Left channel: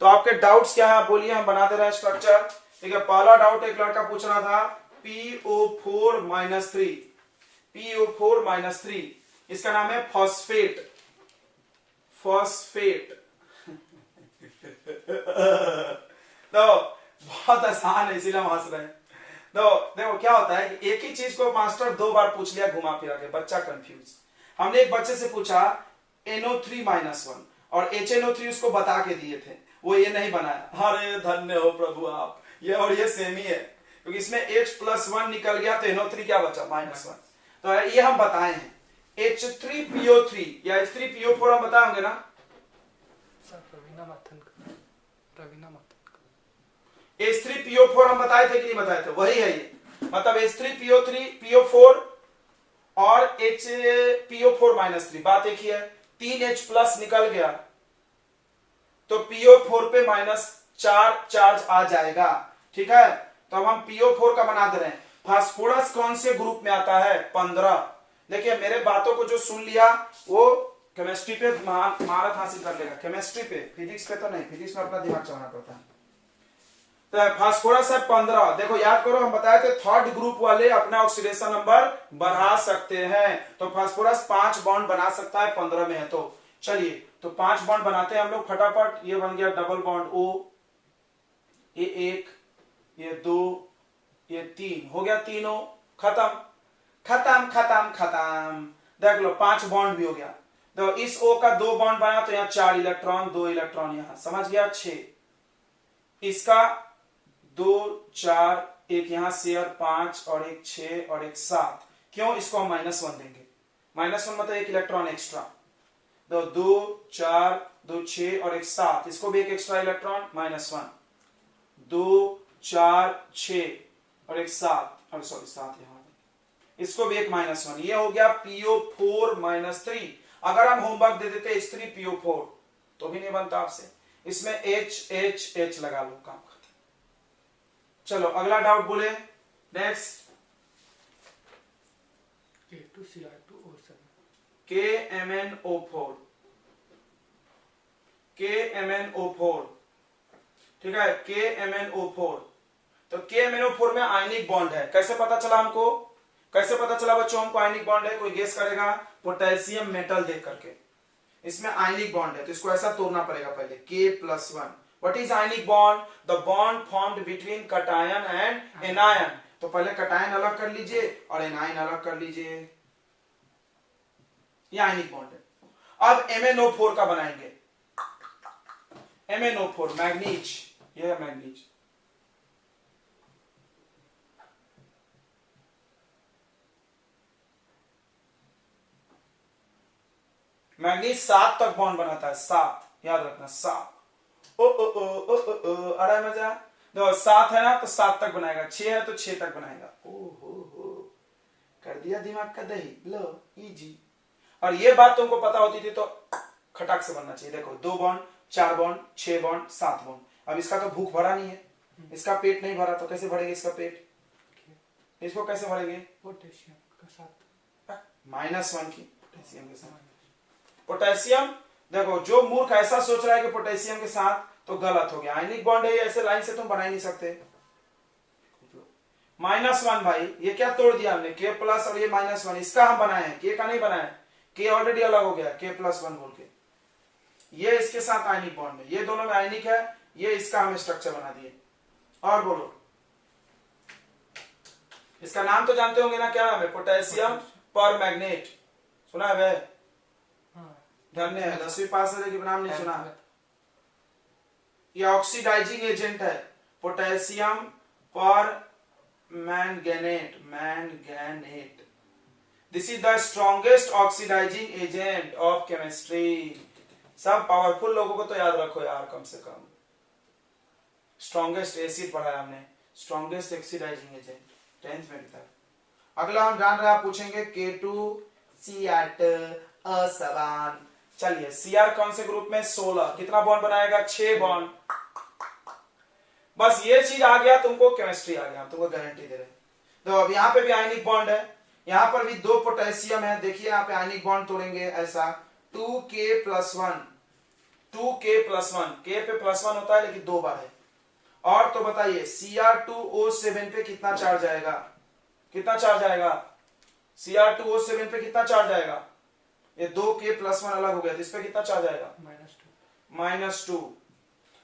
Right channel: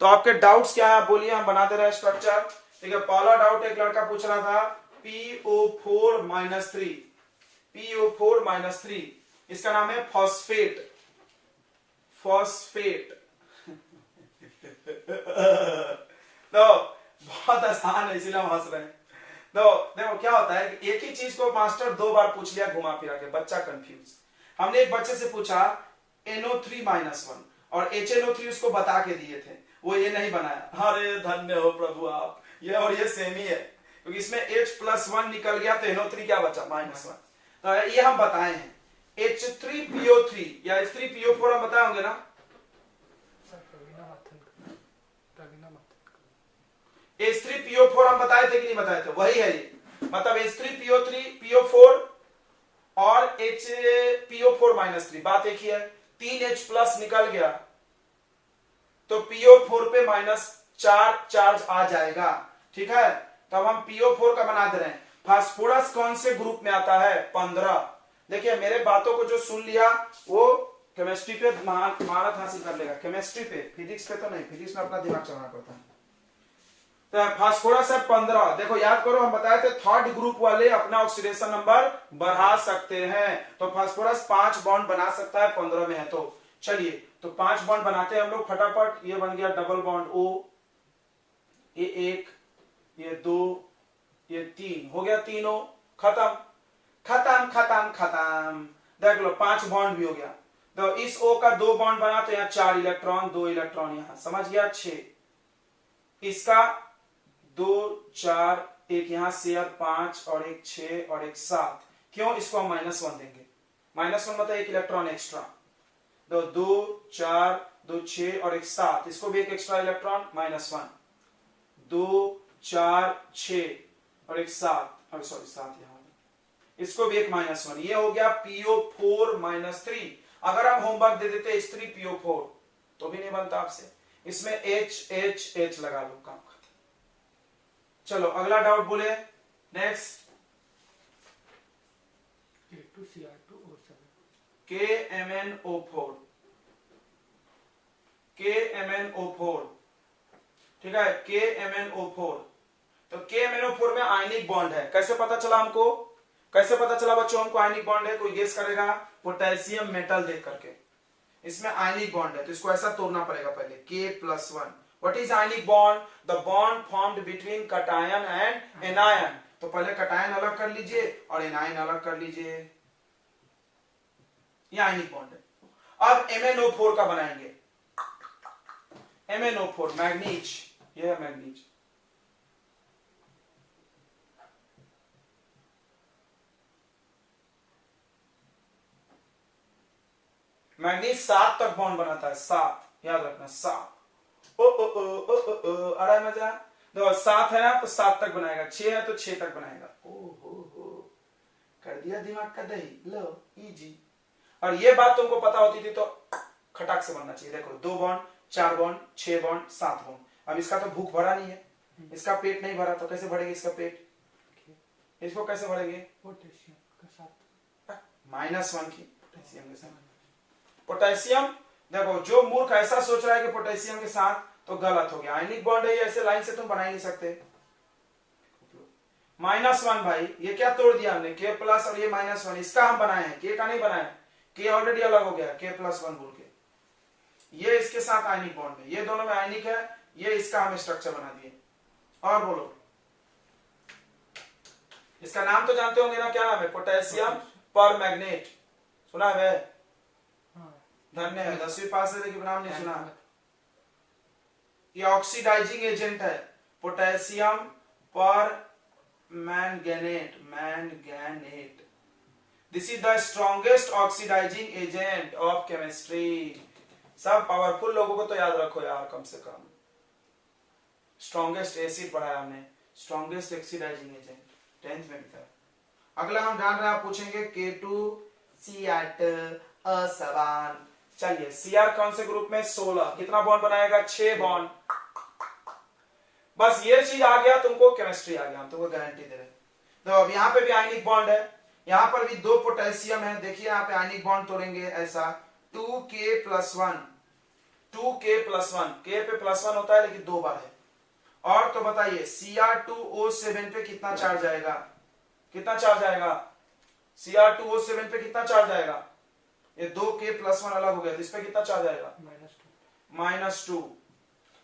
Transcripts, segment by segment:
तो आपके डाउट्स क्या है बोलिए, हम बना दे रहे हैं स्ट्रक्चर। ठीक है, पहला डाउट एक लड़का पूछ रहा था PO4 माइनस 3, PO4 माइनस 3, इसका नाम है फॉस्फेट, फॉस्फेट। तो बहुत आसान है इसीलिए हम हंस रहे हैं। तो देखो क्या होता है, एक ही चीज को मास्टर 2 बार पूछ लिया घुमा फिरा के, बच्चा कंफ्यूज। हमने एक बच्चे से पूछा NO3 माइनस 1 और HNO3 उसको बता के दिए थे, वो ये नहीं बनाया। अरे धन्य हो प्रभु आप, ये और ये सेम ही है, क्योंकि इसमें H+1 निकल गया तो NO3 क्या बचा -1। तो ये हम बताए हैं। H3PO3 या H3PO4 हम बताए होंगे ना। H3PO4 हम बताए थे कि नहीं बताए थे, वही है ये। मतलब H3PO3 PO4 और HPO4 माइनस 3, बात एक ही है। 3H प्लस निकल गया तो PO4 पे -4 चार्ज आ जाएगा। ठीक है, तो अब हम PO4 का बना दे रहे हैं। फास्फोरस कौन से ग्रुप में आता है? 15। देखिए मेरे बातों को जो सुन लिया वो केमिस्ट्री पे महारत हासिल कर लेगा, केमिस्ट्री पे, फिजिक्स पे तो नहीं, फिजिक्स में अपना दिमाग चलाना पड़ता है। तो फास्फोरस है 15। देखो याद करो, हम बताए थे थर्ड ग्रुप वाले अपना ऑक्सीडेशन नंबर बढ़ा सकते हैं, तो फास्फोरस 5 बॉन्ड बना सकता है 15 में है। तो चलिए तो 5 बॉन्ड बनाते हैं हम लोग फटाफट। ये बन गया डबल बॉन्ड O, ये 1, ये 2, ये 3, हो गया तीनों, खत्म खत्म खत्म खत्म। देख लो 5 बॉन्ड भी हो गया। तो इस O का 2 बॉन्ड बना तो यहाँ 4 इलेक्ट्रॉन, 2 इलेक्ट्रॉन यहाँ, समझ गया 6। इसका 2 4, एक यहां शेयर 5 और एक 6 और एक 7। क्यों? इसको हम -1 देंगे, -1 मतलब 1 इलेक्ट्रॉन एक्स्ट्रा। तो 2 4 2 6 और एक 7, इसको भी एक एक्स्ट्रा इलेक्ट्रॉन, -1। 2 4 6 और एक 7, और सॉरी 7 यहां, इसको भी एक -1। ये हो गया PO4 माइनस 3। अगर हम होमवर्क दे देते H3PO4 तो भी नहीं बनता आपसे, इसमें H लगा लो, काम खत्म। चलो अगला डाउट बोले, नेक्स्ट। KMnO4, KMnO4, ठीक है, KMnO4। तो KMnO4 में आयनिक बॉन्ड है, कैसे पता चला हमको? कैसे पता चला बच्चों हमको आयनिक बॉन्ड है? कोई गेस करेगा? पोटेशियम मेटल देख करके। इसमें आयनिक बॉन्ड है तो इसको ऐसा तोड़ना पड़ेगा पहले, K+1। What is ionic bond? The bond formed between cation and anion। तो पहले कटायन अलग कर लीजिए और एनायन अलग कर लीजिए, ये आयनिक बॉन्ड है। अब MnO4 का बनाएंगे। MnO4 मैग्नीज, ये है मैग्नीज। मैग्नीज 7 तक बॉन्ड बनाता है, 7 याद रखना, 7। आ रहा है मजा? तो 7 है ना तो 7 तक बनाएगा, 6 है तो 6 तक बनाएगा। हो कर दिया दिमाग का दही, लो इजी। और ये बात तुमको पता होती थी तो खटाक से बनना चाहिए। देखो 2 बॉन्ड, 4 बॉन्ड, 6 बॉन्ड, 7 बॉन्ड। अब इसका तो भूख भरा नहीं है, इसका पेट नहीं भरा, तो कैसे भरेंगे इसका पेट? इसको कैसे भरेंगे? पोटेशियम के साथ, -1 की पोटेशियम के साथ। पोटेशियम, देखो जो मूर्ख ऐसा सोच रहा है कि पोटेशियम के साथ, तो गलत हो गया। आयनिक बॉन्ड है, ऐसे लाइन से तुम बना ही नहीं सकते। -1 भाई, ये क्या तोड़ दिया हमने? K+ और ये -1, इसका हम बनाए हैं, K का नहीं बनाया। K ऑलरेडी अलग हो गया, K+1 बोल के। ये इसके साथ आयनिक बॉन्ड में, ये दोनों में आयनिक है, ये इसका हम स्ट्रक्चर बना दिए। और बोलो, इसका नाम तो जानते होंगे ना, क्या नाम है? पोटेशियम परमैंगनेट, सुना है? धन्य है, 10वीं पास है लेकिन नाम नहीं सुना। ये ऑक्सीडाइजिंग एजेंट है, potassium permanganate, manganate. This is the strongest oxidising agent of chemistry. सब पावरफुल लोगों को तो याद रखो यार, कम से कम। स्ट्रॉन्गेस्ट एसिड पढ़ाया हमने, स्ट्रॉन्गेस्ट ऑक्सीडाइजिंग एजेंट 10th में था। अगला हम जान रहे, आप पूछेंगे K2Cr असमान। चलिए Cr कौन से ग्रुप में? 16। कितना बॉन्ड बनाएगा? 6 बॉन्ड। बस ये चीज आ गया तुमको, केमिस्ट्री आ गया, तुमको गारंटी दे रहे। तो अब यहाँ पे भी आयनिक बॉन्ड है, यहाँ पर भी 2 पोटेशियम है। देखिए यहाँ पे आयनिक बॉन्ड तोड़ेंगे ऐसा, 2K+1, 2k+1, k पे +1 होता है लेकिन 2 बार है। और तो बताइए Cr2O7 पे कितना चार्ज आएगा, कितना चार्ज आएगा Cr2O7 पे कितना चार्ज आएगा, ये 2k+1 अलग हो गया तो इस पे कितना चार्ज आएगा, -2।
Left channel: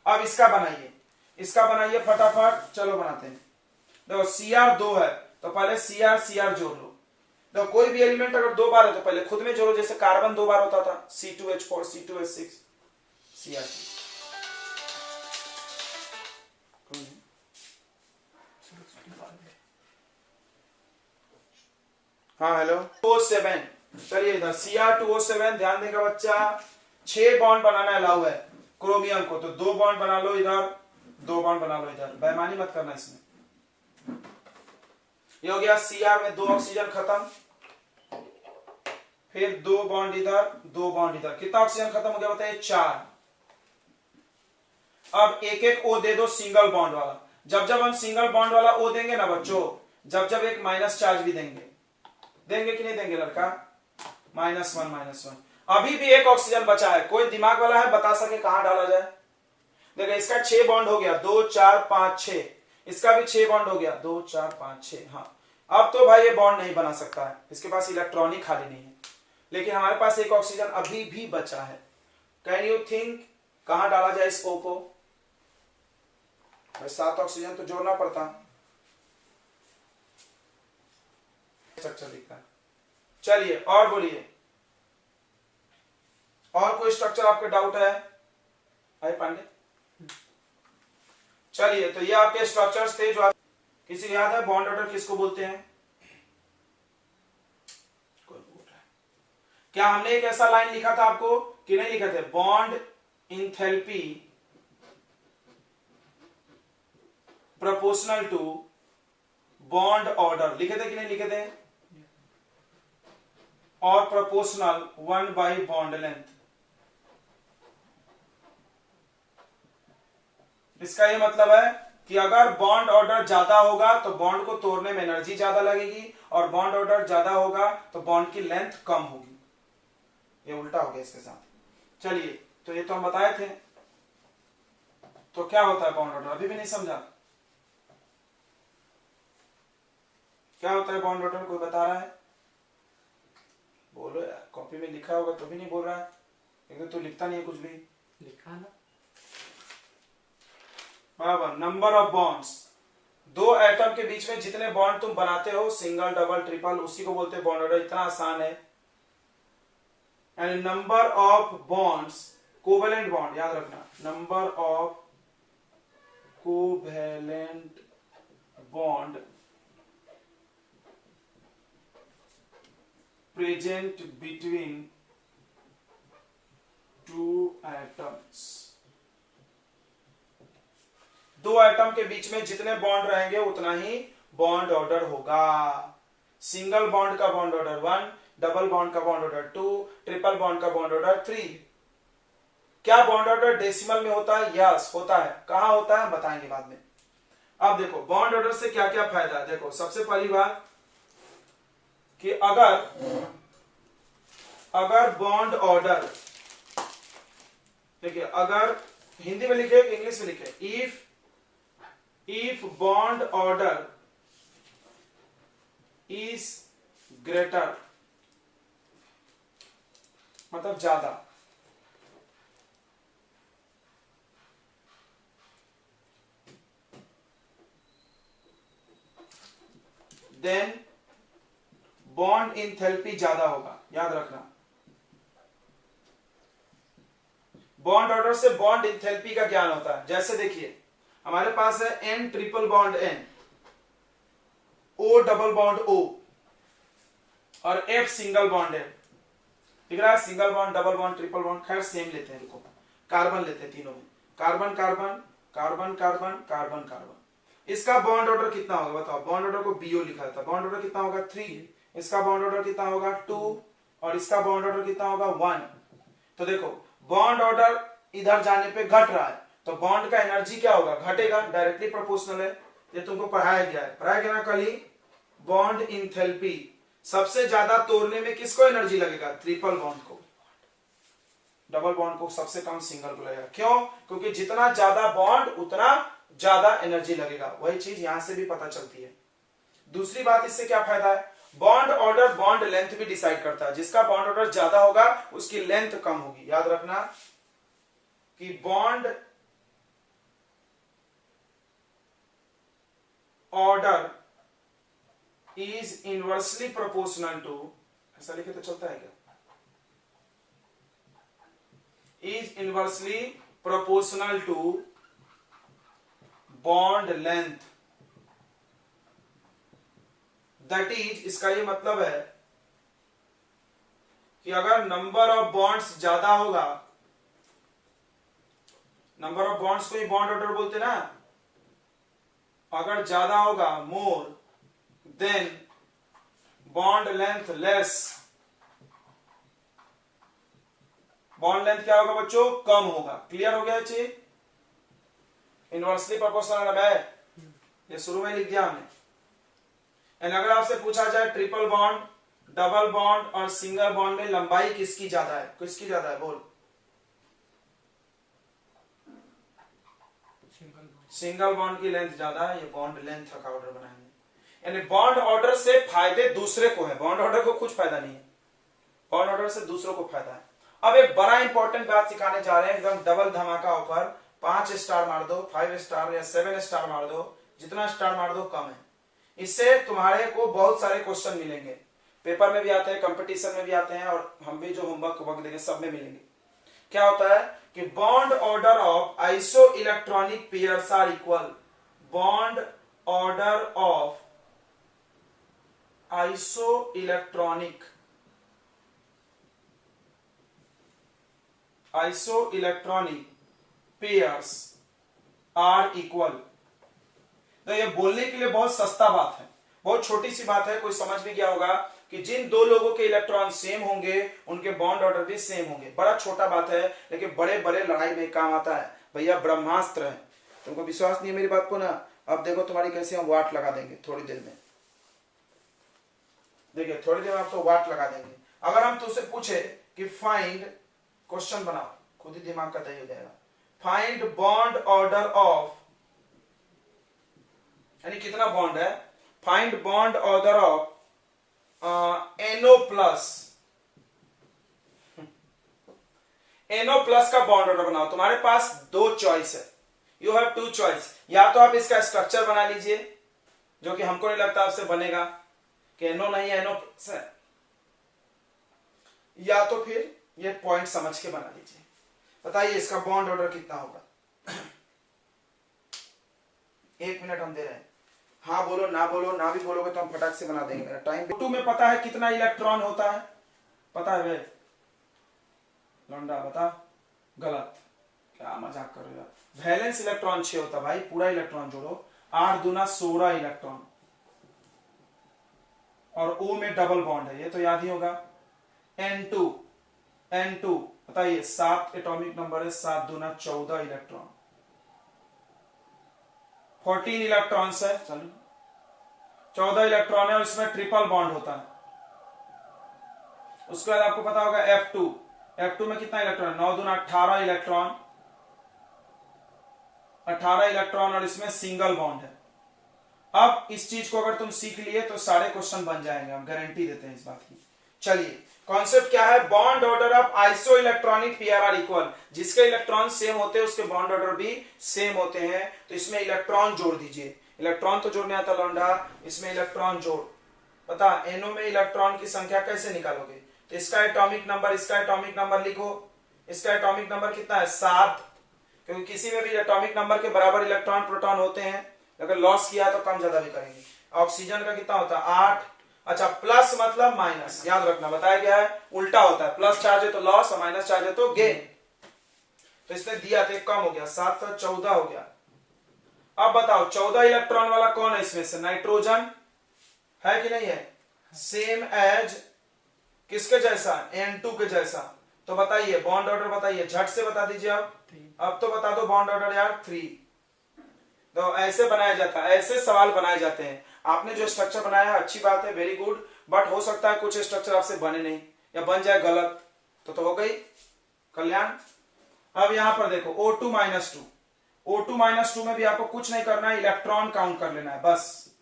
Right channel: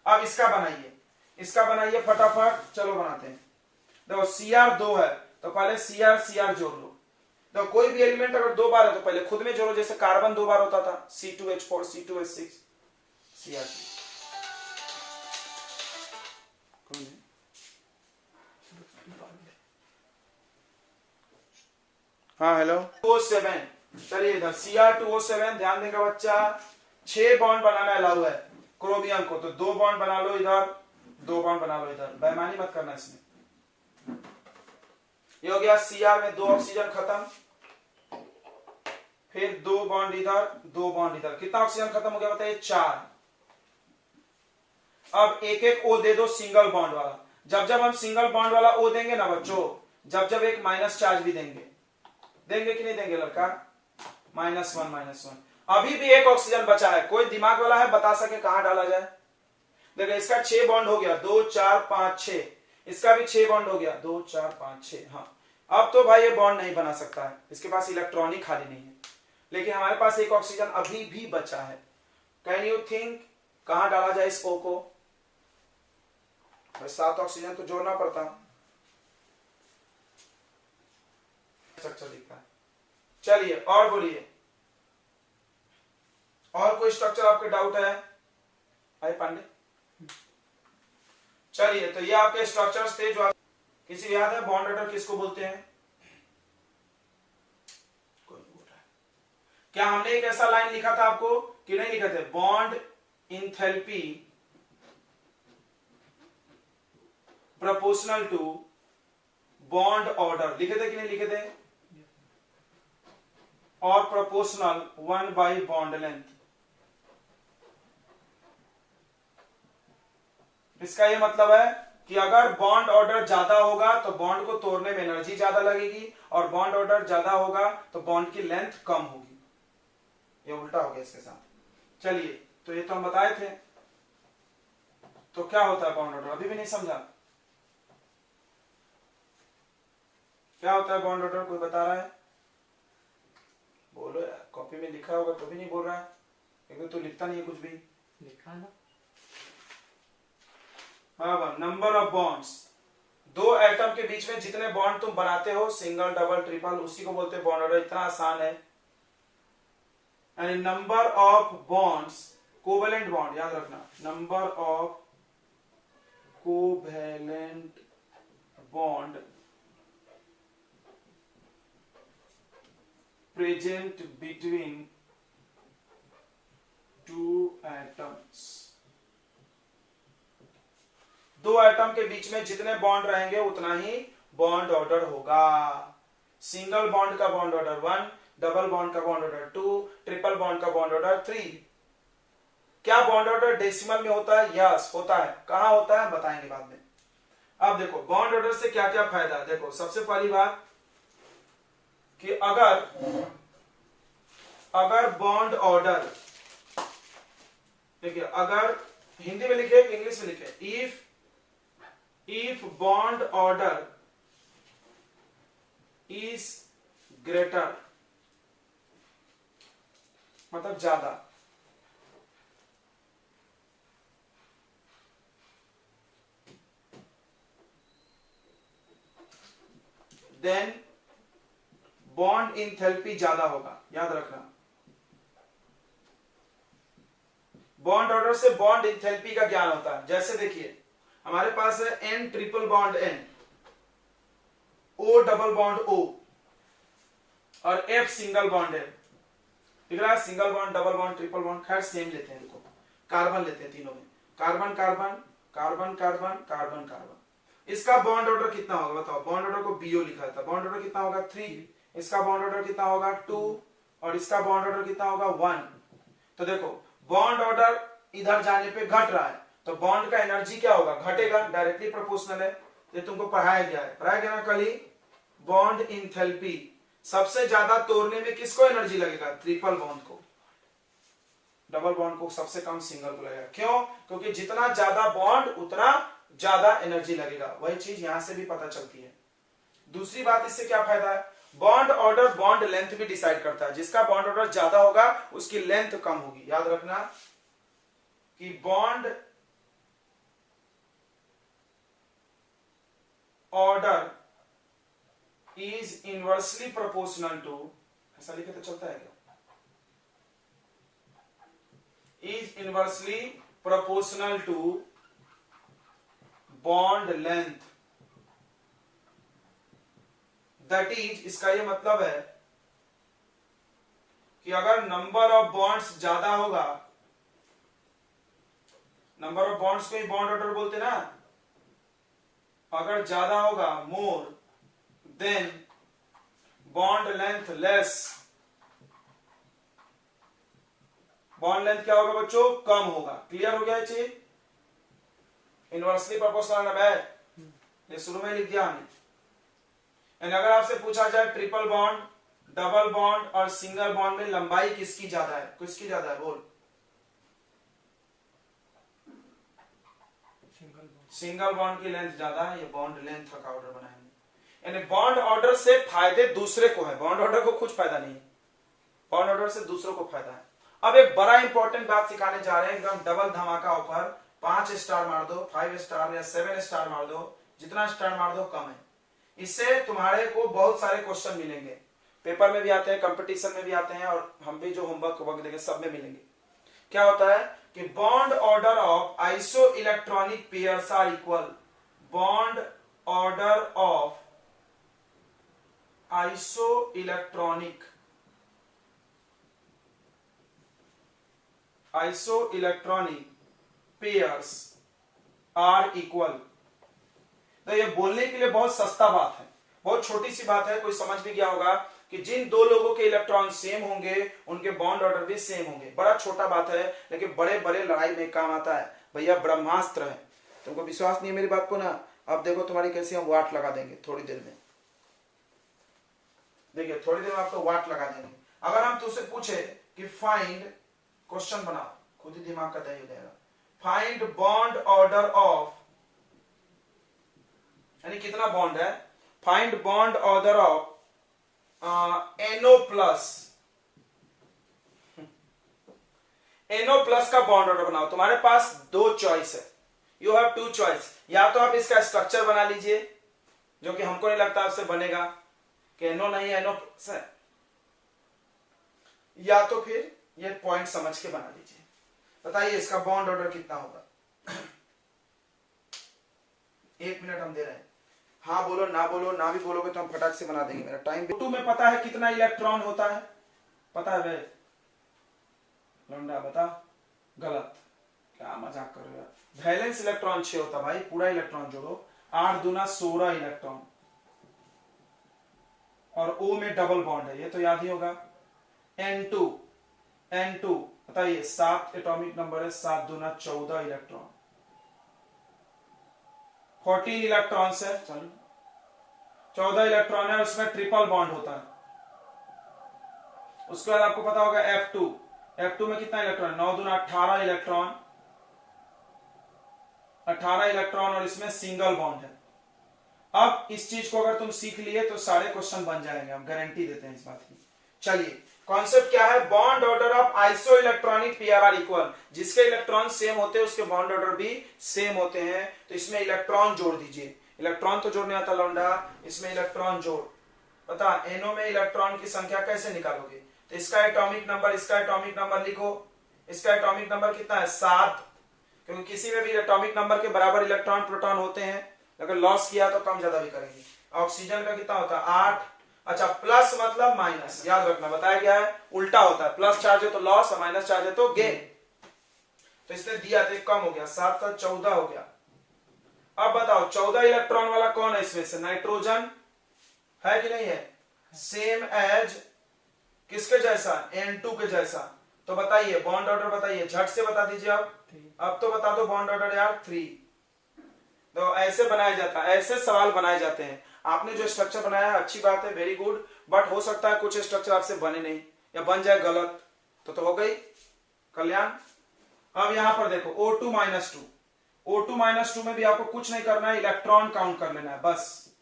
अब इसका बनाइए, इसका बनाइए फटाफट, चलो बनाते हैं। देखो Cr 2 है तो पहले Cr जोड़ लो। तो कोई भी एलिमेंट अगर 2 बार है तो पहले खुद में जोड़ो, जैसे कार्बन 2 बार होता था C2H4 C2H6 Cr2। हाँ हेलो, O7, चलिए इधर Cr2O7 ध्यान देगा बच्चा, 6 बॉन्ड बनाना अलाउ है क्रोमियम को, तो 2 बॉन्ड बना लो इधर, 2 बॉन्ड बना लो इधर, बेईमानी मत करना इसमें। ये हो गया Cr में 2 ऑक्सीजन खत्म, फिर 2 बॉन्ड इधर 2 बॉन्ड इधर, कितना ऑक्सीजन खत्म हो गया बताइए, 4। अब एक एक O दे दो सिंगल बॉन्ड वाला, जब जब हम सिंगल बॉन्ड वाला O देंगे ना बच्चों, जब जब एक माइनस चार्ज भी देंगे, देंगे कि नहीं देंगे लड़का, -1 अभी भी एक ऑक्सीजन बचा है, कोई दिमाग वाला है बता सके कहां डाला जाए। देखो इसका 6 बॉन्ड हो गया, 2 4 5 6, इसका भी 6 बॉन्ड हो गया, 2 4 5 6। हाँ अब तो भाई ये बॉन्ड नहीं बना सकता है, इसके पास इलेक्ट्रॉन ही खाली नहीं है, लेकिन हमारे पास एक ऑक्सीजन अभी भी बचा है। कैन यू थिंक कहां डाला जाए इस O को, 7 ऑक्सीजन तो जोड़ना पड़ता। स्ट्रक्चर दिखता है, चलिए और बोलिए, और कोई स्ट्रक्चर आपके डाउट है भाई पांडे? चलिए तो ये आपके स्ट्रक्चर्स थे जो किसी याद है बॉन्ड ऑर्डर किसको बोलते हैं? कोई बोल रहा है क्या? हमने एक ऐसा लाइन लिखा था आपको कि नहीं लिखे थे, bond enthalpy proportional to bond order, लिखे थे कि नहीं लिखे थे? और प्रोपोर्शनल 1 बॉन्ड लेंथ। इसका ये मतलब है कि अगर बॉन्ड ऑर्डर ज्यादा होगा तो बॉन्ड को तोड़ने में एनर्जी ज्यादा लगेगी, और बॉन्ड ऑर्डर ज्यादा होगा तो बॉन्ड की लेंथ कम होगी। ये उल्टा हो गया इसके साथ। चलिए तो ये तो हम बताए थे, तो क्या होता है बॉन्ड ऑर्डर, अभी भी नहीं समझा क्या होता है बॉन्ड ऑर्डर? कोई बता रहा है? बोलो यार, कॉपी में लिखा होगा तो भी नहीं बोल रहा है, लेकिन तो लिखता नहीं है कुछ भी। लिखा ना, बराबर नंबर ऑफ बॉन्ड्स, 2 एटम के बीच में जितने बॉन्ड तुम बनाते हो, सिंगल डबल ट्रिपल, उसी को बोलते हैं बॉन्ड ऑर्डर। इतना आसान है। And number of bonds, covalent bond याद रखना, number of covalent bond present between 2 atoms. 2 atom के बीच में जितने बॉन्ड रहेंगे उतना ही बॉन्ड ऑर्डर होगा। सिंगल बॉन्ड का बॉन्ड ऑर्डर 1, डबल बॉन्ड का बॉन्ड ऑर्डर 2, ट्रिपल बॉन्ड का बॉन्ड ऑर्डर 3। क्या बॉन्ड ऑर्डर डेसिमल में होता है? यस होता है। कहां होता है बताएंगे बाद में। अब देखो बॉन्ड ऑर्डर से क्या क्या फायदा है। देखो सबसे पहली बात कि अगर बॉन्ड ऑर्डर, देखिए अगर हिंदी में लिखे इंग्लिश में लिखे, if bond order is greater, मतलब ज्यादा, देन बॉन्ड इंथैल्पी ज्यादा होगा। याद रखना, बॉन्ड ऑर्डर से बॉन्ड इंथैल्पी का ज्ञान होता है। जैसे देखिए हमारे पास है N triple bond N, O double bond O और F सिंगल बॉन्ड है। दिख रहा है? Single bond, double bond, triple bond, खैर सेम लेते हैं। देखो कार्बन लेते हैं, तीनों में carbon carbon carbon carbon carbon carbon. इसका बॉन्ड ऑर्डर कितना होगा बताओ? बॉन्ड ऑर्डर को BO लिखा था, बॉन्ड ऑर्डर कितना होगा 3, इसका बॉन्ड ऑर्डर कितना होगा 2 और इसका बॉन्ड ऑर्डर कितना होगा 1। तो देखो बॉन्ड ऑर्डर इधर जाने पे घट रहा है तो बॉन्ड का एनर्जी क्या होगा? घटेगा, डायरेक्टली प्रोपोर्शनल है। ये तुमको पढ़ाया गया है, पढ़ाया गया ना कल ही। बॉन्ड इंथैल्पी सबसे ज्यादा तोड़ने में किसको एनर्जी लगेगा? ट्रिपल बॉन्ड को। डबल बॉन्ड को सबसे कम सिंगल को लगेगा। क्यों? क्योंकि जितना ज्यादा बॉन्ड उतना ज्यादा एनर्जी लगेगा। वही चीज यहां से भी पता चलती है। दूसरी बात इससे क्या फायदा है, बॉन्ड ऑर्डर बॉन्ड लेंथ भी डिसाइड करता है। जिसका बॉन्ड ऑर्डर ज्यादा होगा उसकी लेंथ कम होगी। याद रखना कि bond order is inversely proportional to, ऐसा लिखे तो चलता है क्या, is inversely proportional to bond length. That is, इसका ये मतलब है कि अगर नंबर ऑफ बॉन्ड्स ज्यादा होगा, नंबर ऑफ बॉन्ड्स को ही बॉन्ड ऑर्डर बोलते ना, अगर ज्यादा होगा more than bond length less, bond length क्या होगा बच्चों, कम होगा। क्लियर हो गया चीज? इनवर्सली प्रोपोर्शनल है, ये शुरू में लिख दिया हमने। एंड अगर आपसे पूछा जाए ट्रिपल बॉन्ड, डबल बॉन्ड और सिंगल बॉन्ड में लंबाई किसकी ज्यादा है, किसकी ज्यादा है, बोल। सिंगल बॉन्ड की लेंथ ज्यादा है, ये बॉन्ड लेंथ का ऑर्डर बनाएंगे। यानी बॉन्ड ऑर्डर से फायदे दूसरे को है, बॉन्ड ऑर्डर को कुछ फायदा नहीं है, बॉन्ड ऑर्डर से दूसरों को फायदा है। अब एक बड़ा इंपॉर्टेंट बात सिखाने जा रहे हैं, एकदम डबल धमाका ऑफर। 5 स्टार मार दो, 5 स्टार या 7 स्टार मार दो, जितना स्टार मार दो कम है। इससे तुम्हारे को बहुत सारे क्वेश्चन मिलेंगे, पेपर में भी आते हैं, कंपटीशन में भी आते हैं, और हम भी जो होमवर्क देंगे सब में मिलेंगे। क्या होता है कि bond order of isoelectronic pairs are equal, bond order of isoelectronic pairs are equal. तो ये बोलने के लिए बहुत सस्ता बात है, बहुत छोटी सी बात है, कोई समझ भी गया होगा कि जिन दो लोगों के इलेक्ट्रॉन सेम होंगे उनके बॉन्ड ऑर्डर भी सेम होंगे। बड़ा छोटा बात है, लेकिन बड़े बड़े लड़ाई में काम आता है भैया, ब्रह्मास्त्र है। तुमको विश्वास नहीं है मेरी बात को ना, अब देखो तुम्हारी कैसे हम वाट लगा देंगे थोड़ी देर में। देखिए थोड़ी देर में आपको वाट लगा देंगे। अगर हम तुझसे पूछे कि फाइंड, क्वेश्चन बनाओ, खुद ही दिमाग का तय हो जाएगा, फाइंड बॉन्ड ऑर्डर ऑफ, यानी कितना बॉन्ड है, find bond order of NO plus, NO plus का बॉन्ड ऑर्डर बनाओ। तुम्हारे पास दो चॉइस है, यू हैव टू चॉइस। या तो आप इसका स्ट्रक्चर बना लीजिए, जो कि हमको नहीं लगता आपसे बनेगा कि NO नहीं NO प्लस है, या तो फिर ये पॉइंट समझ के बना लीजिए। बताइए इसका बॉन्ड ऑर्डर कितना होगा। 1 मिनट हम दे रहे हैं, हाँ बोलो ना बोलो, ना भी बोलोगे तो हम फटाक से बना देंगे। मेरा टाइम टू में पता है कितना इलेक्ट्रॉन होता है, पता है वे लौंडा, बता। गलत, क्या मजाक कर रहे हो यार। वैलेंस इलेक्ट्रॉन 6 होता भाई, पूरा इलेक्ट्रॉन जोड़ो, 8 दूना 16 इलेक्ट्रॉन, और O में डबल बॉन्ड है, ये तो याद ही होगा। N2 बताइए 7 एटॉमिक नंबर है, 7 दूना 14 इलेक्ट्रॉन, 14 इलेक्ट्रॉन्स है, चलो 14 इलेक्ट्रॉन है, और इसमें ट्रिपल बॉन्ड होता है। उसके बाद आपको पता होगा F2 में कितना इलेक्ट्रॉन, 9 दूना 18 इलेक्ट्रॉन, 18 इलेक्ट्रॉन, और इसमें सिंगल बॉन्ड है। अब इस चीज को अगर तुम सीख लिए तो सारे क्वेश्चन बन जाएंगे, हम गारंटी देते हैं इस बात की। चलिए कॉन्सेप्ट क्या है, bond order of isoelectronic pair are equal. जिसके इलेक्ट्रॉन सेम होते हैं उसके बॉन्ड ऑर्डर भी सेम होते हैं। तो इसमें इलेक्ट्रॉन जोड़ दीजिए, इलेक्ट्रॉन तो जोड़ने आता लौंडा, इसमें इलेक्ट्रॉन जोड़। बता NO में इलेक्ट्रॉन की संख्या कैसे निकालोगे, तो इसका एटॉमिक नंबर, इसका एटॉमिक नंबर लिखो। इसका एटॉमिक नंबर कितना है, 7, क्योंकि किसी में भी एटॉमिक नंबर के बराबर इलेक्ट्रॉन प्रोटॉन होते हैं। अगर लॉस किया तो कम ज्यादा भी करेंगे। ऑक्सीजन का कितना होता है, 8। अच्छा प्लस मतलब माइनस, याद रखना, बताया गया है उल्टा होता है, प्लस चार्ज है तो लॉस और माइनस चार्ज है तो गेन। तो इसमें दिया तो कम हो गया, 7 से 14 हो गया। अब बताओ 14 इलेक्ट्रॉन वाला कौन है इसमें से, नाइट्रोजन है कि नहीं है, सेम एज किसके जैसा, N2 के जैसा। तो बताइए बॉन्ड ऑर्डर बताइए, झट से बता दीजिए। अब तो बता दो बॉन्ड ऑर्डर यार, 3। तो ऐसे बनाया जाता है, ऐसे सवाल बनाए जाते हैं। आपने जो स्ट्रक्चर बनाया है अच्छी बात है, वेरी गुड, बट हो सकता है कुछ स्ट्रक्चर आपसे बने नहीं, या बन जाए गलत, तो हो गई कल्याण। अब यहां पर देखो O2 माइनस 2, O2 माइनस 2 में भी आपको कुछ नहीं करना है, इलेक्ट्रॉन काउंट कर लेना है बस।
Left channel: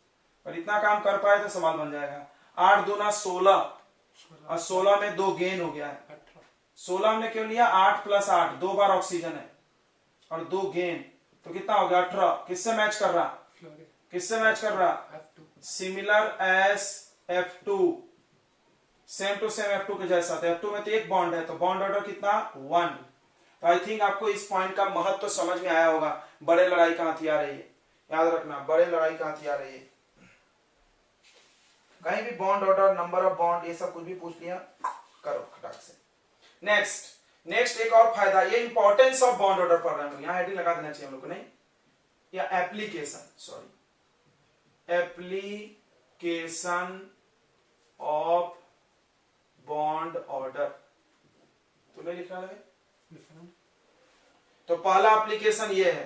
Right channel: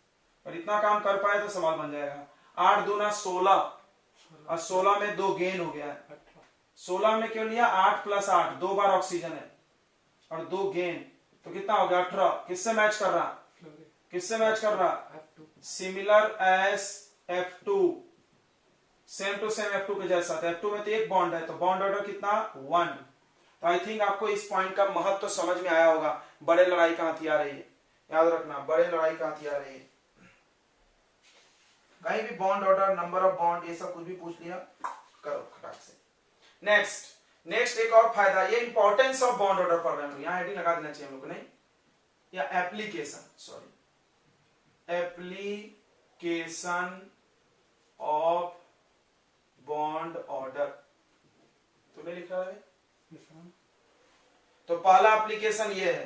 और इतना काम कर पाए तो सवाल बन जाएगा। 8 दूना 16 और 16 में 2 गेन हो गया है। 16 में क्यों लिया? 8 प्लस 8, 2 बार ऑक्सीजन है और 2 गेन, तो कितना हो गया? 18। किससे मैच कर रहा? किससे मैच कर रहा? Similar as F2, same to same F2 के जैसा। तो F2 में तो एक बॉन्ड है, तो बॉन्ड ऑर्डर कितना? 1। तो आई थिंक आपको इस पॉइंट का महत्व तो समझ में आया होगा। बड़े लड़ाई का हथियार है ये, याद रखना, बड़े लड़ाई का हथियार है ये। कहीं भी bond order, number of bond, ये सब कुछ भी पूछ लिया करो खटाक से। नेक्स्ट एक और फायदा, ये इंपॉर्टेंस ऑफ बॉन्ड ऑर्डर पढ़ रहे हैं, यहां हेडिंग लगा देना चाहिए हम लोग को, नहीं, या application, sorry, application of bond order तुम्हें लिखा है। तो पहला एप्लीकेशन ये है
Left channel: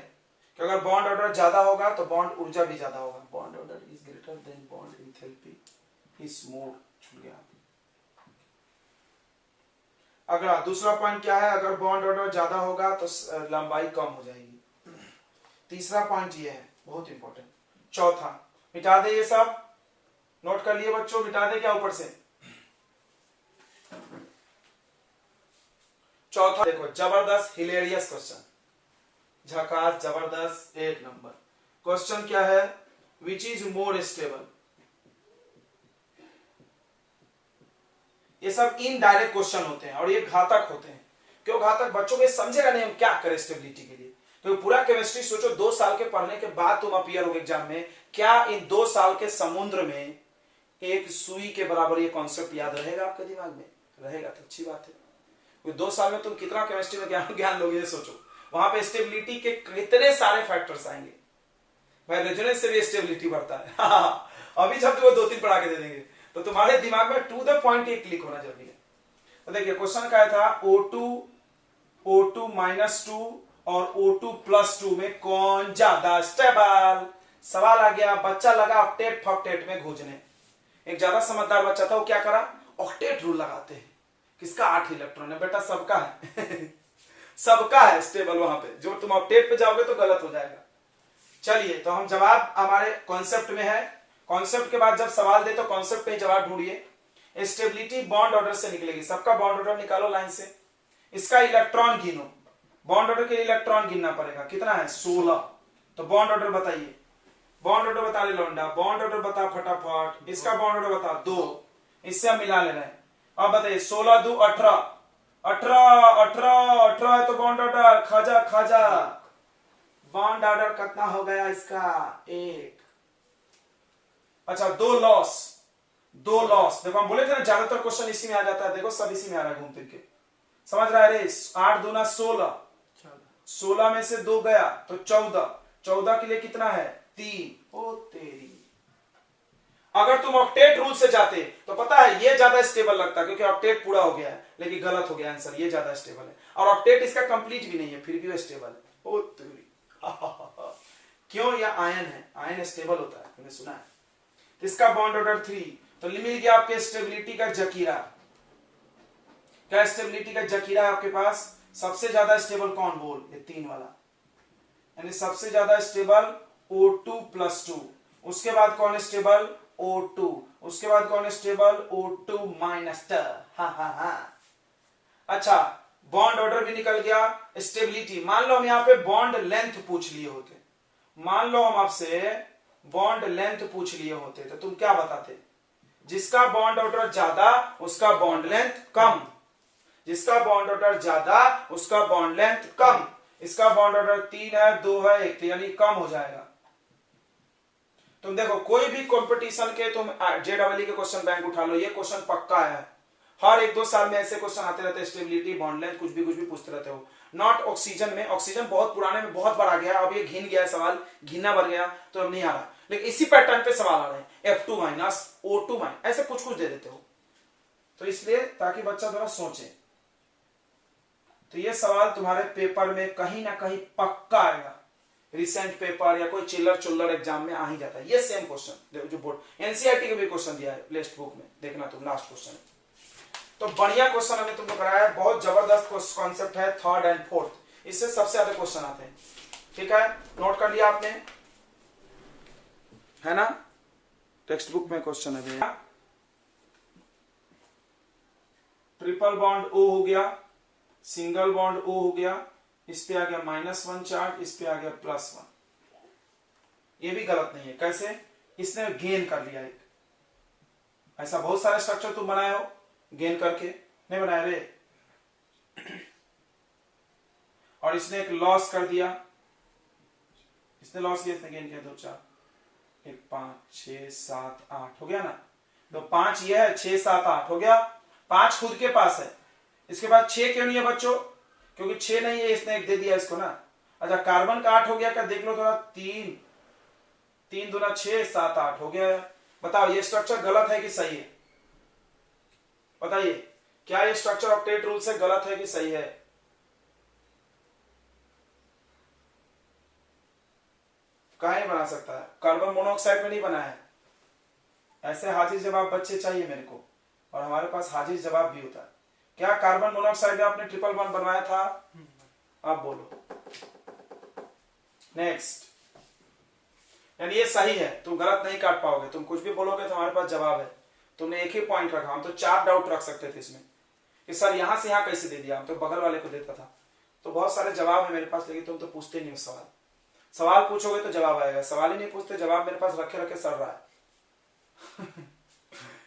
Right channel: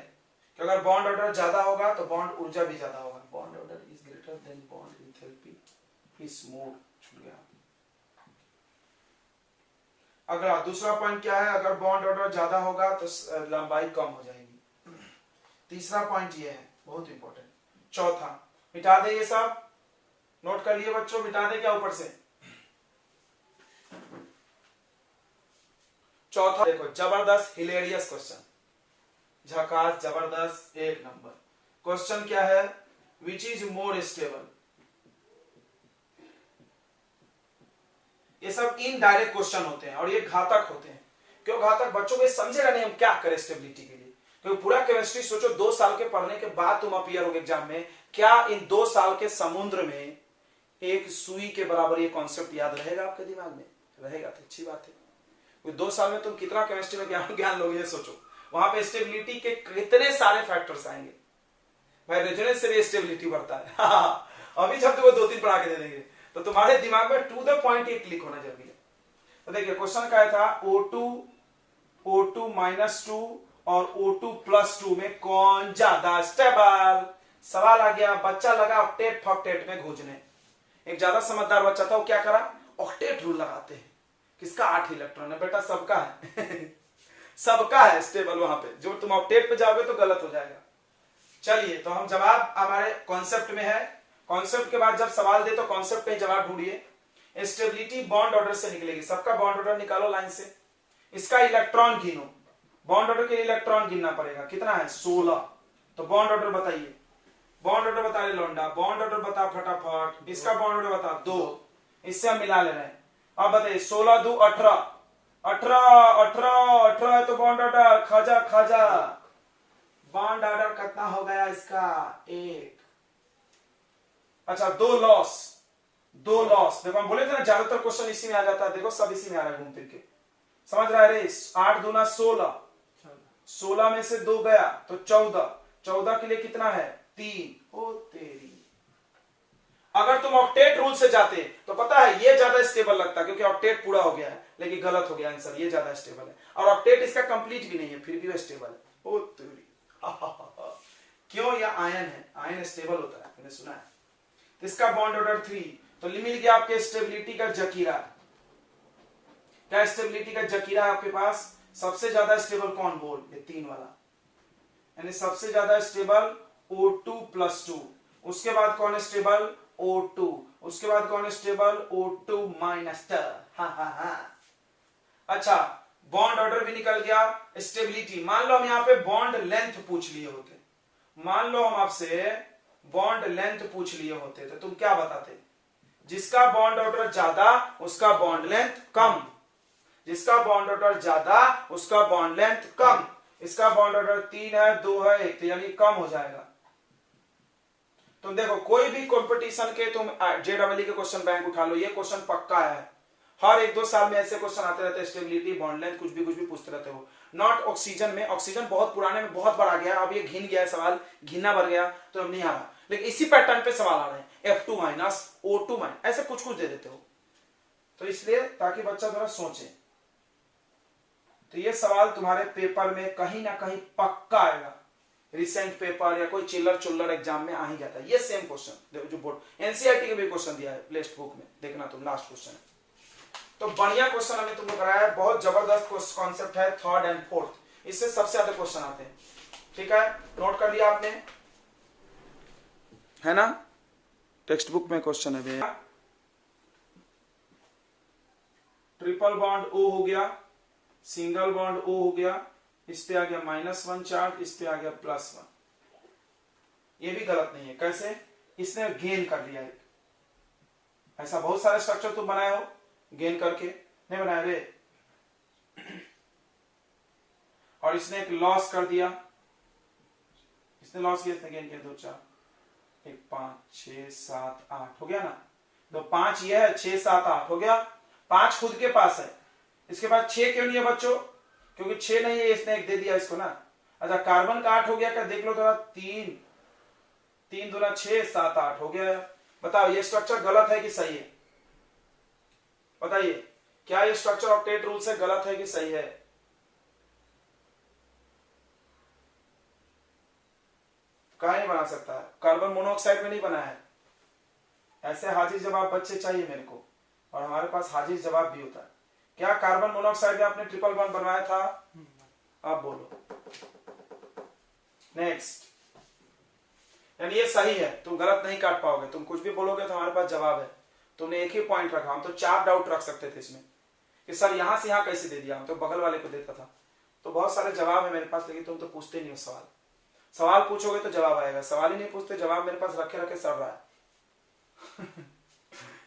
कि अगर बॉन्ड ऑर्डर ज्यादा होगा तो बॉन्ड ऊर्जा भी ज्यादा होगा। Bond order is greater than bond enthalpy is more, छूट गया। अगला दूसरा पॉइंट क्या है? अगर बॉन्ड ऑर्डर ज्यादा होगा तो लंबाई कम हो जाएगी। तीसरा पॉइंट ये है, बहुत इंपॉर्टेंट। चौथा, मिटा दे ये सब, नोट कर लिए बच्चों, मिटा दे क्या ऊपर से। चौथा देखो, जबरदस्त हिलेरियस क्वेश्चन, झकास, जबरदस्त, एक नंबर क्वेश्चन। क्या है? Which is more stable. ये सब इनडायरेक्ट क्वेश्चन होते हैं और ये घातक होते हैं। क्यों घातक? बच्चों को समझेगा नहीं हम क्या करें स्टेबिलिटी के लिए। क्योंकि पूरा केमिस्ट्री सोचो 2 साल के पढ़ने के बाद तुम अपीयर हो एग्जाम में, क्या इन 2 साल के समुद्र में एक सुई के बराबर ये कॉन्सेप्ट याद रहेगा आपके दिमाग में? रहेगा तो अच्छी बात है। 2 साल में तुम कितना केमिस्ट्री में ज्ञान लोगे, ये सोचो। वहां पे स्टेबिलिटी के कितने सारे फैक्टर्स आएंगे भाई, रेजोनेंस से भी स्टेबिलिटी बढ़ता है। अभी जब तुम्हें 2-3 पढ़ा के दे देंगे तो तुम्हारे दिमाग में टू द पॉइंट एक क्लिक होना जरूरी है। तो देखिए क्वेश्चन क्या था, O2 माइनस 2 और O2 प्लस 2 में कौन ज्यादा स्टेबल। सवाल आ गया, बच्चा लगा ऑक्टेट फॉक्टेट में खोजने। एक ज्यादा समझदार बच्चा था, वो क्या करा, ऑक्टेट रूल लगाते हैं। किसका 8 इलेक्ट्रॉन है बेटा? सबका है। सबका है स्टेबल। वहां पे जो तुम ऑक्टेट पे जाओगे तो गलत हो जाएगा। चलिए, तो हम जवाब हमारे कॉन्सेप्ट में है। कॉन्सेप्ट के बाद जब सवाल दे तो कॉन्सेप्ट पे जवाब ढूंढिए। स्टेबिलिटी बॉन्ड ऑर्डर से निकलेगी। सबका बॉन्ड ऑर्डर निकालो लाइन से, इसका इलेक्ट्रॉन गिनो। बॉन्ड ऑर्डर के लिए इलेक्ट्रॉन गिनना पड़ेगा, कितना है? 16। तो बॉन्ड ऑर्डर बताइए, बॉन्ड ऑर्डर बता रहे लौंडा, बॉन्ड ऑर्डर बता फटाफट। इसका बॉन्ड ऑर्डर बता 2, इससे हम मिला ले रहे हैं। अब बताइए 16 2 18, 18 है तो बॉन्ड ऑर्डर खाजा। बॉन्ड ऑर्डर कितना हो गया इसका? 1। अच्छा, 2 लॉस। देखो हम बोले थे ना ज्यादातर क्वेश्चन इसी में आ जाता है। देखो सब इसी में आ रहा है घूम फिर के, समझ रहा है रे। 8 दूना 16, 16 में से 2 गया तो 14 के लिए कितना है? 3। ओ तेरी, अगर तुम ऑक्टेट रूल से जाते तो पता है ये ज्यादा स्टेबल लगता, क्योंकि ऑक्टेट पूरा हो गया है, लेकिन गलत हो गया आंसर। ये ज्यादा स्टेबल है और ऑक्टेट इसका कंप्लीट भी नहीं है, फिर भी वो स्टेबल है। ओ तेरी, क्यों? यह आयन है, आयन स्टेबल होता है, मैंने सुना है। इसका बॉन्ड ऑर्डर 3, तो मिल गया आपके स्टेबिलिटी का जकीरा। क्या स्टेबिलिटी का जकीरा है आपके पास? सबसे ज्यादा स्टेबल कौन? बोल, ये 3 वाला, यानी सबसे ज्यादा स्टेबल O2 प्लस 2। उसके बाद कौन है स्टेबल? O2। उसके बाद कौन है स्टेबल? O2 minus 2। अच्छा, बॉन्ड ऑर्डर भी निकल गया। स्टेबिलिटी, मान लो हम यहाँ पे बॉन्ड लेंथ पूछ लिए होते, मान लो हम आपसे बॉन्ड लेंथ पूछ लिए होते तो तुम क्या बताते? जिसका बॉन्ड ऑर्डर ज्यादा उसका बॉन्ड लेंथ कम, जिसका बॉन्ड ऑर्डर ज्यादा उसका बॉन्ड लेंथ कम। इसका बॉन्ड ऑर्डर 3 है, 2 है, 1, यानी कम हो जाएगा। तुम देखो कोई भी कंपटीशन के तुम JEE के क्वेश्चन बैंक उठा लो, ये क्वेश्चन पक्का है। हर 1-2 साल में ऐसे क्वेश्चन आते रहते हैं, स्टेबिलिटी, बॉन्ड लेंथ, कुछ भी पूछते रहते हो। नॉट ऑक्सीजन में, ऑक्सीजन बहुत पुराने में बहुत बार आ गया, अब ये घिन गया है सवाल, घिना भर गया तो अब नहीं आ रहा, लेकिन इसी पैटर्न पे सवाल आ रहे हैं। F2 माइनस, O2 माइनस, ऐसे कुछ दे देते हो, तो इसलिए ताकि बच्चा थोड़ा सोचे। तो ये सवाल तुम्हारे पेपर में कहीं ना कहीं पक्का आएगा। रिसेंट पेपर या कोई चिल्लर एग्जाम में आ ही जाता है ये सेम क्वेश्चन, जो बोर्ड NCERT के भी क्वेश्चन दिया है टेक्स्ट बुक में, देखना तुम, लास्ट क्वेश्चन है। तो बढ़िया क्वेश्चन हमने तुमको कराया है, बहुत जबरदस्त कॉन्सेप्ट है, थर्ड एंड फोर्थ, इससे सबसे ज्यादा क्वेश्चन आते हैं। ठीक है, नोट कर लिया आपने, है ना? टेक्स्ट बुक में क्वेश्चन है भैया। ट्रिपल बॉन्ड ओ हो गया, सिंगल बॉन्ड ओ हो गया, इस पे आ गया -1 चार्ज, इस पे आ गया +1। ये भी गलत नहीं है। कैसे? इसने गेन कर लिया एक। ऐसा बहुत सारे स्ट्रक्चर तुम बनाए हो गेन करके, नहीं बनाए रे? और इसने एक लॉस कर दिया, इसने लॉस किया, इसने गेन किया। 2 4 1 5 6 7 8 हो गया ना? तो 5 ये है, 6 7 8 हो गया। 5 खुद के पास है, इसके बाद 6 क्यों नहीं है बच्चों? क्योंकि 6 नहीं है, इसने एक दे दिया इसको ना। अच्छा, कार्बन का 8 हो गया क्या? देख लो थोड़ा। 3 3 दूना 6 7 8 हो गया। बताओ ये स्ट्रक्चर गलत है कि सही है? बताइए, क्या ये स्ट्रक्चर ऑक्टेट रूल से गलत है कि सही है? कहीं नहीं बना सकता है, कार्बन मोनोऑक्साइड में नहीं बना है। ऐसे हाजिर जवाब बच्चे चाहिए मेरे को, और हमारे पास हाजिर जवाब भी होता है। क्या कार्बन मोनोऑक्साइड में आपने ट्रिपल बॉन्ड बनवाया था? आप बोलो। नेक्स्ट, यानी ये सही है, तुम गलत नहीं काट पाओगे। तुम कुछ भी बोलोगे तो हमारे पास जवाब है। तुमने एक ही पॉइंट रखा, हम तो 4 डाउट रख सकते थे इसमें कि सर यहां से यहां कैसे दे दिया, हम तो बगल वाले को देता था। तो बहुत सारे जवाब है मेरे पास, लेकिन तुम तो पूछते नहीं हो सवाल। सवाल पूछोगे तो जवाब आएगा, सवाल ही नहीं पूछते, जवाब मेरे पास रखे रखे सड़ रहा है।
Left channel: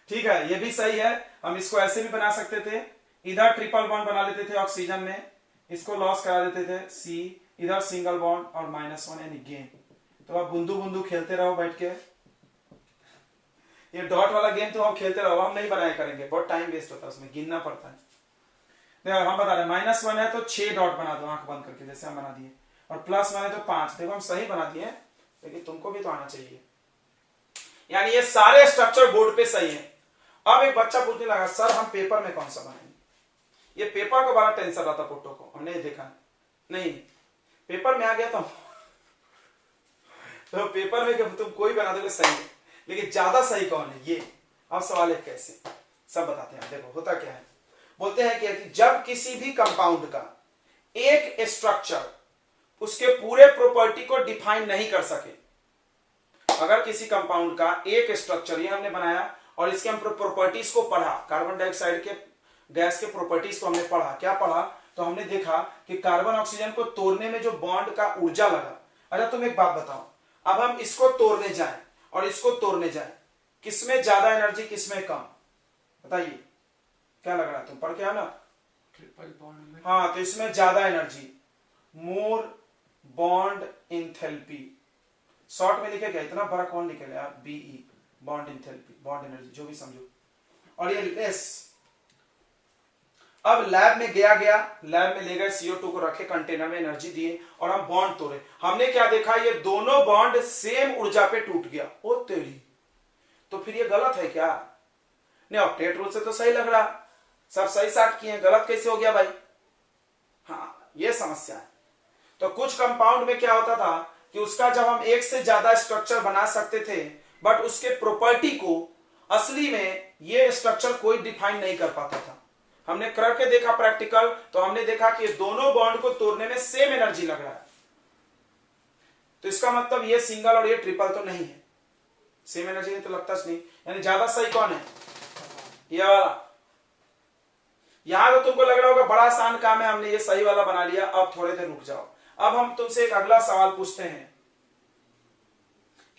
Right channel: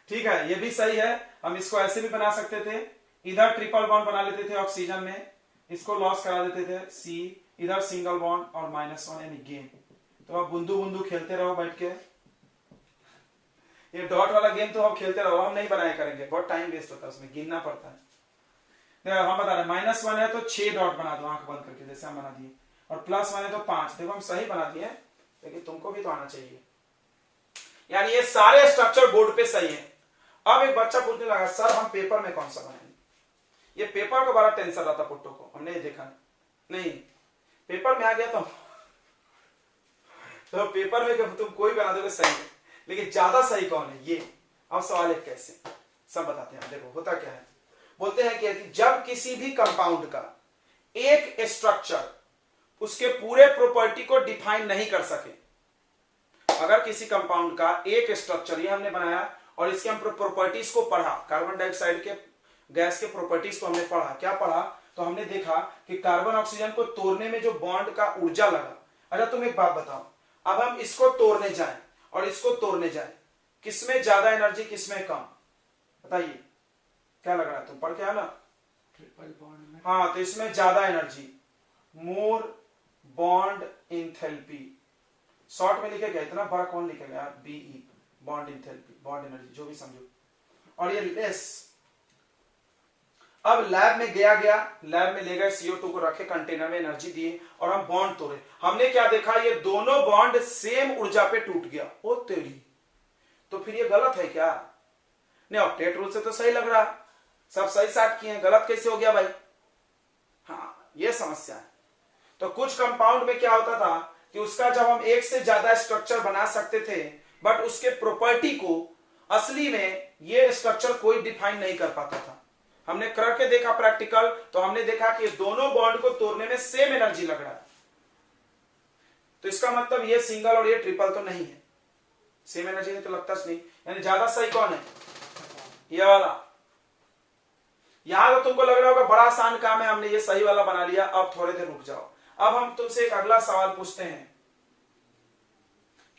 ठीक है, ये भी सही है। हम इसको ऐसे भी बना सकते थे, इधर ट्रिपल बॉन्ड बना लेते थे ऑक्सीजन में, इसको लॉस करा देते थे C, इधर सिंगल बॉन्ड और -1 यानी गेन। तो आप बूंदू बूंदू खेलते रहो बैठ के। ये डॉट वाला गेम तो आप खेलते रहो, हम नहीं बनाए करेंगे, बहुत टाइम वेस्ट होता है उसमें, गिनना पड़ता है। देखो हम बता रहे हैं -1 है तो 6 डॉट बना दो आंख बंद करके, जैसे हम बना दिए, और +1 है तो 5। देखो हम सही बना दिए, लेकिन तुमको भी तो आना चाहिए। यानी ये सारे स्ट्रक्चर बोर्ड पे सही है। अब एक बच्चा पूछने लगा, सर हम पेपर में कौन सा बनाएंगे? ये पेपर को बड़ा टेंशन रहता पुट्टो को, हमने ये देखा नहीं। पेपर में आ गया तो पेपर में तुम कोई बना दोगे सही है, लेकिन ज्यादा सही कौन है ये? अब सवाल है कैसे, सब बताते हैं। देखो होता क्या है, बोलते हैं कि जब किसी भी कंपाउंड का एक स्ट्रक्चर उसके पूरे प्रॉपर्टी को डिफाइन नहीं कर सके, अगर किसी कंपाउंड का एक स्ट्रक्चर, ये हमने बनाया और इसके हम प्रॉपर्टीज को पढ़ा, कार्बन डाइऑक्साइड के गैस के प्रॉपर्टीज को हमने पढ़ा। क्या पढ़ा? तो हमने देखा कि कार्बन ऑक्सीजन को तोड़ने में जो बॉन्ड का ऊर्जा लगा। अच्छा तुम एक बात बताओ, अब हम इसको तोड़ने जाएं और इसको तोड़ने जाएं, किसमें ज्यादा एनर्जी, किसमें कम? बताइए, क्या लग रहा है? तुम पढ़ के आओ ना। ट्रिपल बॉन्ड में। हाँ, तो इसमें ज्यादा energy, more bond enthalpy. Short में लिखे क्या, इतना बड़ा कौन लिखेगा यार? BE, bond enthalpy, bond energy, जो भी समझो। और ये लेस। अब लैब में गया, लैब में ले गए, CO2 को रखे कंटेनर में, एनर्जी दिए और हम बॉन्ड तोड़े। हमने क्या देखा? ये दोनों बॉन्ड सेम ऊर्जा पे टूट गया। ओ तेरी, तो फिर ये गलत है क्या? नहीं, ऑक्टेट रूल से तो सही लग रहा, सब सही साथ किए, गलत कैसे हो गया भाई? हाँ, ये समस्या है। तो कुछ कंपाउंड में क्या होता था कि उसका जब हम एक से ज्यादा स्ट्रक्चर बना सकते थे, बट उसके प्रॉपर्टी को असली में ये स्ट्रक्चर कोई डिफाइन नहीं कर पाता था। हमने करके देखा प्रैक्टिकल, तो हमने देखा कि दोनों बॉन्ड को तोड़ने में सेम एनर्जी लग रहा है। तो इसका मतलब ये सिंगल और ये ट्रिपल तो नहीं है, सेम एनर्जी तो लगता नहीं। यानी ज्यादा सही कौन है? ये वाला। यहां तो तुमको लग रहा होगा बड़ा आसान काम है, हमने ये सही वाला बना लिया। अब थोड़े देर रुक जाओ, अब हम तुमसे एक अगला सवाल पूछते हैं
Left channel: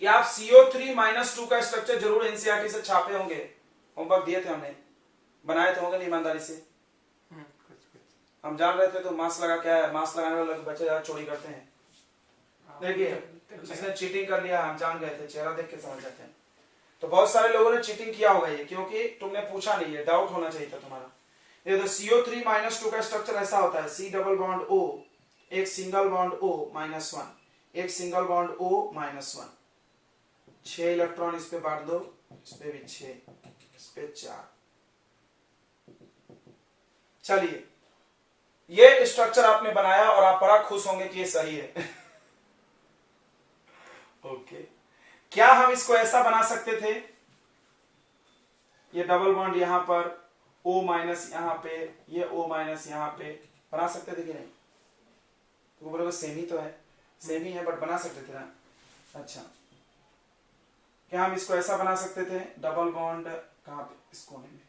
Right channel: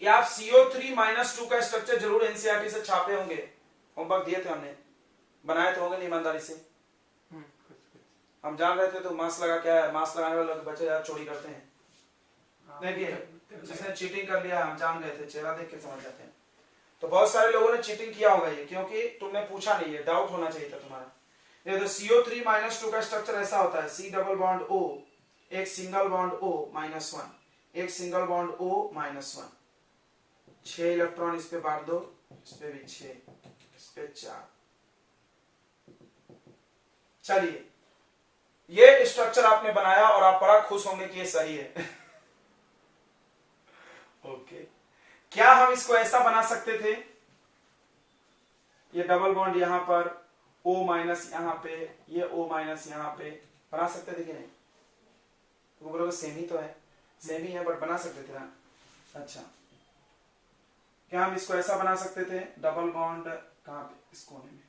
कि आप CO3-2 का स्ट्रक्चर जरूर एनसीईआरटी से छापे होंगे, होमवर्क दिए थे हमने, बनाए तो होंगे ईमानदारी से। हम जान रहे थे तो मास्क लगा, क्या है मास्क लगाने वाले बच्चे यार चोरी करते हैं। देखिए, जिसने चीटिंग कर लिया हम जान गए थे, चेहरा देख के समझ जाते हैं। तो बहुत सारे लोगों ने चीटिंग किया होगा ये, क्योंकि तुमने पूछा नहीं है, डाउट होना चाहिए था तुम्हारा। ये तो CO3-2 का स्ट्रक्चर ऐसा होता है, C डबल बॉन्ड O, एक सिंगल बॉन्ड O -1, एक सिंगल बॉन्ड O -1, 6 इलेक्ट्रॉन इस पे बांट दो, इस पे भी 6, इस पे 4। चलिए, ये स्ट्रक्चर आपने बनाया और आप बड़ा खुश होंगे कि ये सही है। ओके, क्या हम इसको ऐसा बना सकते थे? ये डबल बॉन्ड यहां पर O माइनस यहाँ पे, ये O माइनस यहाँ पे बना सकते थे कि नहीं? तो बोलोगे सेम ही तो है, सेम ही है बट बना सकते थे ना। अच्छा, क्या हम इसको ऐसा बना सकते थे? डबल बॉन्ड कहाँ पे? इस कोने में।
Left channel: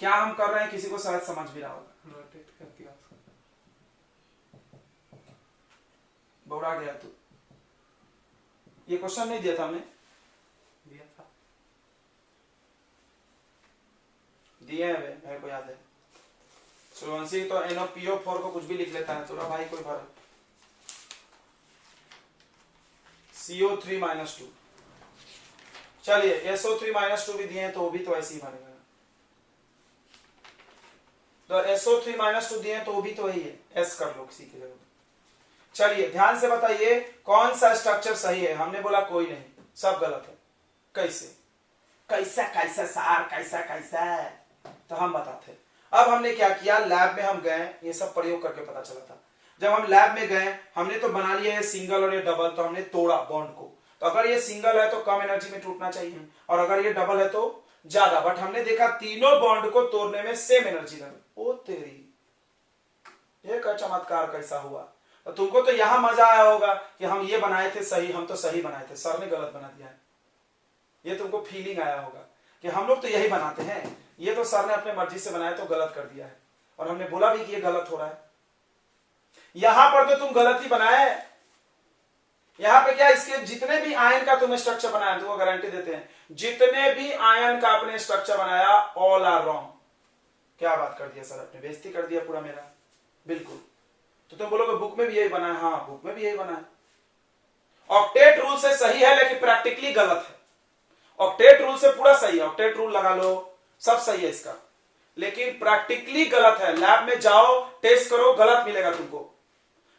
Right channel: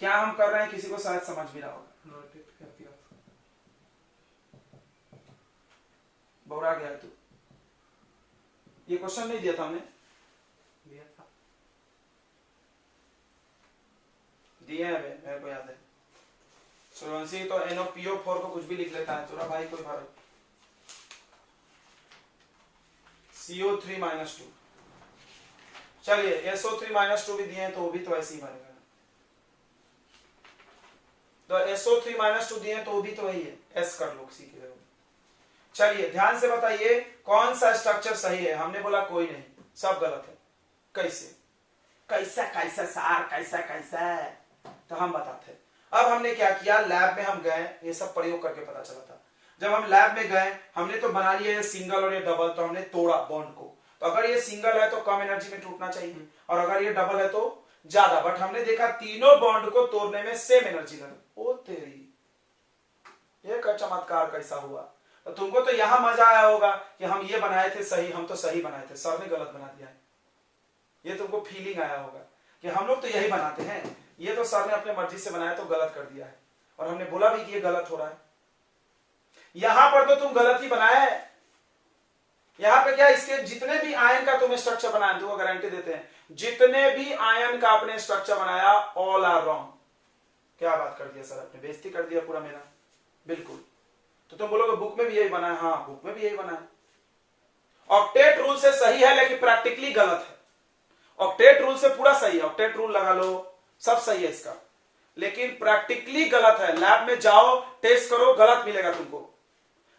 क्या हम कर रहे हैं किसी को शायद समझ भी रहा होगा। रोटेट कर दिया, बौरा गया तू। ये क्वेश्चन नहीं दिया था हमने? दिया था। दिए हैं भाई, मेरे को याद है। सूर्यवंशी तो NOPO4 को कुछ भी लिख लेता है, चलो भाई कोई फर्क। CO3 माइनस 2, चलिए SO3 माइनस 2 भी दिए हैं तो वो भी तो ऐसे ही बनेगा। तो SO3 माइनस 2 दिए हैं तो वो भी तो वही है, S कर लो किसी के जगह। चलिए ध्यान से बताइए कौन सा स्ट्रक्चर सही है? हमने बोला कोई नहीं, सब गलत है। कैसे? कैसा कैसा सार, कैसा कैसा? तो हम बताते हैं। अब हमने क्या किया, लैब में हम गए, ये सब प्रयोग करके पता चला था। जब हम लैब में गए हमने तो बना लिया ये सिंगल और ये डबल, तो हमने तोड़ा बॉन्ड को। तो अगर ये सिंगल है तो कम एनर्जी में टूटना चाहिए, और अगर ये डबल है तो ज्यादा। बट हमने देखा तीनों बॉन्ड को तोड़ने में सेम एनर्जी लगी। ओ तेरी, ये का चमत्कार कैसा हुआ? तो तुमको तो यहां मजा आया होगा कि हम ये बनाए थे सही, हम तो सही बनाए थे, सर ने गलत बना दिया है। ये तुमको फीलिंग आया होगा कि हम लोग तो यही बनाते हैं, ये तो सर ने अपने मर्जी से बनाया तो गलत कर दिया है, और हमने बोला भी कि ये गलत हो रहा है। यहां पर तो तुम गलत ही बनाए। यहां पे क्या, इसके जितने भी आयन का तुमने स्ट्रक्चर बनाया, तुमको गारंटी देते हैं, जितने भी आयन का आपने स्ट्रक्चर बनाया ऑल आर रॉन्ग। क्या बात कर दिया सर, आपने बेइज्जती कर दिया पूरा मेरा। बिल्कुल, तो तुम बोलोगे बुक में भी यही बना है। हाँ, बुक में भी यही बना है। ऑक्टेट रूल से सही है लेकिन प्रैक्टिकली गलत है। ऑक्टेट रूल से पूरा सही है, ऑक्टेट रूल लगा लो, सब सही है इसका, लेकिन प्रैक्टिकली गलत है। लैब में जाओ, टेस्ट करो, गलत मिलेगा तुमको।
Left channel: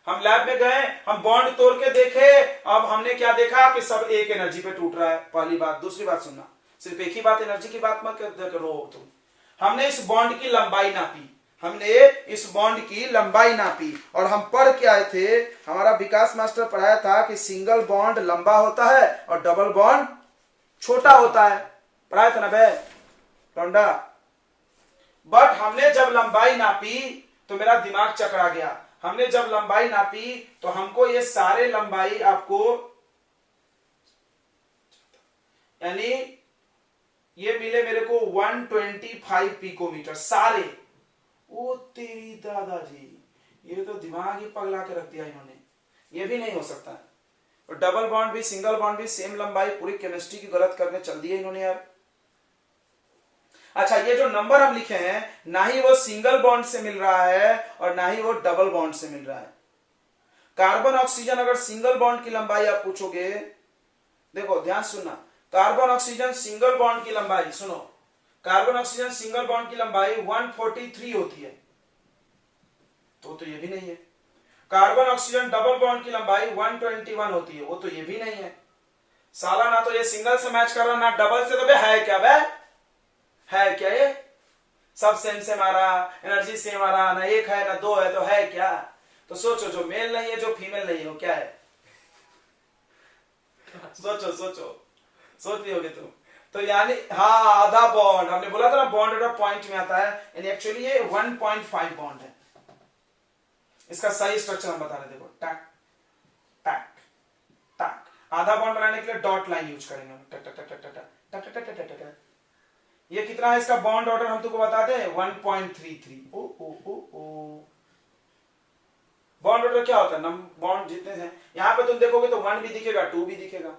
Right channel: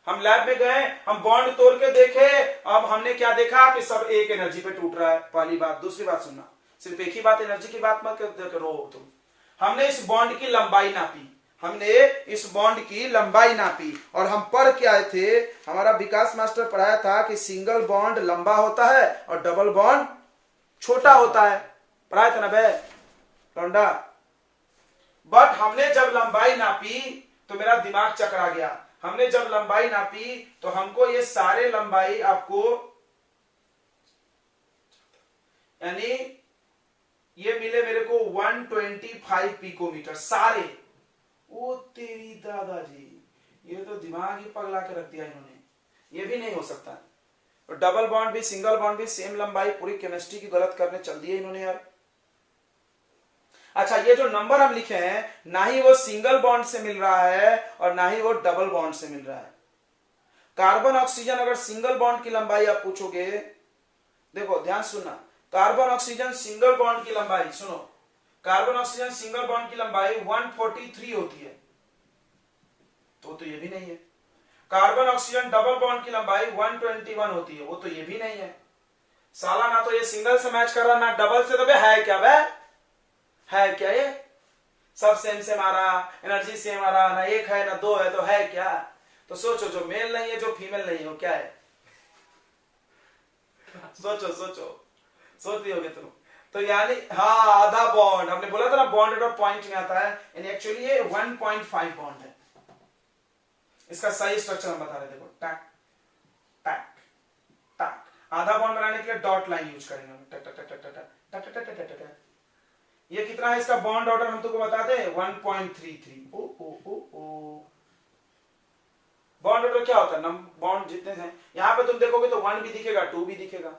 हम लैब में गए, हम बॉन्ड तोड़ के देखे, अब हमने क्या देखा कि सब एक एनर्जी पे टूट रहा है। पहली बात। दूसरी बात सुनना, सिर्फ एक ही बात एनर्जी की बात मत करो तुम। हमने इस बॉन्ड की लंबाई नापी, हमने इस बॉन्ड की लंबाई नापी, और हम पढ़ के आए थे, हमारा विकास मास्टर पढ़ाया था कि सिंगल बॉन्ड लंबा होता है और डबल बॉन्ड छोटा होता है। पढ़ाया था ना बे लौंडा? बट हमने जब लंबाई नापी तो मेरा दिमाग चकरा गया। हमने जब लंबाई नापी तो हमको ये सारे लंबाई आपको, यानी ये मिले मेरे को 125 पिकोमीटर सारे। ओ तेरी दादाजी, ये तो दिमाग ही पगला के रख दिया इन्होंने। ये भी नहीं हो सकता है। और डबल बॉन्ड भी सिंगल बॉन्ड भी सेम लंबाई, पूरी केमिस्ट्री की गलत करने चल दी है इन्होंने यार। अच्छा, ये जो नंबर हम लिखे हैं, ना ही वो सिंगल बॉन्ड से मिल रहा है और ना ही वो डबल बॉन्ड से मिल रहा है। कार्बन ऑक्सीजन, अगर सिंगल बॉन्ड की लंबाई आप पूछोगे, देखो ध्यान सुनना, कार्बन ऑक्सीजन सिंगल बॉन्ड की लंबाई, सुनो, कार्बन ऑक्सीजन सिंगल बॉन्ड की लंबाई 143 होती है, तो ये भी नहीं है। कार्बन ऑक्सीजन डबल बॉन्ड की लंबाई 121 होती है, वो तो ये भी नहीं है। साला ना तो ये सिंगल से मैच कर रहा, ना डबल से। तो है क्या बे, है क्या ये? सब सेम सेम आ रहा, एनर्जी सेम आ रहा, ना एक है ना दो है, तो है क्या? तो सोचो, जो मेल नहीं है, जो फीमेल नहीं है, वो क्या है? सोचो सोचो, सोच रही होगे तुम तो। यानी हाँ, आधा बॉन्ड, हमने बोला था ना बॉन्ड और पॉइंट में आता है, यानी एक्चुअली ये 1.5 बॉन्ड है। इसका सही स्ट्रक्चर हम बता रहे, देखो, टैक टैक टैक। आधा बॉन्ड बनाने के लिए डॉट लाइन यूज करेंगे हम, टक टक टक टक टक टक टक टक टक टक। ये कितना है इसका बॉन्ड ऑर्डर, हम तुमको बताते हैं 1.33। ओ ओ ओ ओ, बॉन्ड ऑर्डर क्या होता है? बॉन्ड जितने हैं, यहां पे तुम देखोगे तो 1 भी दिखेगा, 2 भी दिखेगा।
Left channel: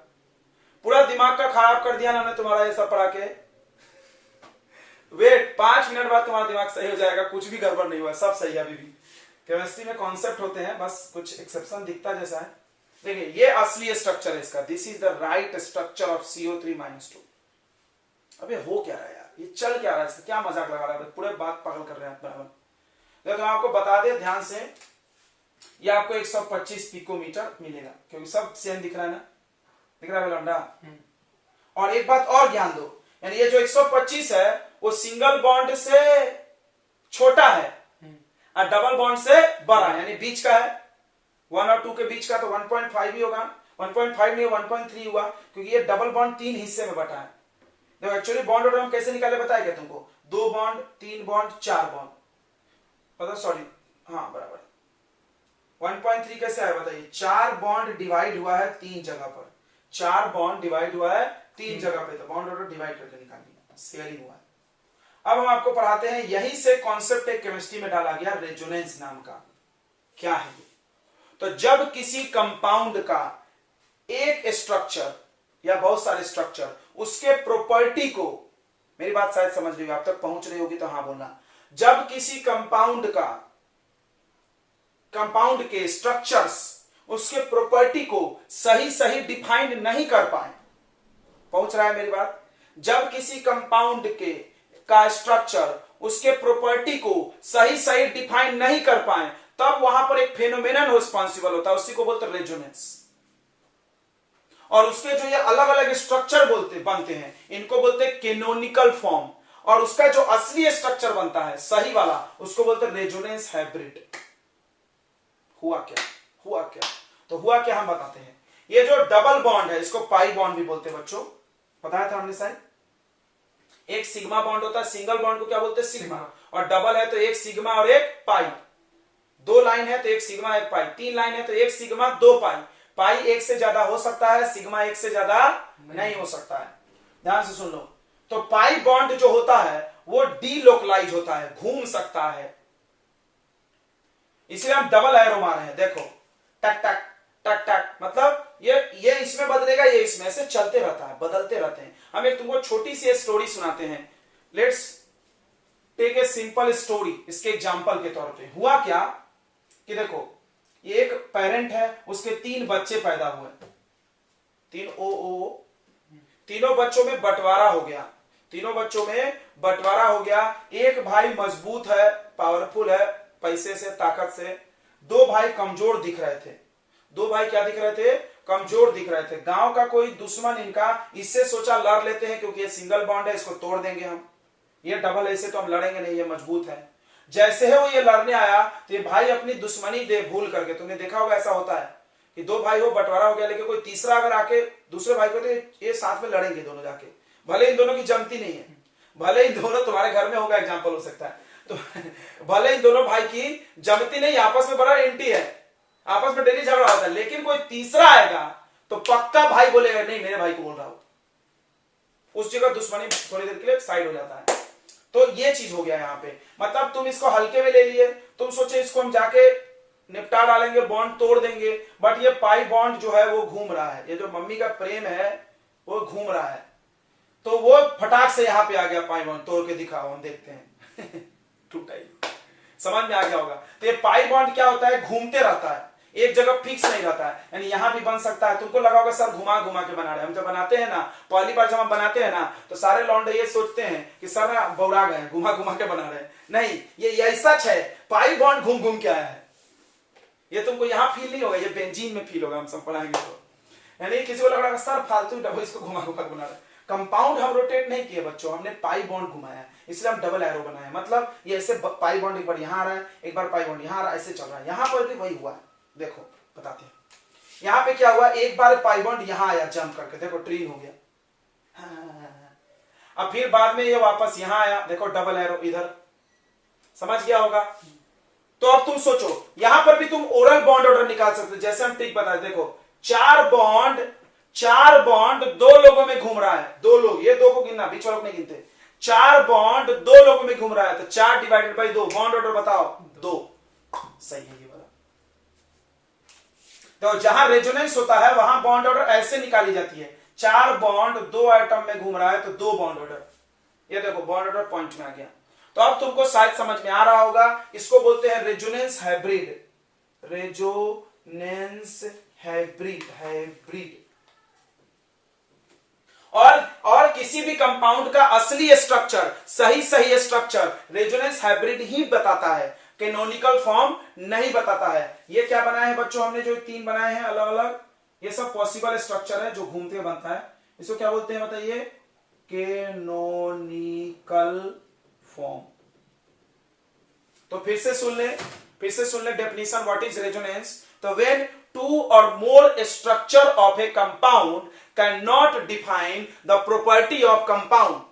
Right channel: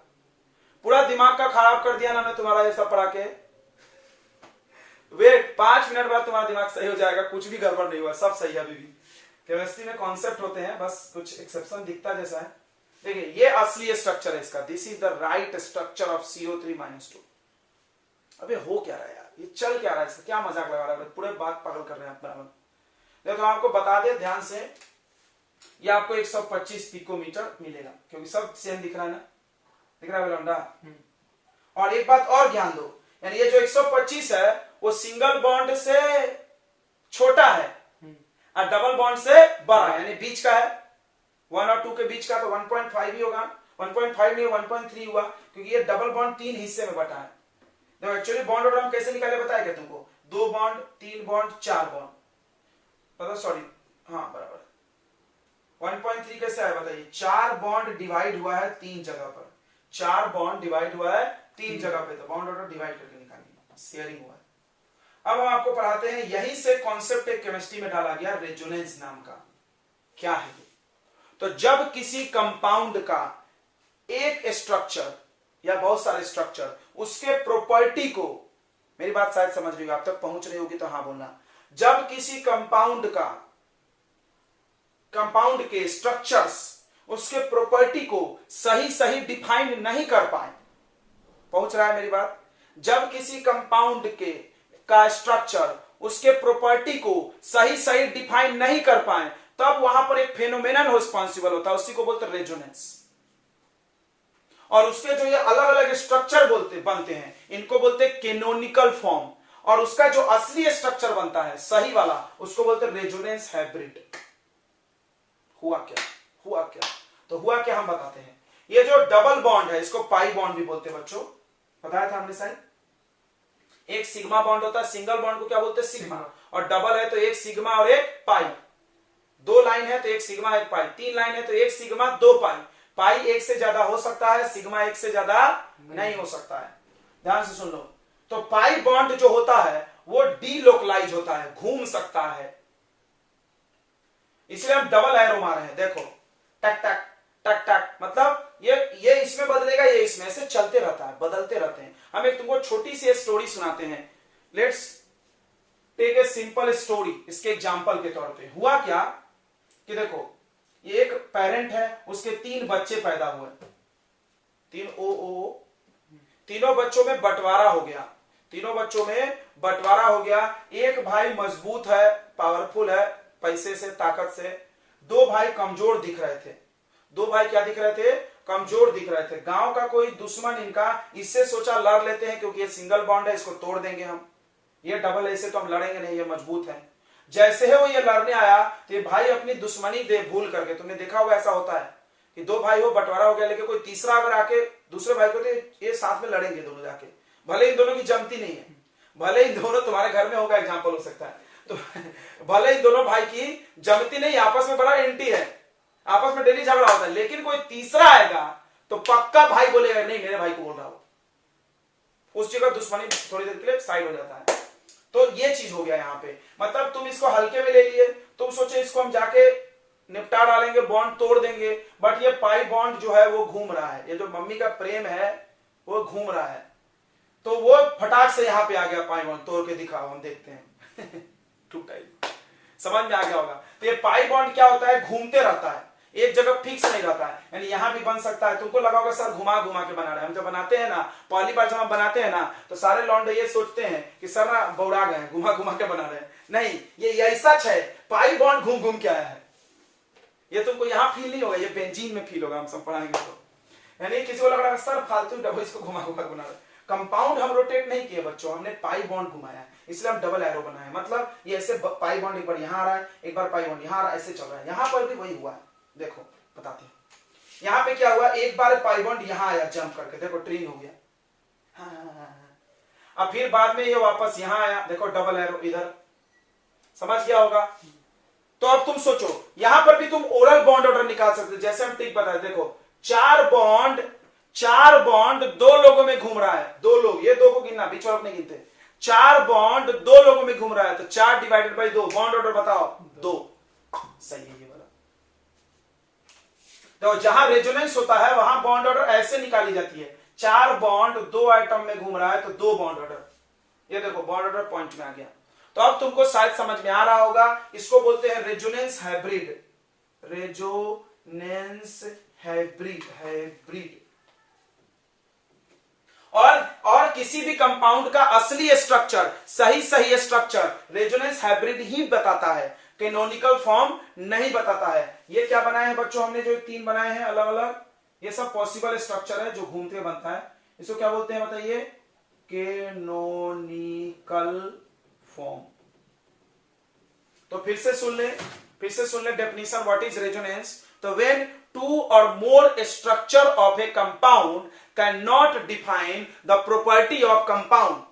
पूरा दिमाग का खराब कर दिया ना हमने तुम्हारा ये सब पढ़ा के। वेट, 5 मिनट बाद तुम्हारा दिमाग सही हो जाएगा, कुछ भी गड़बड़ नहीं हुआ, सब सही है। अभी भी केमिस्ट्री में कॉन्सेप्ट होते हैं, बस कुछ एक्सेप्शन दिखता जैसा है। देखिए, ये असली स्ट्रक्चर है इसका, this is the right structure of CO3-2। अबे हो क्या रहा है यार, ये चल क्या रहा है, क्या मजाक लगा रहा है, पूरे बात पागल कर रहे हैं अपना। तो आपको बता दे ध्यान से, ये आपको 125 पिकोमीटर मिलेगा, क्योंकि सब सेम दिख रहा है ना, दिख रहा है लौंडा? और एक बात और ध्यान दो, यानी ये जो 125 है वो सिंगल बॉन्ड से छोटा है और डबल बॉन्ड से बड़ा है, यानी बीच का है। 1 और 2 के बीच का, तो 1.5 ही होगा। 1.5 नहीं, 1.3 हुआ, क्योंकि ये डबल बॉन्ड 3 हिस्से में बटा है। देखो एक्चुअली बॉन्ड ऑर्डर हम कैसे निकाले बताया क्या तुमको? 2 बॉन्ड, 3 बॉन्ड, 4 बॉन्ड, मतलब सॉरी, हाँ बराबर 1.3 कैसे आया बताइए। 4 बॉन्ड डिवाइड हुआ है 3 जगह पर, 4 बॉन्ड डिवाइड हुआ है 3 जगह पे, तो बॉन्ड ऑर्डर डिवाइड करके निकालिए, शेयरिंग हुआ है। अब हम आपको पढ़ाते हैं, यहीं से कॉन्सेप्ट एक केमिस्ट्री में डाला गया रेजोनेंस नाम का। क्या है ये? तो जब किसी कंपाउंड का एक स्ट्रक्चर या बहुत सारे स्ट्रक्चर उसके प्रॉपर्टी को, मेरी बात शायद समझ रही हो, आप तक पहुंच रही होगी तो हाँ बोलना। जब किसी कंपाउंड के स्ट्रक्चर्स उसके प्रॉपर्टी को सही सही डिफाइन नहीं कर पाए, पहुंच रहा है मेरी बात? जब किसी कंपाउंड का स्ट्रक्चर उसके प्रॉपर्टी को सही सही डिफाइन नहीं कर पाए, तब वहां पर एक फेनोमेनन रिस्पॉन्सिबल होता है, उसी को बोलते हैं रेजोनेंस। और उसके जो ये अलग अलग स्ट्रक्चर बनते हैं, इनको बोलते हैं कैनोनिकल फॉर्म, और उसका जो असली स्ट्रक्चर बनता है सही वाला, उसको बोलते हैं रेजोनेंस हाइब्रिड। हुआ क्या? तो हुआ क्या हम बताते हैं। ये जो डबल बॉन्ड है इसको पाई बॉन्ड भी बोलते हैं बच्चों, बताया था हमने साइन। एक सिग्मा बॉन्ड होता है, सिंगल बॉन्ड को क्या बोलते हैं? सिग्मा। और डबल है तो एक सिग्मा और एक पाई। 2 लाइन है तो एक सिग्मा एक पाई, 3 लाइन है तो एक सिग्मा 2 पाई। पाई 1 से ज्यादा हो सकता है, सिग्मा 1 से ज्यादा नहीं हो सकता है। ध्यान से सुन लो। तो पाई बॉन्ड जो होता है वो डीलोकलाइज होता है, घूम सकता है, इसलिए हम डबल एरो मारे हैं। देखो टक टक टक टक, मतलब ये इसमें बदलेगा, ये इसमें, ऐसे चलते रहता है, बदलते रहते हैं। हम एक तुमको छोटी सी स्टोरी सुनाते हैं। Let's take a simple story, इसके एग्जांपल के तौर पे। हुआ क्या कि देखो, एक पेरेंट है, उसके 3 बच्चे पैदा हुए, 3 तीनों बच्चों में बंटवारा हो गया। एक भाई मजबूत है, पावरफुल है, पैसे से, ताकत से। 2 भाई कमजोर दिख रहे थे। 2 भाई क्या दिख रहे थे? कमजोर दिख रहे थे। गांव का कोई दुश्मन इनका, इससे सोचा लड़ लेते हैं, क्योंकि ये सिंगल बॉन्ड है, इसको तोड़ देंगे हम। ये डबल ऐसे तो हम लड़ेंगे नहीं, ये मजबूत है। जैसे है वो ये लड़ने आया, तो ये भाई अपनी दुश्मनी भूल करके, तुमने देखा होगा ऐसा होता है कि 2 भाई हो, बंटवारा हो गया, लेकिन कोई तीसरा अगर आके दूसरे भाई को, तो ये साथ में लड़ेंगे दोनों जाके, भले इन दोनों की जमती नहीं है, भले इन दोनों, तुम्हारे घर में होगा एग्जाम्पल हो सकता है, तो भले इन दोनों भाई की जमती नहीं, आपस में बड़ा एंटी है, आपस में डेली झगड़ा होता है, लेकिन कोई तीसरा आएगा तो पक्का भाई बोलेगा नहीं, मेरे भाई को बोल रहा हूं, उस जगह दुश्मनी थोड़ी देर के लिए साइड हो जाता है। तो ये चीज हो गया यहाँ पे, मतलब तुम इसको हल्के में ले लिए, तुम सोचे इसको हम जाके निपटा डालेंगे, बॉन्ड तोड़ देंगे, बट ये पाई बॉन्ड जो है वो घूम रहा है, ये जो मम्मी का प्रेम है वो घूम रहा है, तो वो फटाक से यहाँ पे आ गया, पाई बॉन्ड तोड़ के दिखाओ, हम देखते हैं समझ में आ गया होगा। तो ये पाई बॉन्ड क्या होता है? घूमते रहता है, एक जगह फिक्स नहीं रहता है, यानी यहां भी बन सकता है। तुमको लगा होगा सर घुमा घुमा के बना रहे हैं, हम जब बनाते हैं ना, पहली बार जब हम बनाते हैं ना, तो सारे लौंडे ये सोचते हैं कि सर ना बौड़ा गए, घुमा घुमा के बना रहे हैं। नहीं, ये सच है, पाई बॉन्ड घूम घूम के आया है। ये तुमको यहाँ फील नहीं होगा, ये बेंजीन में फील होगा, हम सब पढ़ाएंगे तो। यानी किसी को लग रहा है सर फालतू डबल इसको घुमा घुमा के बना रहे हैं। कंपाउंड हम रोटेट नहीं किए बच्चों, हमने पाई बॉन्ड घुमाया, इसलिए हम डबल एरो बनाए। मतलब ये ऐसे पाई बॉन्ड एक बार यहाँ आ रहा है, एक बार पाई बॉन्ड यहाँ आ रहा है, ऐसे चल रहा है। यहाँ पर भी वही हुआ है, देखो बताते हैं। यहाँ पे क्या हुआ, एक बार पाई बॉन्ड यहाँ आया जंप करके, देखो ट्रीन हो गया। अब फिर बाद में ये वापस यहाँ आया, देखो डबल एरो इधर, समझ गया होगा। तो अब तुम सोचो, यहां पर भी तुम ओरल बॉन्ड ऑर्डर निकाल सकते हो, जैसे हम ट्रिक बताए। देखो 4 बॉन्ड 2 लोगों में घूम रहा है, 2 लोग, ये 2 को गिनना, बीच वालों को नहीं गिनते। 4 बॉन्ड 2 लोगों में घूम रहा है, तो 4 डिवाइडेड बाई 2, बॉन्ड ऑर्डर बताओ 2। सही है ये वाला। तो जहां रेजोनेंस होता है वहां बॉन्ड ऑर्डर ऐसे निकाली जाती है, 4 बॉन्ड 2 आइटम में घूम रहा है तो 2 बॉन्ड ऑर्डर। ये देखो बॉन्ड ऑर्डर पॉइंट में आ गया। तो अब तुमको शायद समझ में आ रहा होगा, इसको बोलते हैं रेजोनेंस हाइब्रिड। Resonance hybrid. और किसी भी कंपाउंड का असली स्ट्रक्चर, सही स्ट्रक्चर रेजोनेंस हाइब्रिड ही बताता है, कैनोनिकल फॉर्म नहीं बताता है। ये क्या बनाए हैं बच्चों हमने, जो 3 बनाए हैं अलग अलग, ये सब पॉसिबल स्ट्रक्चर है जो घूमते बनता है। इसको क्या बोलते हैं बताइए? Canonical form. तो फिर से सुन ले डेफिनेशन, व्हाट इज रेजोनेंस। तो when 2 or more structure of a compound cannot define the property of compound,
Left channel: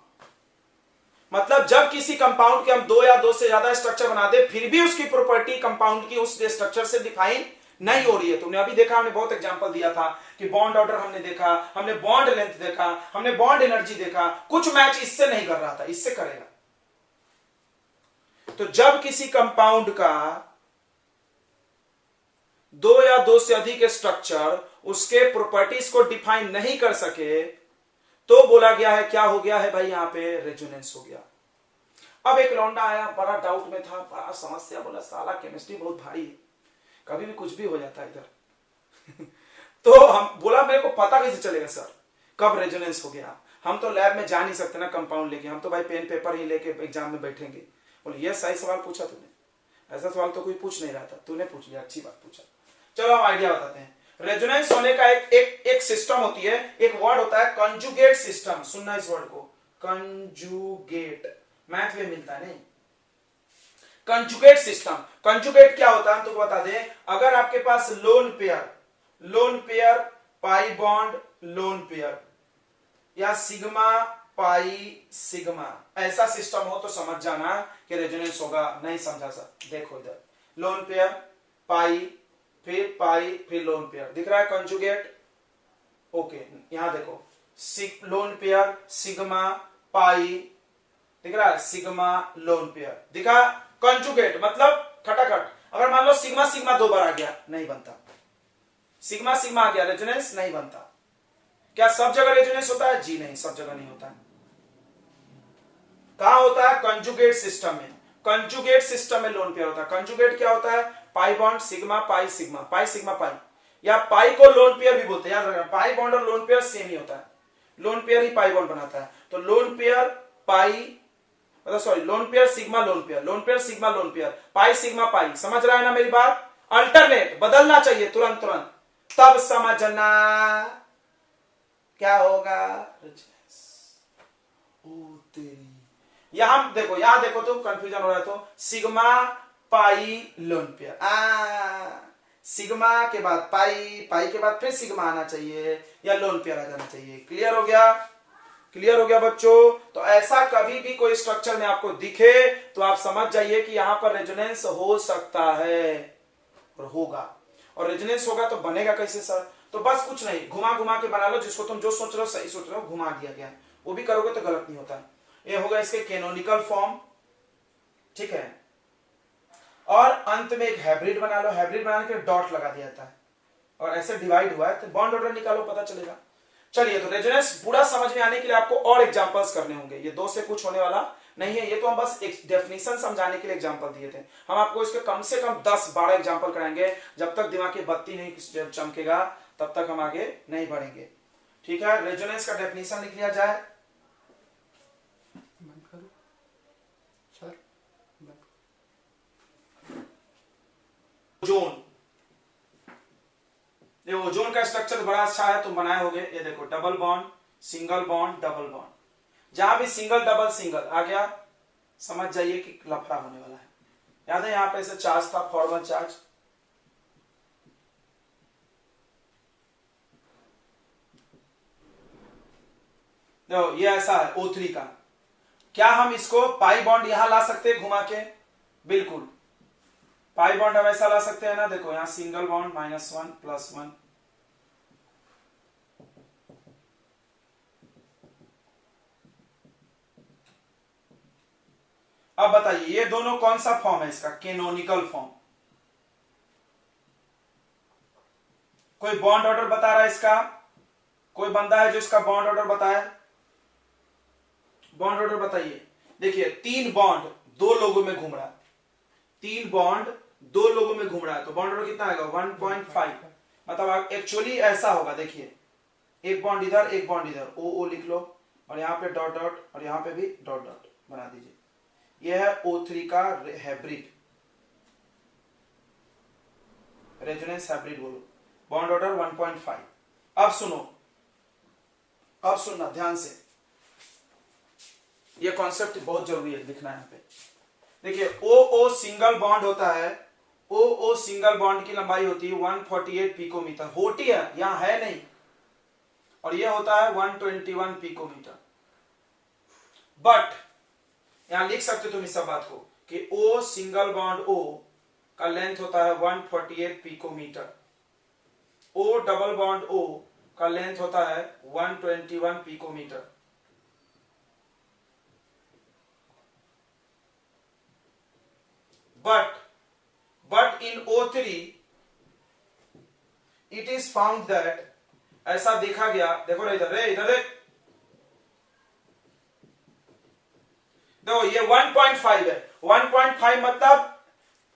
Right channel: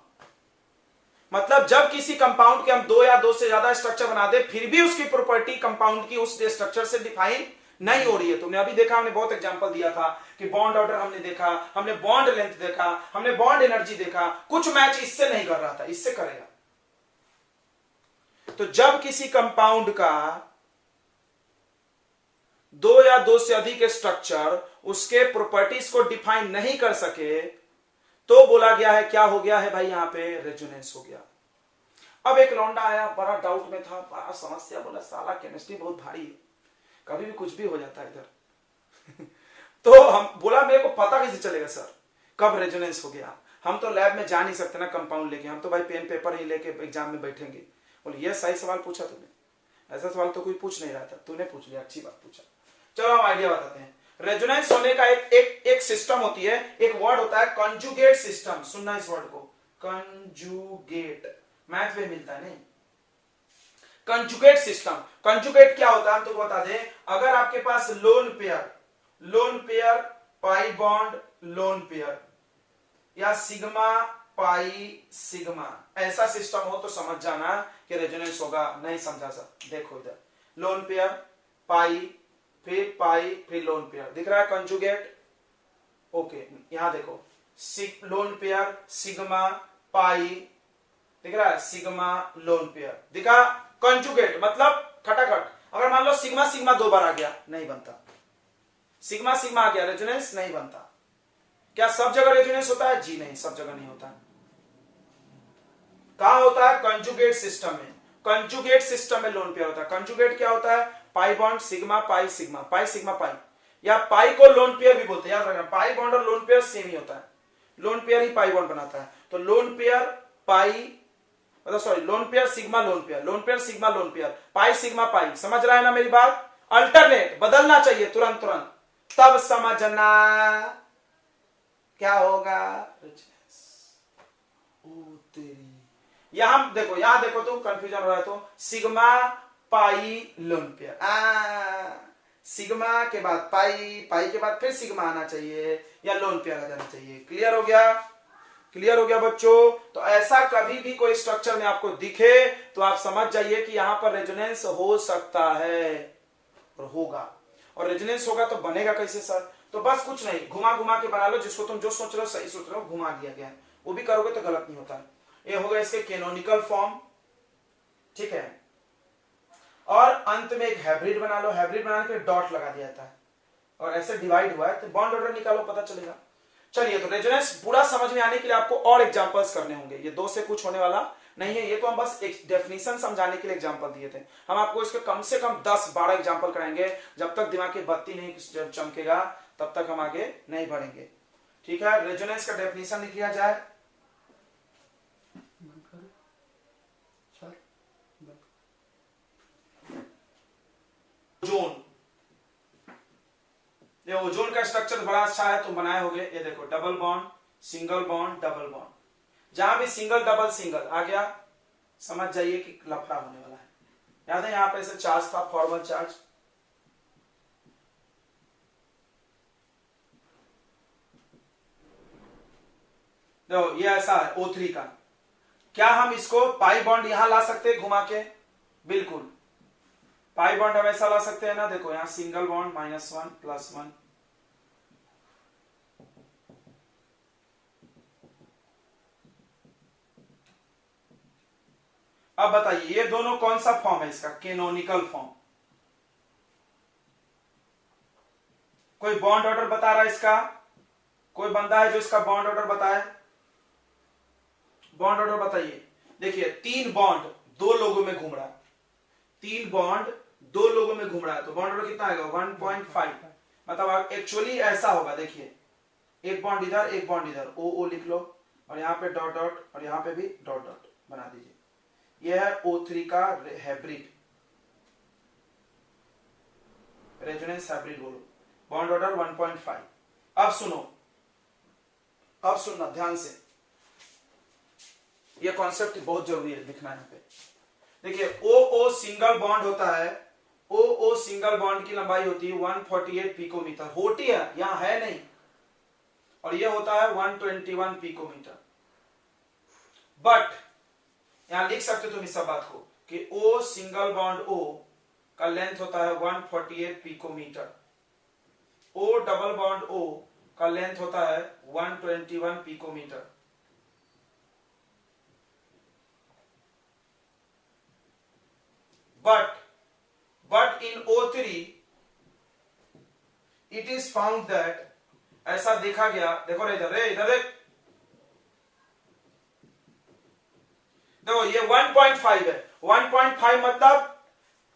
मतलब जब किसी कंपाउंड के हम दो या दो से ज्यादा स्ट्रक्चर बना दे फिर भी उसकी प्रॉपर्टी कंपाउंड की उस स्ट्रक्चर से डिफाइन नहीं हो रही है। तुमने अभी देखा, हमने बहुत एग्जांपल दिया था कि बॉन्ड ऑर्डर हमने देखा, हमने बॉन्ड लेंथ देखा, हमने बॉन्ड एनर्जी देखा, कुछ मैच इससे नहीं कर रहा था, इससे करेगा। तो जब किसी कंपाउंड का दो या दो से अधिक स्ट्रक्चर उसके प्रॉपर्टीज को डिफाइन नहीं कर सके तो बोला गया है, क्या हो गया है भाई, यहां पे रेजोनेंस हो गया। अब एक लौंडा आया, बड़ा डाउट में था, बड़ा समस्या, बोला साला केमिस्ट्री बहुत भारी है, कभी भी कुछ भी हो जाता है इधर। तो हम बोला मेरे को पता कैसे चलेगा सर कब रेजोनेंस हो गया, हम तो लैब में जा नहीं सकते ना कंपाउंड लेके, हम तो भाई पेन पेपर ही लेके एग्जाम में बैठेंगे। बोले ये सही सवाल पूछा तूने, ऐसा सवाल तो कोई पूछ नहीं रहा था, तूने पूछ लिया, अच्छी बात पूछा। चलो हम आइडिया बताते हैं। रेजोनेंस होने का एक सिस्टम होती है, एक वर्ड होता है कंजुगेट सिस्टम। सुनना इस वर्ड को, कंजुगेट, मैथ में मिलता है नहीं। कंजुगेट सिस्टम, कंजुगेट क्या होता है हम तो बता दें। अगर आपके पास lone pair pi bond lone pair या सिग्मा पाई सिग्मा ऐसा सिस्टम हो तो समझ जाना कि रेजोनेंस होगा। नहीं समझा सर, देखो इधर लोन पेयर पाई फिर लोन पेयर, दिख रहा है कंजुगेट। ओके, यहां देखो लोन पेयर सिग्मा पाई, दिख रहा है सिग्मा लोन पेयर, दिखा कंजुगेट मतलब खटाखट। अगर मान लो सिग्मा सिग्मा दो बार आ गया नहीं बनता, सिग्मा सिग्मा आ गया रेजोनेंस नहीं बनता। क्या सब जगह रेजोनेंस होता है? जी नहीं, सब जगह नहीं होता है। कहां होता है? कंजुगेट सिस्टम में। कंजुगेट सिस्टम में लोन पेयर होता है। कंजुगेट क्या होता है? Pi bond sigma pi sigma, pi sigma पाई, या पाई को लोन पेयर भी बोलते हैं, याद रखना। पाई बॉन्ड और लोन पेयर सेम ही होता है, लोन पेयर ही पाई बॉन्ड बनाता है। तो lone pair pi, sorry lone pair sigma lone pair, lone pair sigma lone pair, pi sigma pi. समझ रहा है ना मेरी बात? अल्टरनेट बदलना चाहिए तुरंत तुरंत, तब समझना क्या होगा। ओ तेरी, यहां देखो तुम कंफ्यूजन हो रहा है तो sigma pi loan pair, sigma के बाद पाई के बाद फिर सिग्मा आना चाहिए या लोन पेयर आ जाना चाहिए। क्लियर हो गया? क्लियर हो गया बच्चों? तो ऐसा कभी भी कोई स्ट्रक्चर में आपको दिखे तो आप समझ जाइए कि यहां पर रेजोनेंस हो सकता है और होगा। और रेजोनेंस होगा तो बनेगा कैसे सर? तो बस कुछ नहीं, घुमा घुमा के बना लो, जिसको तुम जो सोच रहे हो सही सोच रहे हो, घुमा दिया गया, वो भी करोगे तो गलत नहीं होता। ये होगा इसके कैनोनिकल फॉर्म, ठीक है। और अंत में एक हाइब्रिड बना लो, हाइब्रिड बनाने के डॉट लगा दिया जाता है और ऐसे डिवाइड हुआ है तो बॉन्ड ऑर्डर निकालो, पता चलेगा। चलिए, तो रेजोनेंस पूरा समझ में आने के लिए आपको और एग्जांपल्स करने होंगे, ये दो से कुछ होने वाला नहीं है। ये तो हम बस एक डेफिनेशन समझाने के लिए एग्जांपल दिए थे, हम आपको इसके कम से कम 10-12 एग्जांपल कराएंगे। जब तक दिमाग की बत्ती नहीं चमकेगा तब तक हम आगे नहीं बढ़ेंगे, ठीक है। रेजोनेंस का डेफिनेशन लिख लिया जाए। ओजोन, ये ओजोन का स्ट्रक्चर बड़ा अच्छा है, तुम बनाए होगे। ये देखो double bond single bond double bond, जहां भी सिंगल डबल सिंगल आ गया समझ जाइए कि लफड़ा होने वाला है। याद है यहां पे ऐसे चार्ज था, फॉर्मल चार्ज, देखो ये ऐसा है O3 का। क्या हम इसको पाई बॉन्ड यहां ला सकते हैं घुमा के? बिल्कुल, पाई बॉन्ड हम ऐसा ला सकते हैं ना, देखो यहां सिंगल बॉन्ड -1 +1, अब बताइए ये दोनों कौन सा फॉर्म है इसका? Canonical form. कोई बॉन्ड ऑर्डर बता रहा है इसका? कोई बंदा है जो इसका बॉन्ड ऑर्डर बताए? बॉन्ड ऑर्डर बताइए। देखिए 3 बॉन्ड 2 लोगों में घूम रहा है, 3 बॉन्ड 2 लोगों में घूम रहा है, तो बॉन्ड ऑर्डर कितना आएगा? 1.5। मतलब एक्चुअली ऐसा होगा, देखिए एक बॉन्ड इधर एक बॉन्ड इधर, O लिख लो, और यहां पे डॉट डॉट और यहां पे भी डॉट डॉट बना दीजिए। यह है O3 का हाइब्रिड, रेजोनेंस हाइब्रिड बोलो, बॉन्ड ऑर्डर 1.5। अब सुनो, अब सुनना ध्यान से, ये कॉन्सेप्ट बहुत जरूरी है लिखना यहाँ पे। देखिए O सिंगल बॉन्ड होता है, O सिंगल बॉन्ड की लंबाई होती है 148 पिकोमीटर, होती है यहां है नहीं, और ये होता है 121 पिकोमीटर। बट यहां लिख सकते हो तुम इस सब बात को कि O सिंगल बॉन्ड O का लेंथ होता है 148 picometre, O double bond O का लेंथ होता है 121 picometre. But in O3 it is found that, ऐसा देखा गया, देखो रे इधर देख, देखो ये 1.5 है, 1.5 मतलब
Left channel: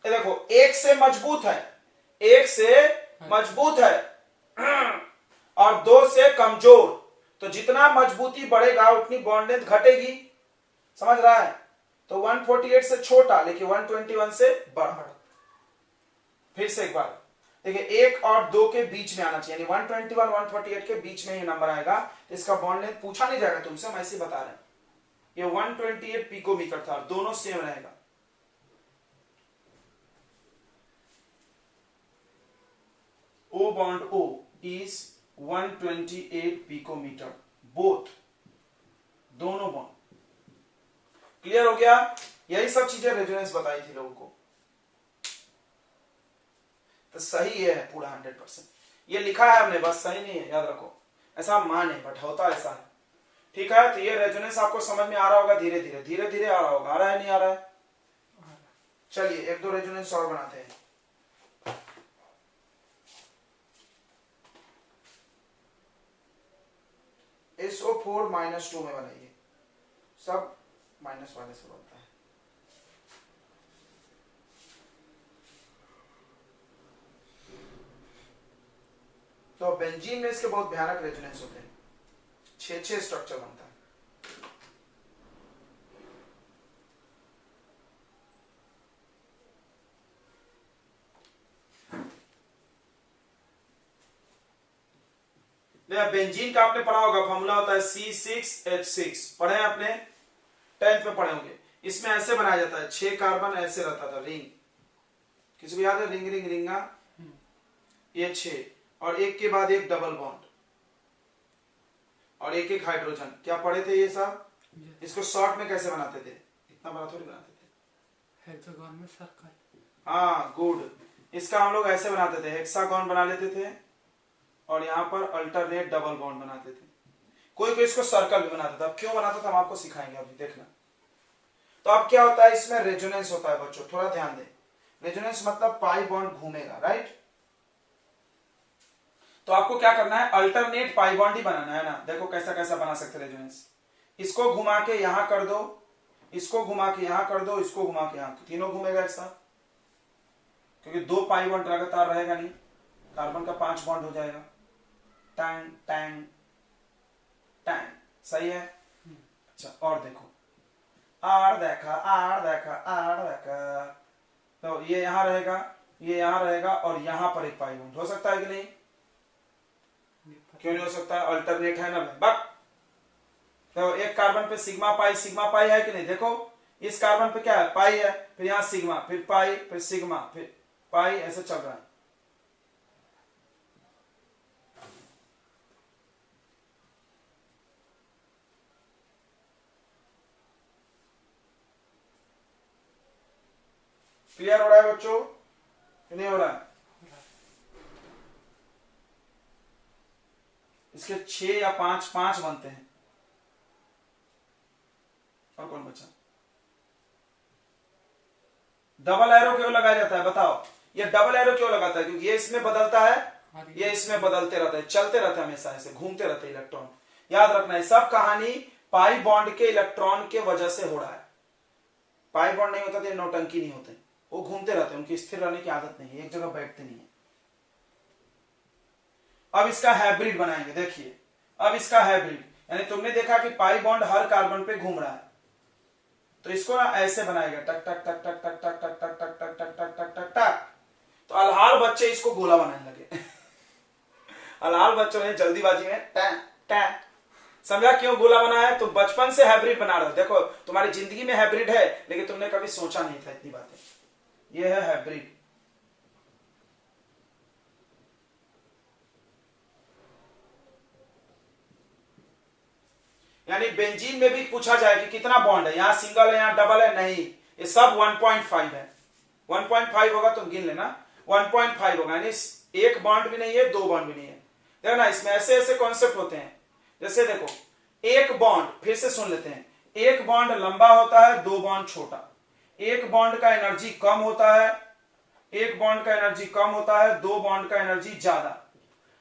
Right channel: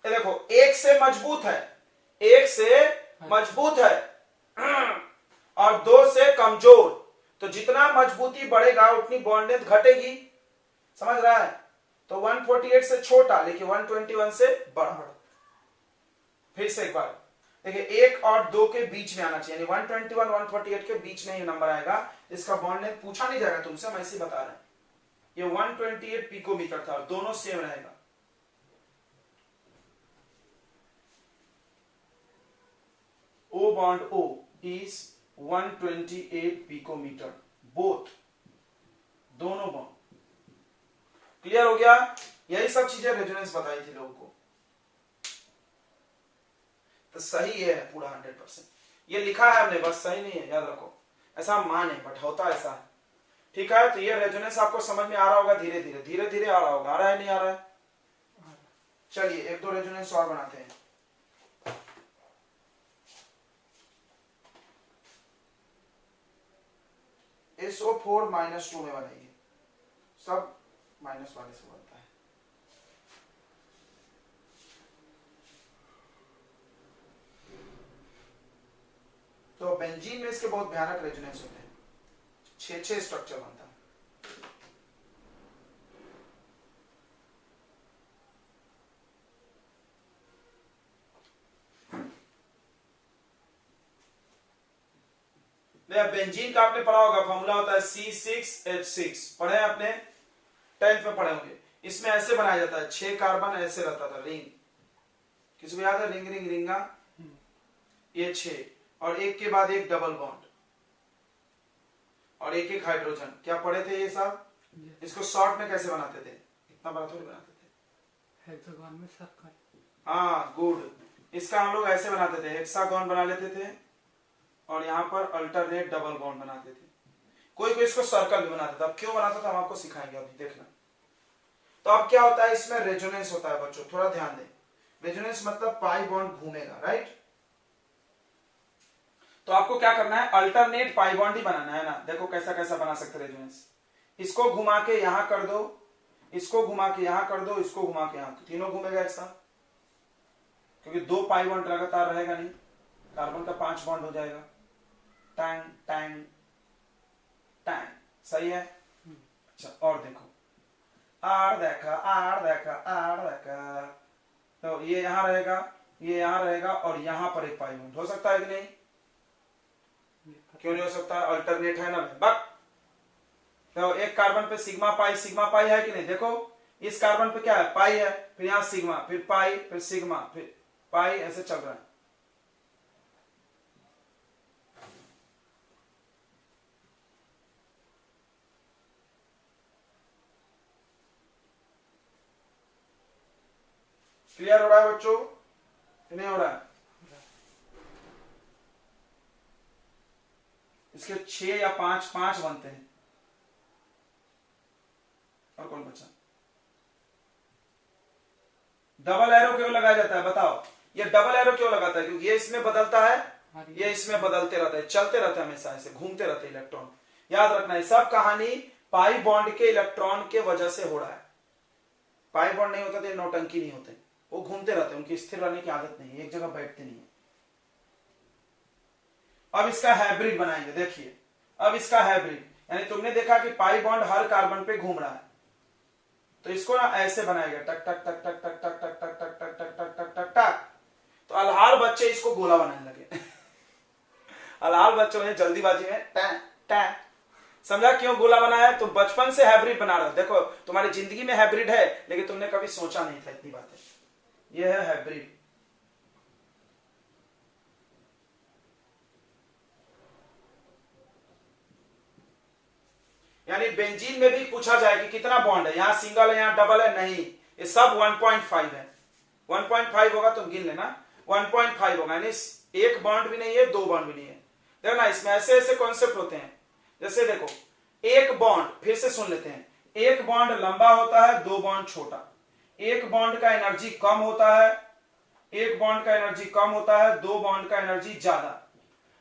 ये देखो एक से मजबूत है, एक से मजबूत है और दो से कमजोर, तो जितना मजबूती बढ़ेगा उतनी बॉन्ड लेंथ घटेगी, समझ रहा है? तो 148 से छोटा लेकिन 121 से बड़ा। फिर से एक बार देखिए, एक और दो के बीच में आना चाहिए, यानी 121 148 के बीच में ये नंबर आएगा, इसका बॉन्ड लेंथ पूछा नहीं जाएगा तुमसे, हम ऐसे बता रहे हैं। ये 128 पिकोमीटर था, दोनों सेम रहेगा। O बॉन्ड O इज 128 पिकोमीटर, बोथ, दोनों बॉन्ड। क्लियर हो गया? यही सब चीजें रेजोनेंस बताई थी लोगों को, तो सही है पूरा 100%। ये लिखा है हमने, बस सही नहीं है, याद रखो, ऐसा हम माने बट होता ऐसा है। ठीक है, तो ये रेजोनेंस आपको समझ में आ रहा होगा, धीरे धीरे आ रहा होगा। आ रहा है नहीं आ रहा है? चलिए एक दो रेजोनेंस और बनाते हैं। SO4 -2 में बनाइए, सब माइनस वाले से बनता है। तो बेंजीन में इसके बहुत भयानक रेजोनेंस होते हैं, 6 स्ट्रक्चर बनता है। बेंजीन का आपने पढ़ा होगा, फॉर्मूला होता है C6H6, पढ़े हैं आपने, 10th में पढ़े होंगे। इसमें ऐसे बनाया जाता है, 6 कार्बन ऐसे रहता था, रिंग, किसी को याद है? रिंग रिंग रिंगा, ये 6 और एक के बाद एक डबल बॉन्ड और एक एक हाइड्रोजन। क्या पढ़े थे ये सब? इसको शॉर्ट में कैसे बनाते थे? इतना बड़ा थोड़ी बनाते थे, हेक्सागोन में सर्कल। हाँ गुड, इसका हम लोग ऐसे बनाते थे, हेक्सागोन बना लेते थे और यहाँ पर अल्टरनेट डबल बॉन्ड बनाते थे। कोई कोई इसको सर्कल भी बनाता था, क्यों बनाता था हम आपको सिखाएंगे अभी, देखना। तो अब क्या होता है, इसमें रेजोनेंस होता है बच्चों, थोड़ा ध्यान दें। रेजोनेंस मतलब पाई बॉन्ड घूमेगा, राइट? तो आपको क्या करना है, अल्टरनेट पाई बॉन्ड ही बनाना है ना। देखो कैसा कैसा बना सकते रेजोनेंस, इसको घुमा के यहां कर दो, इसको घुमा के यहां कर दो, इसको घुमा के यहां, तो तीनों घूमेगा एक साथ, क्योंकि 2 पाई बॉन्ड लगातार रहेगा नहीं, कार्बन का 5 बॉन्ड हो जाएगा। टैंग टैंग टैंग, सही है? अच्छा और देखो, आर देखा आर देखा आर देखा, तो ये यहां रहेगा, ये यहां रहेगा और यहां पर एक पाई बॉन्ड हो सकता है कि नहीं? क्यों नहीं हो सकता? अल्टरनेट है ना बक। तो एक कार्बन पे सिग्मा पाई है कि नहीं? देखो इस कार्बन पे क्या है, पाई है, फिर यहां सिग्मा, फिर पाई, फिर सिग्मा, फिर पाई, ऐसे चल रहा है। क्लियर हो रहा है बच्चों, नहीं हो रहा है? इसके 6 या 5 बनते हैं। और कौन बचा? डबल एरो क्यों लगाया जाता है बताओ? ये डबल एरो क्यों लगाता है? क्योंकि ये इसमें बदलता है, ये इसमें बदलते रहता है, चलते रहता है, हमेशा ऐसे घूमते रहते हैं इलेक्ट्रॉन। याद रखना है, सब कहानी पाई बॉन्ड के इलेक्ट्रॉन के वजह से हो रहा है। पाई बॉन्ड नहीं होता तो नौटंकी नहीं होते, वो घूमते रहते हैं, उनकी स्थिर रहने की आदत नहीं है, एक जगह बैठते नहीं है। अब इसका हाइब्रिड बनाएंगे, देखिए अब इसका हाइब्रिड, यानी तुमने देखा कि पाई बॉन्ड हर कार्बन पे घूम रहा है, तो इसको ना ऐसे बनाएगा, टक टक टक टक टक टक टक टक टक टक टक टक टक टक टक, तो अल्हार बच्चे इसको गोला बनाने लगे। अल्हार बच्चों ने जल्दीबाजी में टैं टैं, समझा क्यों गोला बनाया? तो बचपन से हाइब्रिड बना रहे हो। देखो तुम्हारी जिंदगी में हाइब्रिड है, लेकिन तुमने कभी सोचा नहीं था इतनी बातें। ये है हाइब्रिड। यानी बेंजीन में भी पूछा जाए कि कितना बॉन्ड है, यहां सिंगल है यहां डबल है, नहीं, ये सब 1.5 है। 1.5 होगा तो गिन लेना, 1.5 होगा, यानी एक बॉन्ड भी नहीं है, दो बॉन्ड भी नहीं है। देखो ना, इसमें ऐसे ऐसे कॉन्सेप्ट होते हैं। जैसे देखो, एक बॉन्ड, फिर से सुन लेते हैं, एक बॉन्ड लंबा होता है, दो बॉन्ड छोटा। एक बॉन्ड का एनर्जी कम होता है, एक बॉन्ड का एनर्जी कम होता है, दो बॉन्ड का एनर्जी ज्यादा।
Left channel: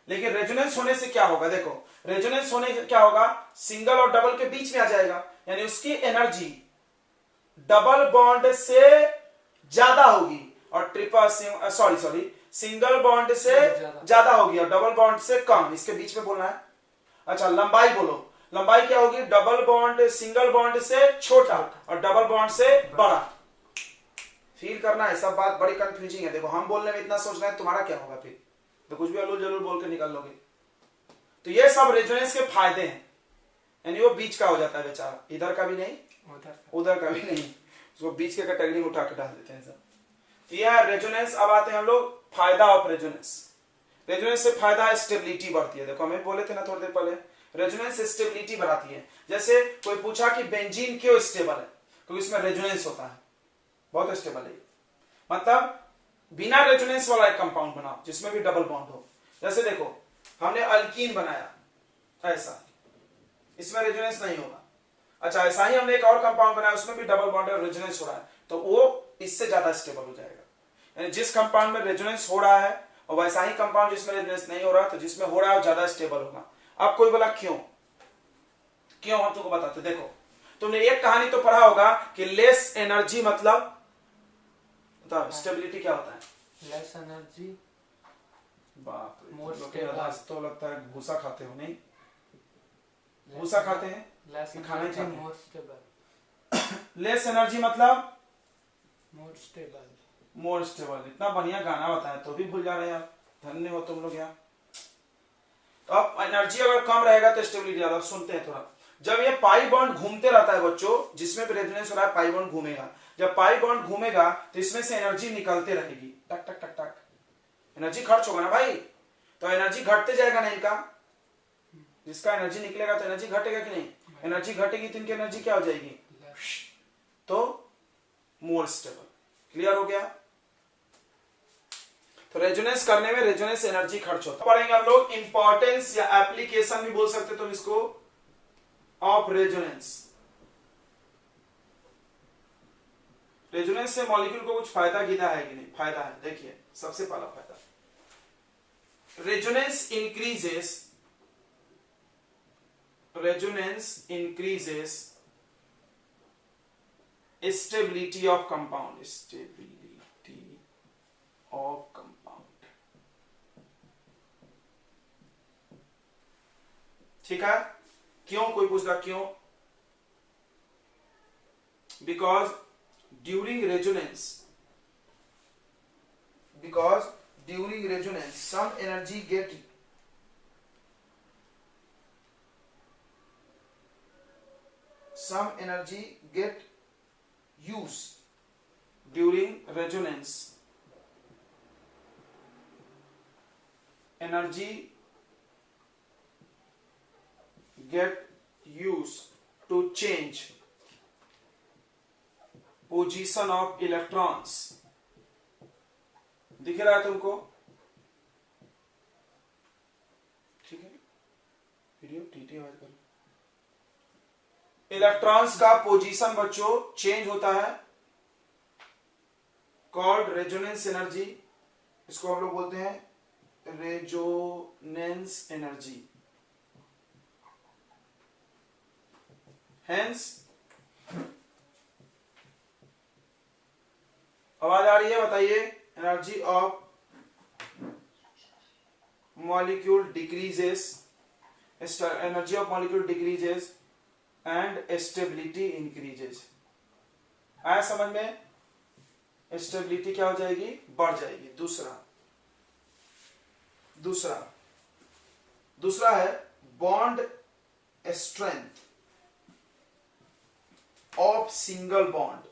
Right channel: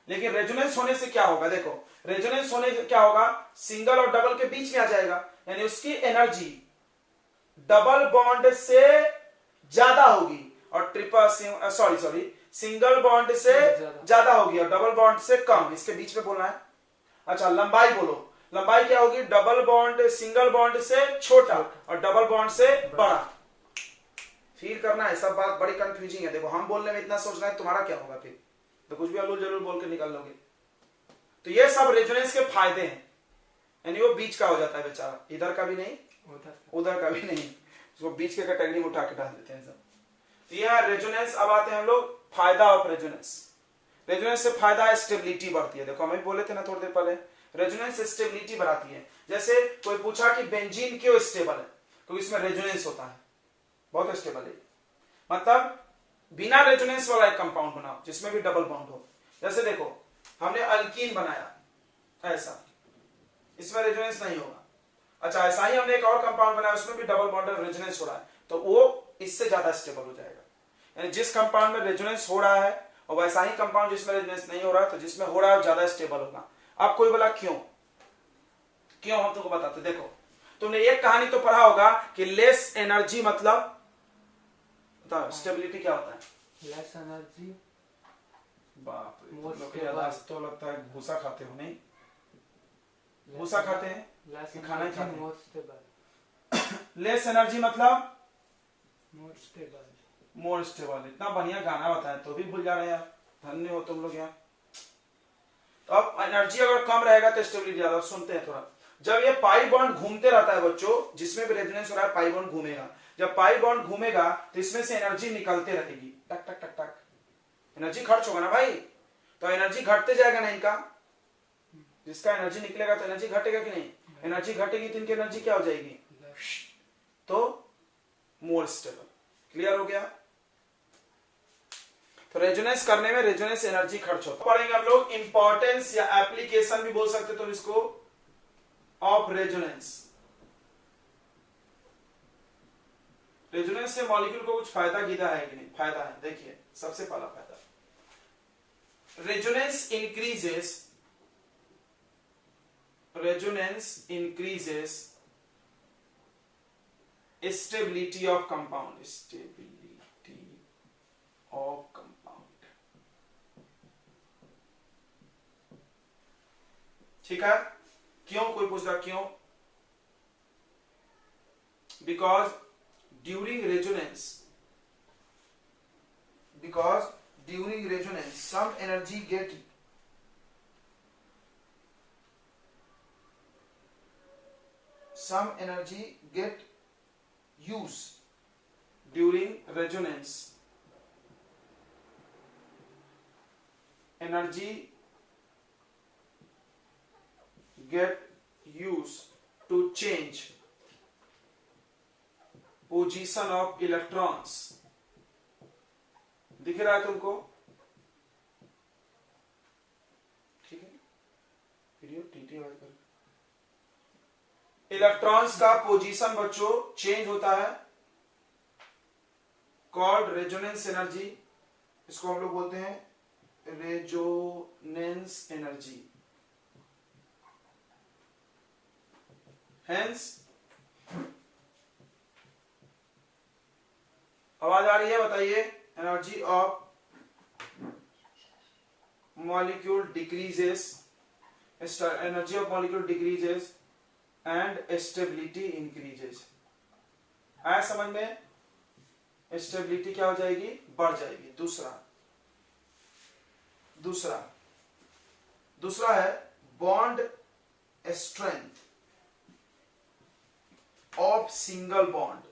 लेकिन रेजोनेंस होने से क्या होगा, देखो रेजोनेंस होने से क्या होगा, सिंगल और डबल के बीच में आ जाएगा, यानी उसकी एनर्जी डबल बॉन्ड से ज्यादा होगी और सिंगल बॉन्ड से ज्यादा होगी और डबल बॉन्ड से कम। इसके बीच में बोलना है। अच्छा, लंबाई बोलो, लंबाई क्या होगी, डबल बॉन्ड सिंगल बॉन्ड से छोटा और डबल बॉन्ड से बड़ा। फील करना है, सब बात बड़ी कंफ्यूजिंग है। देखो हम बोलने में इतना सोच रहे हैं, तुम्हारा क्या होगा फिर, तो कुछ भी अल्लू जरूर बोल के निकल लोगे। तो ये सब रेजोनेंस के फायदे हैं, यानी वो बीच का हो जाता है बेचारा, इधर का भी नहीं उधर का भी नहीं, उसको बीच के कैटेगरी में उठा के डाल देते हैं सब। तो यह है रेजोनेंस। अब आते हैं हम लोग फायदा ऑफ रेजोनेंस। रेजोनेंस से फायदा है स्टेबिलिटी बढ़ती है। देखो हमें बोले थे ना थोड़ी देर पहले, रेजोनेंस स्टेबिलिटी बढ़ाती है। जैसे कोई पूछा कि बेंजीन क्यों स्टेबल है, क्योंकि इसमें रेजोनेंस होता है, बहुत स्टेबल है। मतलब बिना रेजोनेंस वाला एक कंपाउंड बनाओ जिसमें भी डबल बॉन्ड हो। जैसे देखो हमने अल्कीन बनाया ऐसा, इसमें रेजोनेंस नहीं होगा। अच्छा, ऐसा ही हमने एक और कंपाउंड बनाया, उसमें भी डबल बॉन्ड और रेजोनेंस हो रहा है, तो वो इससे ज्यादा स्टेबल हो जाएगा। यानी जिस कंपाउंड में रेजोनेंस हो रहा है और वैसा ही कंपाउंड जिसमें रेजोनेंस नहीं हो रहा, तो जिसमें हो रहा है ज्यादा स्टेबल होगा। अब कोई बोला क्यों, हम तुमको बताते। देखो तुमने एक कहानी तो पढ़ा होगा कि लेस एनर्जी मतलब, बताओ स्टेबिलिटी क्या होता है, लेस एनर्जी, बाप रे, लोग के यादाश्त तो लगता है भूसा खाते हो, नहीं भूसा खाते हैं कि खाना ही खाते हैं। लेस एनर्जी मतलब मोर स्टेबल। इतना बढ़िया गाना बताया तो भी भूल जा रहे हैं यार, धन्य हो तुम लोग यार। तो अब एनर्जी अगर कम रहेगा तो स्टेबिलिटी ज्यादा। सुनते हैं थोड़ा, जब ये पाई बॉन्ड घूमते रहता है बच्चों, जिसमें भी रेजोनेंस हो रहा है पाई बॉन्ड घूमेगा। जब पाई बॉन्ड घूमेगा तो इसमें से एनर्जी निकलते रहेगी, टक टक टक टक, एनर्जी खर्च होगा ना भाई, तो एनर्जी घटते जाएगा ना इनका। जिसका एनर्जी निकलेगा तो एनर्जी घटेगा कि नहीं, एनर्जी घटेगी तो इनकी एनर्जी क्या हो जाएगी, तो मोर स्टेबल। क्लियर हो गया। तो रेजोनेंस करने में रेजोनेंस एनर्जी खर्च होता है। पढ़ेंगे हम लोग इंपॉर्टेंस या एप्लीकेशन भी बोल सकते तुम इसको ऑफ रेजोनेंस। रेजोनेंस से मॉलिक्यूल को कुछ फायदा गिरा है कि नहीं, फायदा है। देखिए सबसे पहला फायदा, resonance increases stability of compound, ठीक है। क्यों, कोई पूछता क्यों, because during resonance some energy get used during resonance. Energy get used to change position of electrons. दिख रहा है तुमको, ठीक है, वीडियो टीटी आवाज कर। इलेक्ट्रॉन्स का पोजीशन बच्चों चेंज होता है, कॉल्ड रेजोनेंस एनर्जी। इसको हम लोग बोलते हैं रेजोनेंस एनर्जी। हेंस, आवाज आ रही है, बताइए। Energy of molecule decreases, energy of molecule decreases and stability increases. आया समझ में, स्टेबिलिटी क्या हो जाएगी, बढ़ जाएगी। दूसरा है bond strength of single bond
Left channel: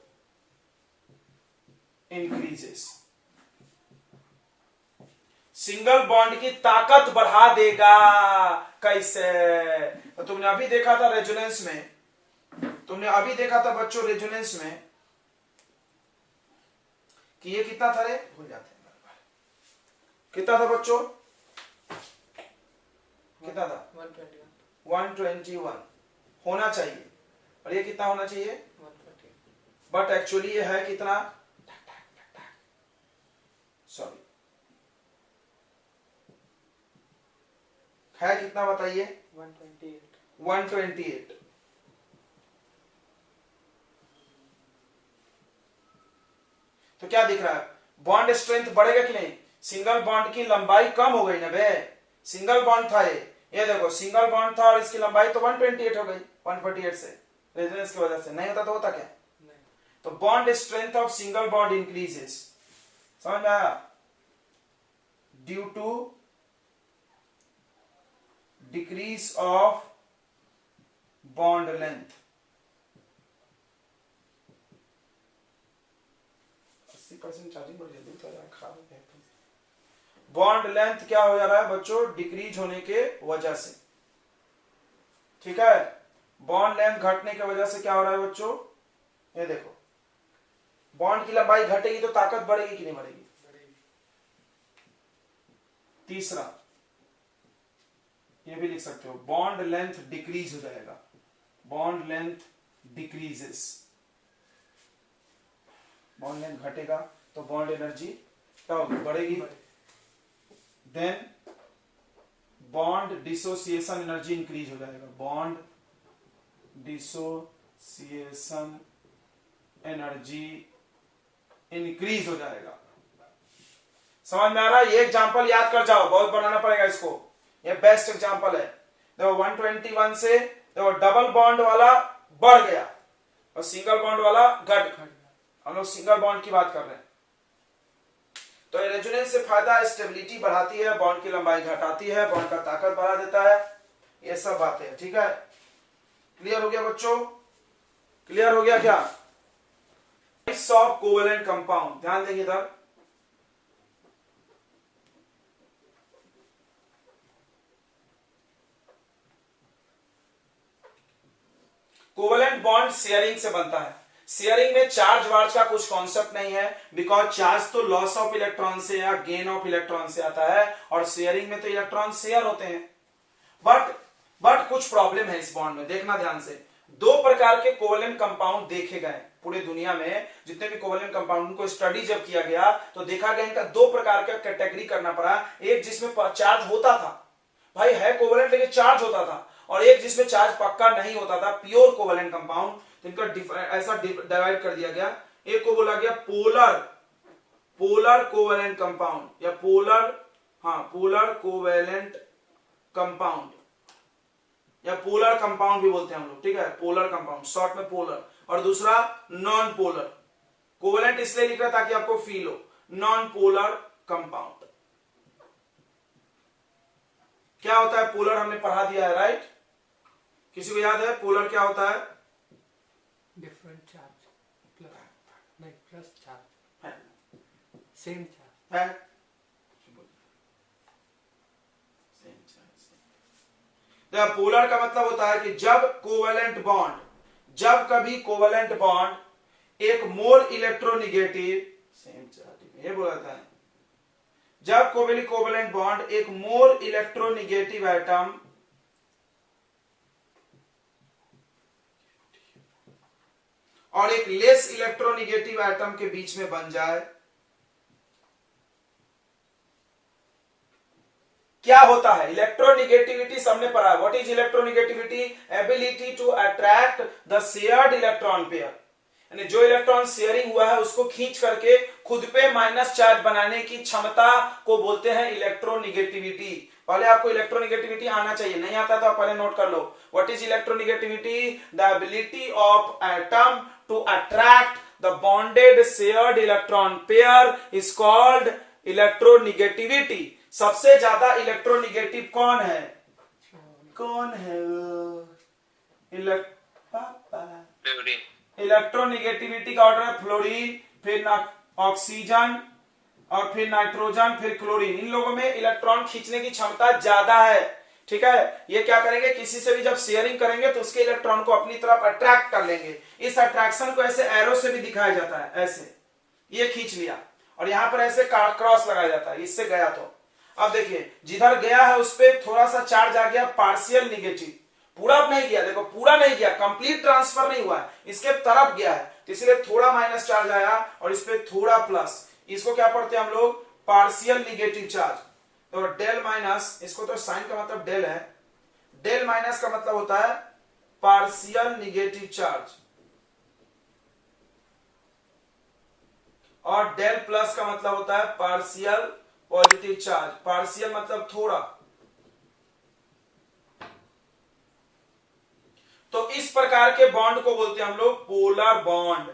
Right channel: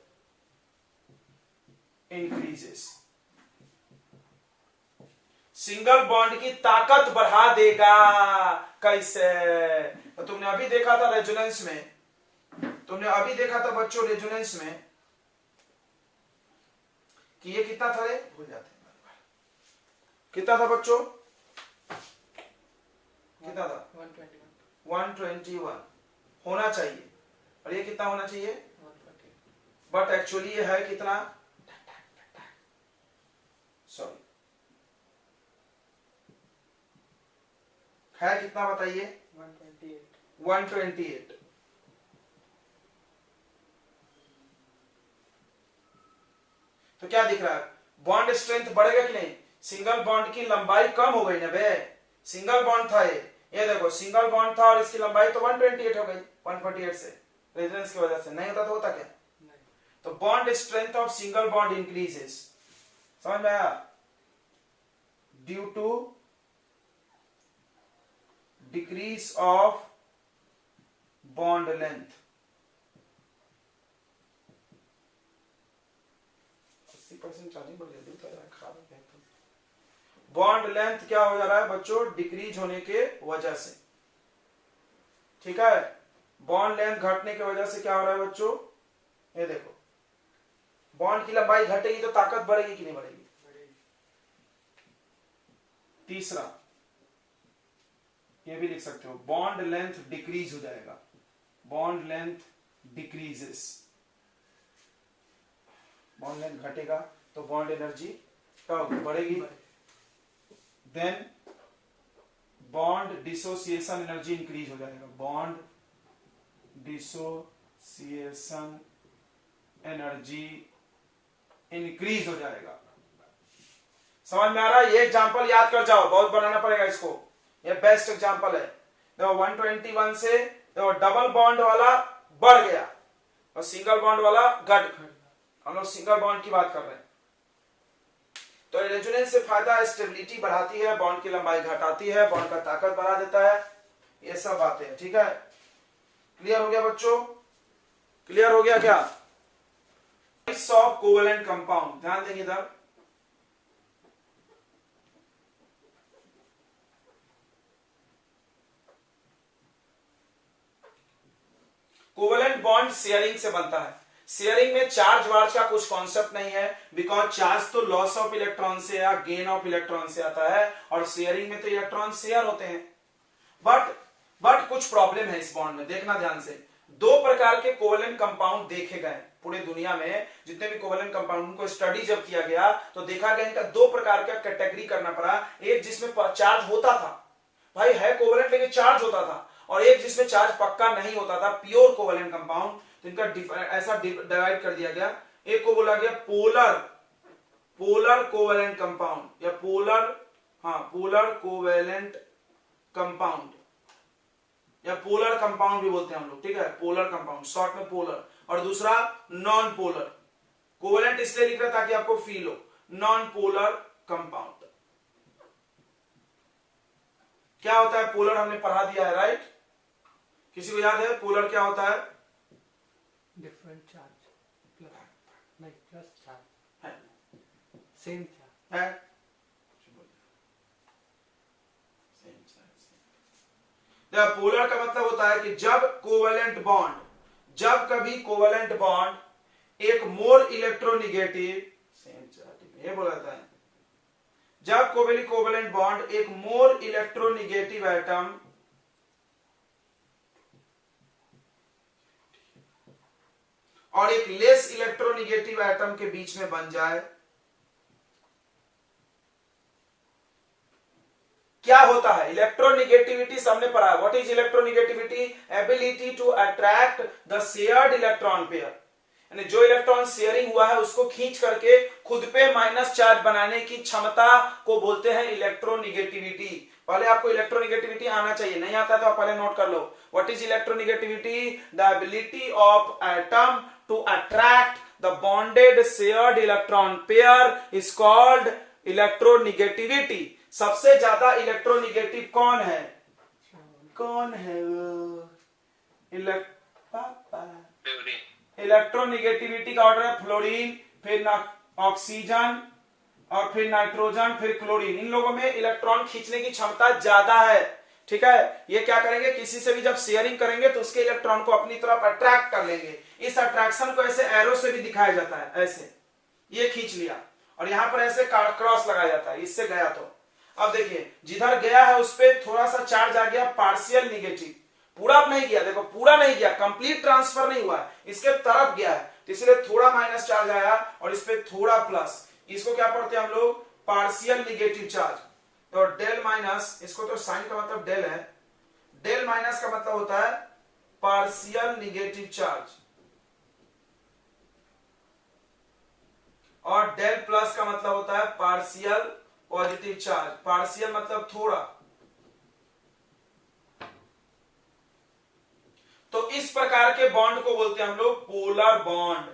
increases. Single bond की ताकत बढ़ा देगा। कैसे? तो तुमने अभी देखा था रेजोनेंस में, तुमने अभी देखा था बच्चों रेजोनेंस में कि ये कितना था रे, भूल जाते हैं, कितना था बच्चों, कितना था? 121 होना चाहिए, और ये कितना होना चाहिए? 140। बट एक्चुअली ये है कितना? सॉरी, है कितना बताइए? 128। तो क्या दिख रहा है? बॉन्ड स्ट्रेंथ बढ़ेगा कि नहीं? सिंगल बॉन्ड की लंबाई कम हो गई ना बे, सिंगल बॉन्ड था ये देखो सिंगल बॉन्ड था और इसकी लंबाई तो 128 हो गई 148 से, रेजोनेंस की वजह से। नहीं होता तो होता क्या? तो bond strength of single bond increases, समझ में आया? Due to decrease of bond length. 80% charging बढ़ जल्दी तो खराब हो गया। बॉन्ड लेंथ क्या हो जा रहा है बच्चों? डिक्रीज होने के वजह से, ठीक है? बॉन्ड लेंथ घटने की वजह से क्या हो रहा है बच्चों? ये देखो, बॉन्ड की लंबाई घटेगी तो ताकत बढ़ेगी कि नहीं बढ़ेगी? तीसरा ये भी लिख सकते हो, बॉन्ड लेंथ डिक्रीज हो जाएगा, bond length decreases, bond length घटेगा तो बॉन्ड एनर्जी क्या होगी? बढ़ेगी। Then bond dissociation energy increase हो जाएगा, बॉन्ड डिसोसिएशन एनर्जी इंक्रीज हो जाएगा। समझ में आ रहा है? ये एग्जांपल याद कर जाओ, बहुत बनाना पड़ेगा इसको, ये बेस्ट एग्जांपल है। देखो 121 से देखो डबल बॉन्ड वाला बढ़ गया और सिंगल बॉन्ड वाला घट, हम लोग सिंगल बॉन्ड की बात कर रहे हैं। तो रेजोनेंस से फायदा स्टेबिलिटी बढ़ाती है, बॉन्ड की लंबाई घटाती है, बॉन्ड का ताकत बढ़ा देता है, ये सब बातें हैं, ठीक है? क्लियर हो गया बच्चों? क्लियर हो गया क्या? ऑफ कोवेलेंट कंपाउंड, ध्यान देंगे इधर। कोवेलेंट बॉन्ड शेयरिंग से बनता है। शेयरिंग में चार्ज वार्ज का कुछ कॉन्सेप्ट नहीं है, बिकॉज चार्ज तो लॉस ऑफ इलेक्ट्रॉन से या गेन ऑफ इलेक्ट्रॉन से आता है, और शेयरिंग में तो इलेक्ट्रॉन शेयर होते हैं। बट कुछ प्रॉब्लम है इस बॉन्ड में, देखना ध्यान से। दो प्रकार के कोवेलेंट कंपाउंड देखे गए पूरे दुनिया में, जितने भी कोवेलेंट कंपाउंड को स्टडी जब किया गया तो देखा गया इनका दो प्रकार का कैटेगरी करना पड़ा। एक जिसमें चार्ज होता था, भाई है कोवेलेंट लेकिन चार्ज होता था, और एक जिसमें चार्ज पक्का नहीं होता था, प्योर कोवेलेंट कंपाउंड। तो इनका ऐसा डिवाइड कर दिया गया, एक को बोला गया पोलर कोवेलेंट कंपाउंड या पोलर कोवेलेंट कंपाउंड या पोलर कंपाउंड भी बोलते हैं हम लोग, ठीक है? पोलर कंपाउंड, शॉर्ट में पोलर। और दूसरा नॉन पोलर। कोवेलेंट इसलिए लिख रहा ताकि आपको फील हो, नॉन पोलर कंपाउंड। क्या होता है पोलर? हमने पढ़ा दिया है, राइट? किसी को याद है पोलर क्या होता है? डिफरेंट चार्ज, नहीं प्लस चार्ज है, सेम चार्ज है? पोलर का मतलब होता है कि जब कभी कोवेलेंट बॉन्ड एक मोर इलेक्ट्रोनिगेटिव, ये बोला जाता है, जब कोवेलेंट बॉन्ड एक मोर इलेक्ट्रोनिगेटिव एटम और एक लेस इलेक्ट्रोनिगेटिव एटम के बीच में बन जाए, क्या होता है? इलेक्ट्रोनिगेटिविटी सबने पढ़ा है। What is electronegativity? Ability to attract the shared electron pair, यानी जो इलेक्ट्रॉन शेयरिंग हुआ है उसको खींच करके खुद पे माइनस चार्ज बनाने की क्षमता को बोलते हैं इलेक्ट्रोनिगेटिविटी। पहले आपको इलेक्ट्रोनिगेटिविटी आना चाहिए, नहीं आता तो आप पहले नोट कर लो। What is electronegativity? The ability of atom to attract the bonded shared electron pair is called electronegativity. सबसे ज्यादा इलेक्ट्रोनिगेटिव कौन है? इलेक्ट्रोनिगेटिविटी का ऑर्डर है फ्लोरीन, फिर ऑक्सीजन और फिर नाइट्रोजन, फिर क्लोरीन। इन लोगों में इलेक्ट्रॉन खींचने की क्षमता ज्यादा है। ठीक है। ये क्या करेंगे, किसी से भी जब शेयरिंग करेंगे तो उसके इलेक्ट्रॉन को अपनी तरफ अट्रैक्ट कर लेंगे। इस अट्रैक्शन को ऐसे एरो से भी दिखाया जाता है, ऐसे ये खींच लिया और यहां पर ऐसे क्रॉस लगाया जाता है, इससे गया तो अब देखिए जिधर गया है उस पर थोड़ा सा चार्ज आ गया पार्शियल निगेटिव, पूरा नहीं गया, देखो पूरा नहीं गया, कंप्लीट ट्रांसफर नहीं हुआ है, इसके तरफ गया है तो इसलिए थोड़ा माइनस चार्ज आया और इस पे थोड़ा प्लस। इसको क्या पढ़ते हैं हम लोग, पार्शियल निगेटिव चार्ज। तो डेल माइनस, इसको तो साइन का मतलब डेल है, डेल माइनस का मतलब होता है पार्शियल निगेटिव चार्ज और डेल प्लस का मतलब होता है पार्शियल पॉजिटिव चार्ज। पार्शियल मतलब थोड़ा। तो इस प्रकार के बॉन्ड को बोलते हैं हम लोग पोलर बॉन्ड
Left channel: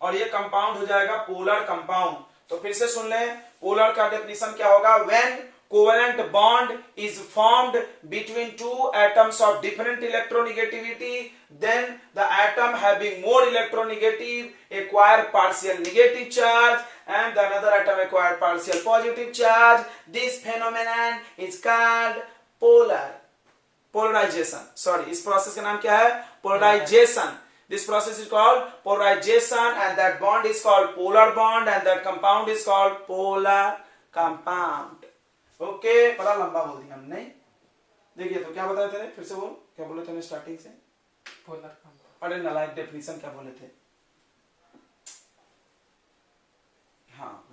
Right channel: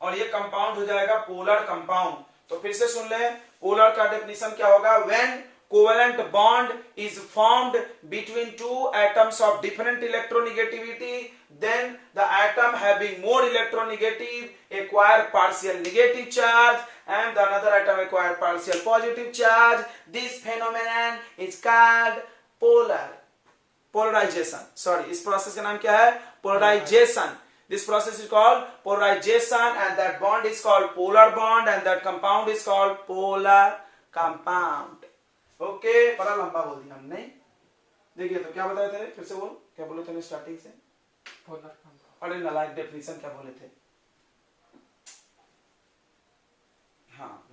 और ये कंपाउंड हो जाएगा पोलर कंपाउंड। तो फिर से सुन लें, पोलर का डेफिनेशन क्या होगा, when covalent bond is formed between two atoms of different electronegativity, then the atom having more electronegative acquire partial negative charge and the another atom acquire partial positive charge. This phenomenon is called polarization. Sorry, इस process का नाम क्या है, polarization. This process is called polarization and that bond is called polar bond and that compound is called polar compound. Okay बड़ा लंबा बोल दिया हमने। देखिए तो क्या बताए थे, फिर से बोल, क्या बोले थे स्टार्टिंग से, पोलर कंपाउंड। अरे नालायक डेफिनेशन क्या बोले थे, हाँ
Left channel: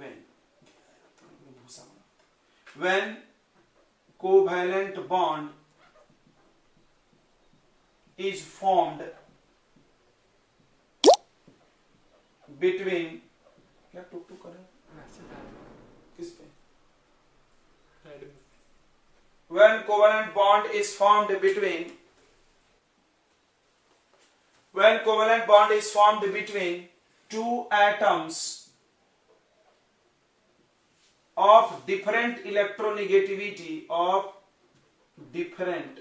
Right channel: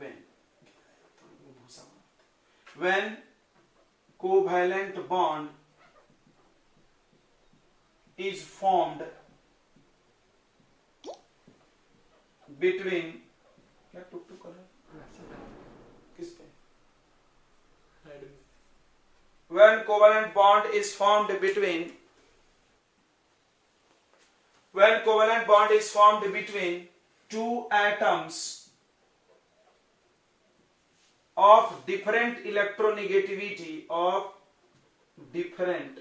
when covalent bond is formed between, क्या टुक टुक कर रहा है किस पे, when covalent bond is formed between, when covalent bond is formed between two atoms of different electronegativity, of different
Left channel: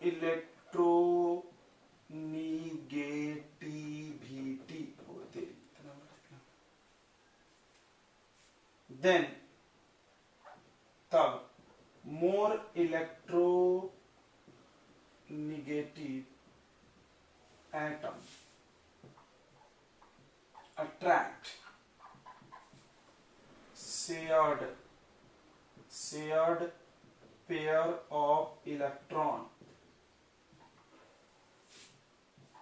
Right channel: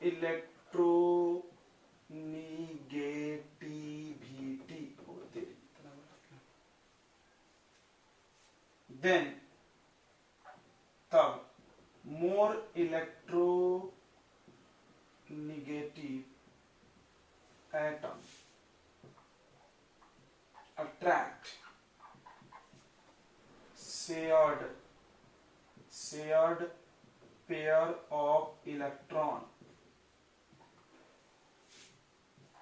electronegativity, then तब more electronegative atom attract shared pair of electron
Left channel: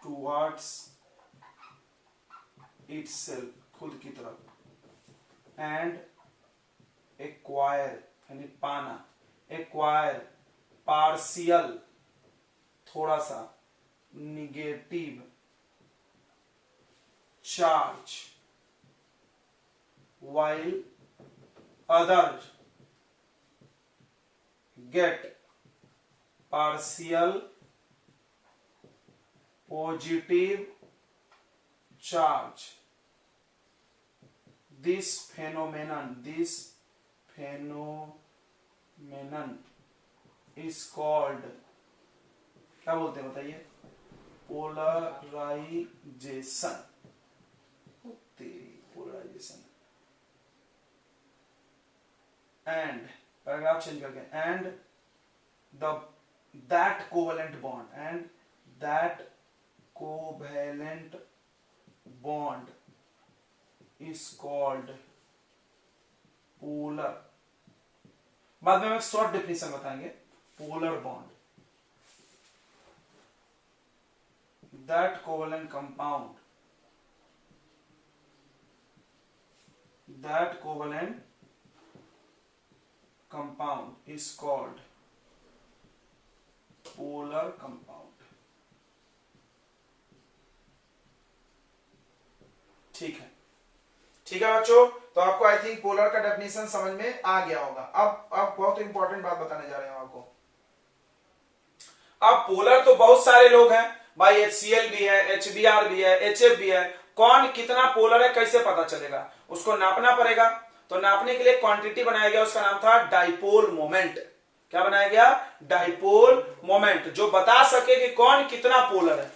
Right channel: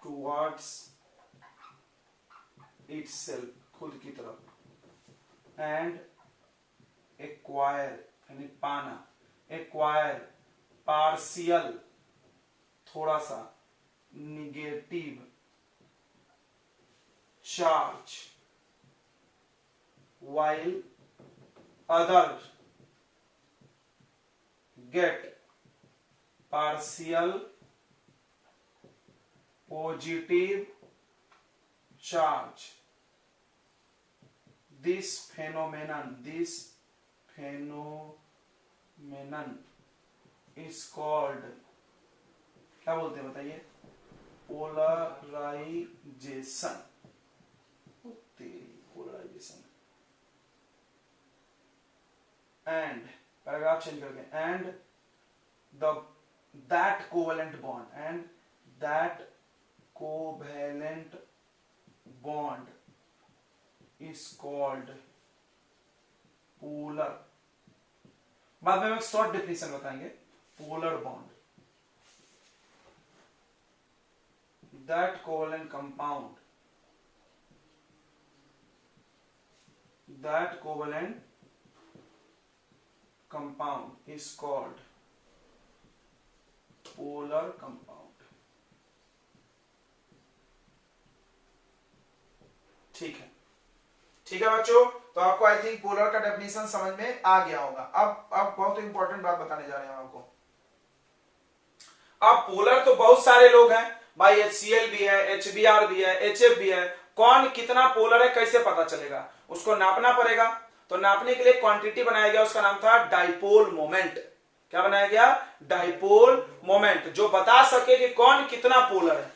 towards itself, खुद की तरफ, and acquire यानी पाना, acquire partial थोड़ा सा negative charge while others get partial positive charge. This phenomenon is called, क्या बोलते हैं बताइए, polarisation. Polarisation and paragraph change करके, and that covalent bond is called polar, बाद में हम एक शॉर्ट डेफिनेशन बताएंगे, polar bond, that covalent compound is called polar compound। ठीक है बच्चों, तो आपको आई थिंक पोलर का डेफिनेशन समझ में आ गया होगा। अब बहुत इंपॉर्टेंट बात बताने जा रहे हैं आपको। अब पोलर तो बहुत सारे लोग हैं भाई, HCl भी है, HBr भी है, HF भी है, कौन कितना पोलर है कैसे पता चलेगा, उसको नापना पड़ेगा। तो नापने के लिए क्वांटिटी बनाया गया, उसका नाम था डाइपोल मोमेंट। क्या बनाया गया, डाइपोल मोमेंट, जो बता सके कि कौन कितना पोलर है,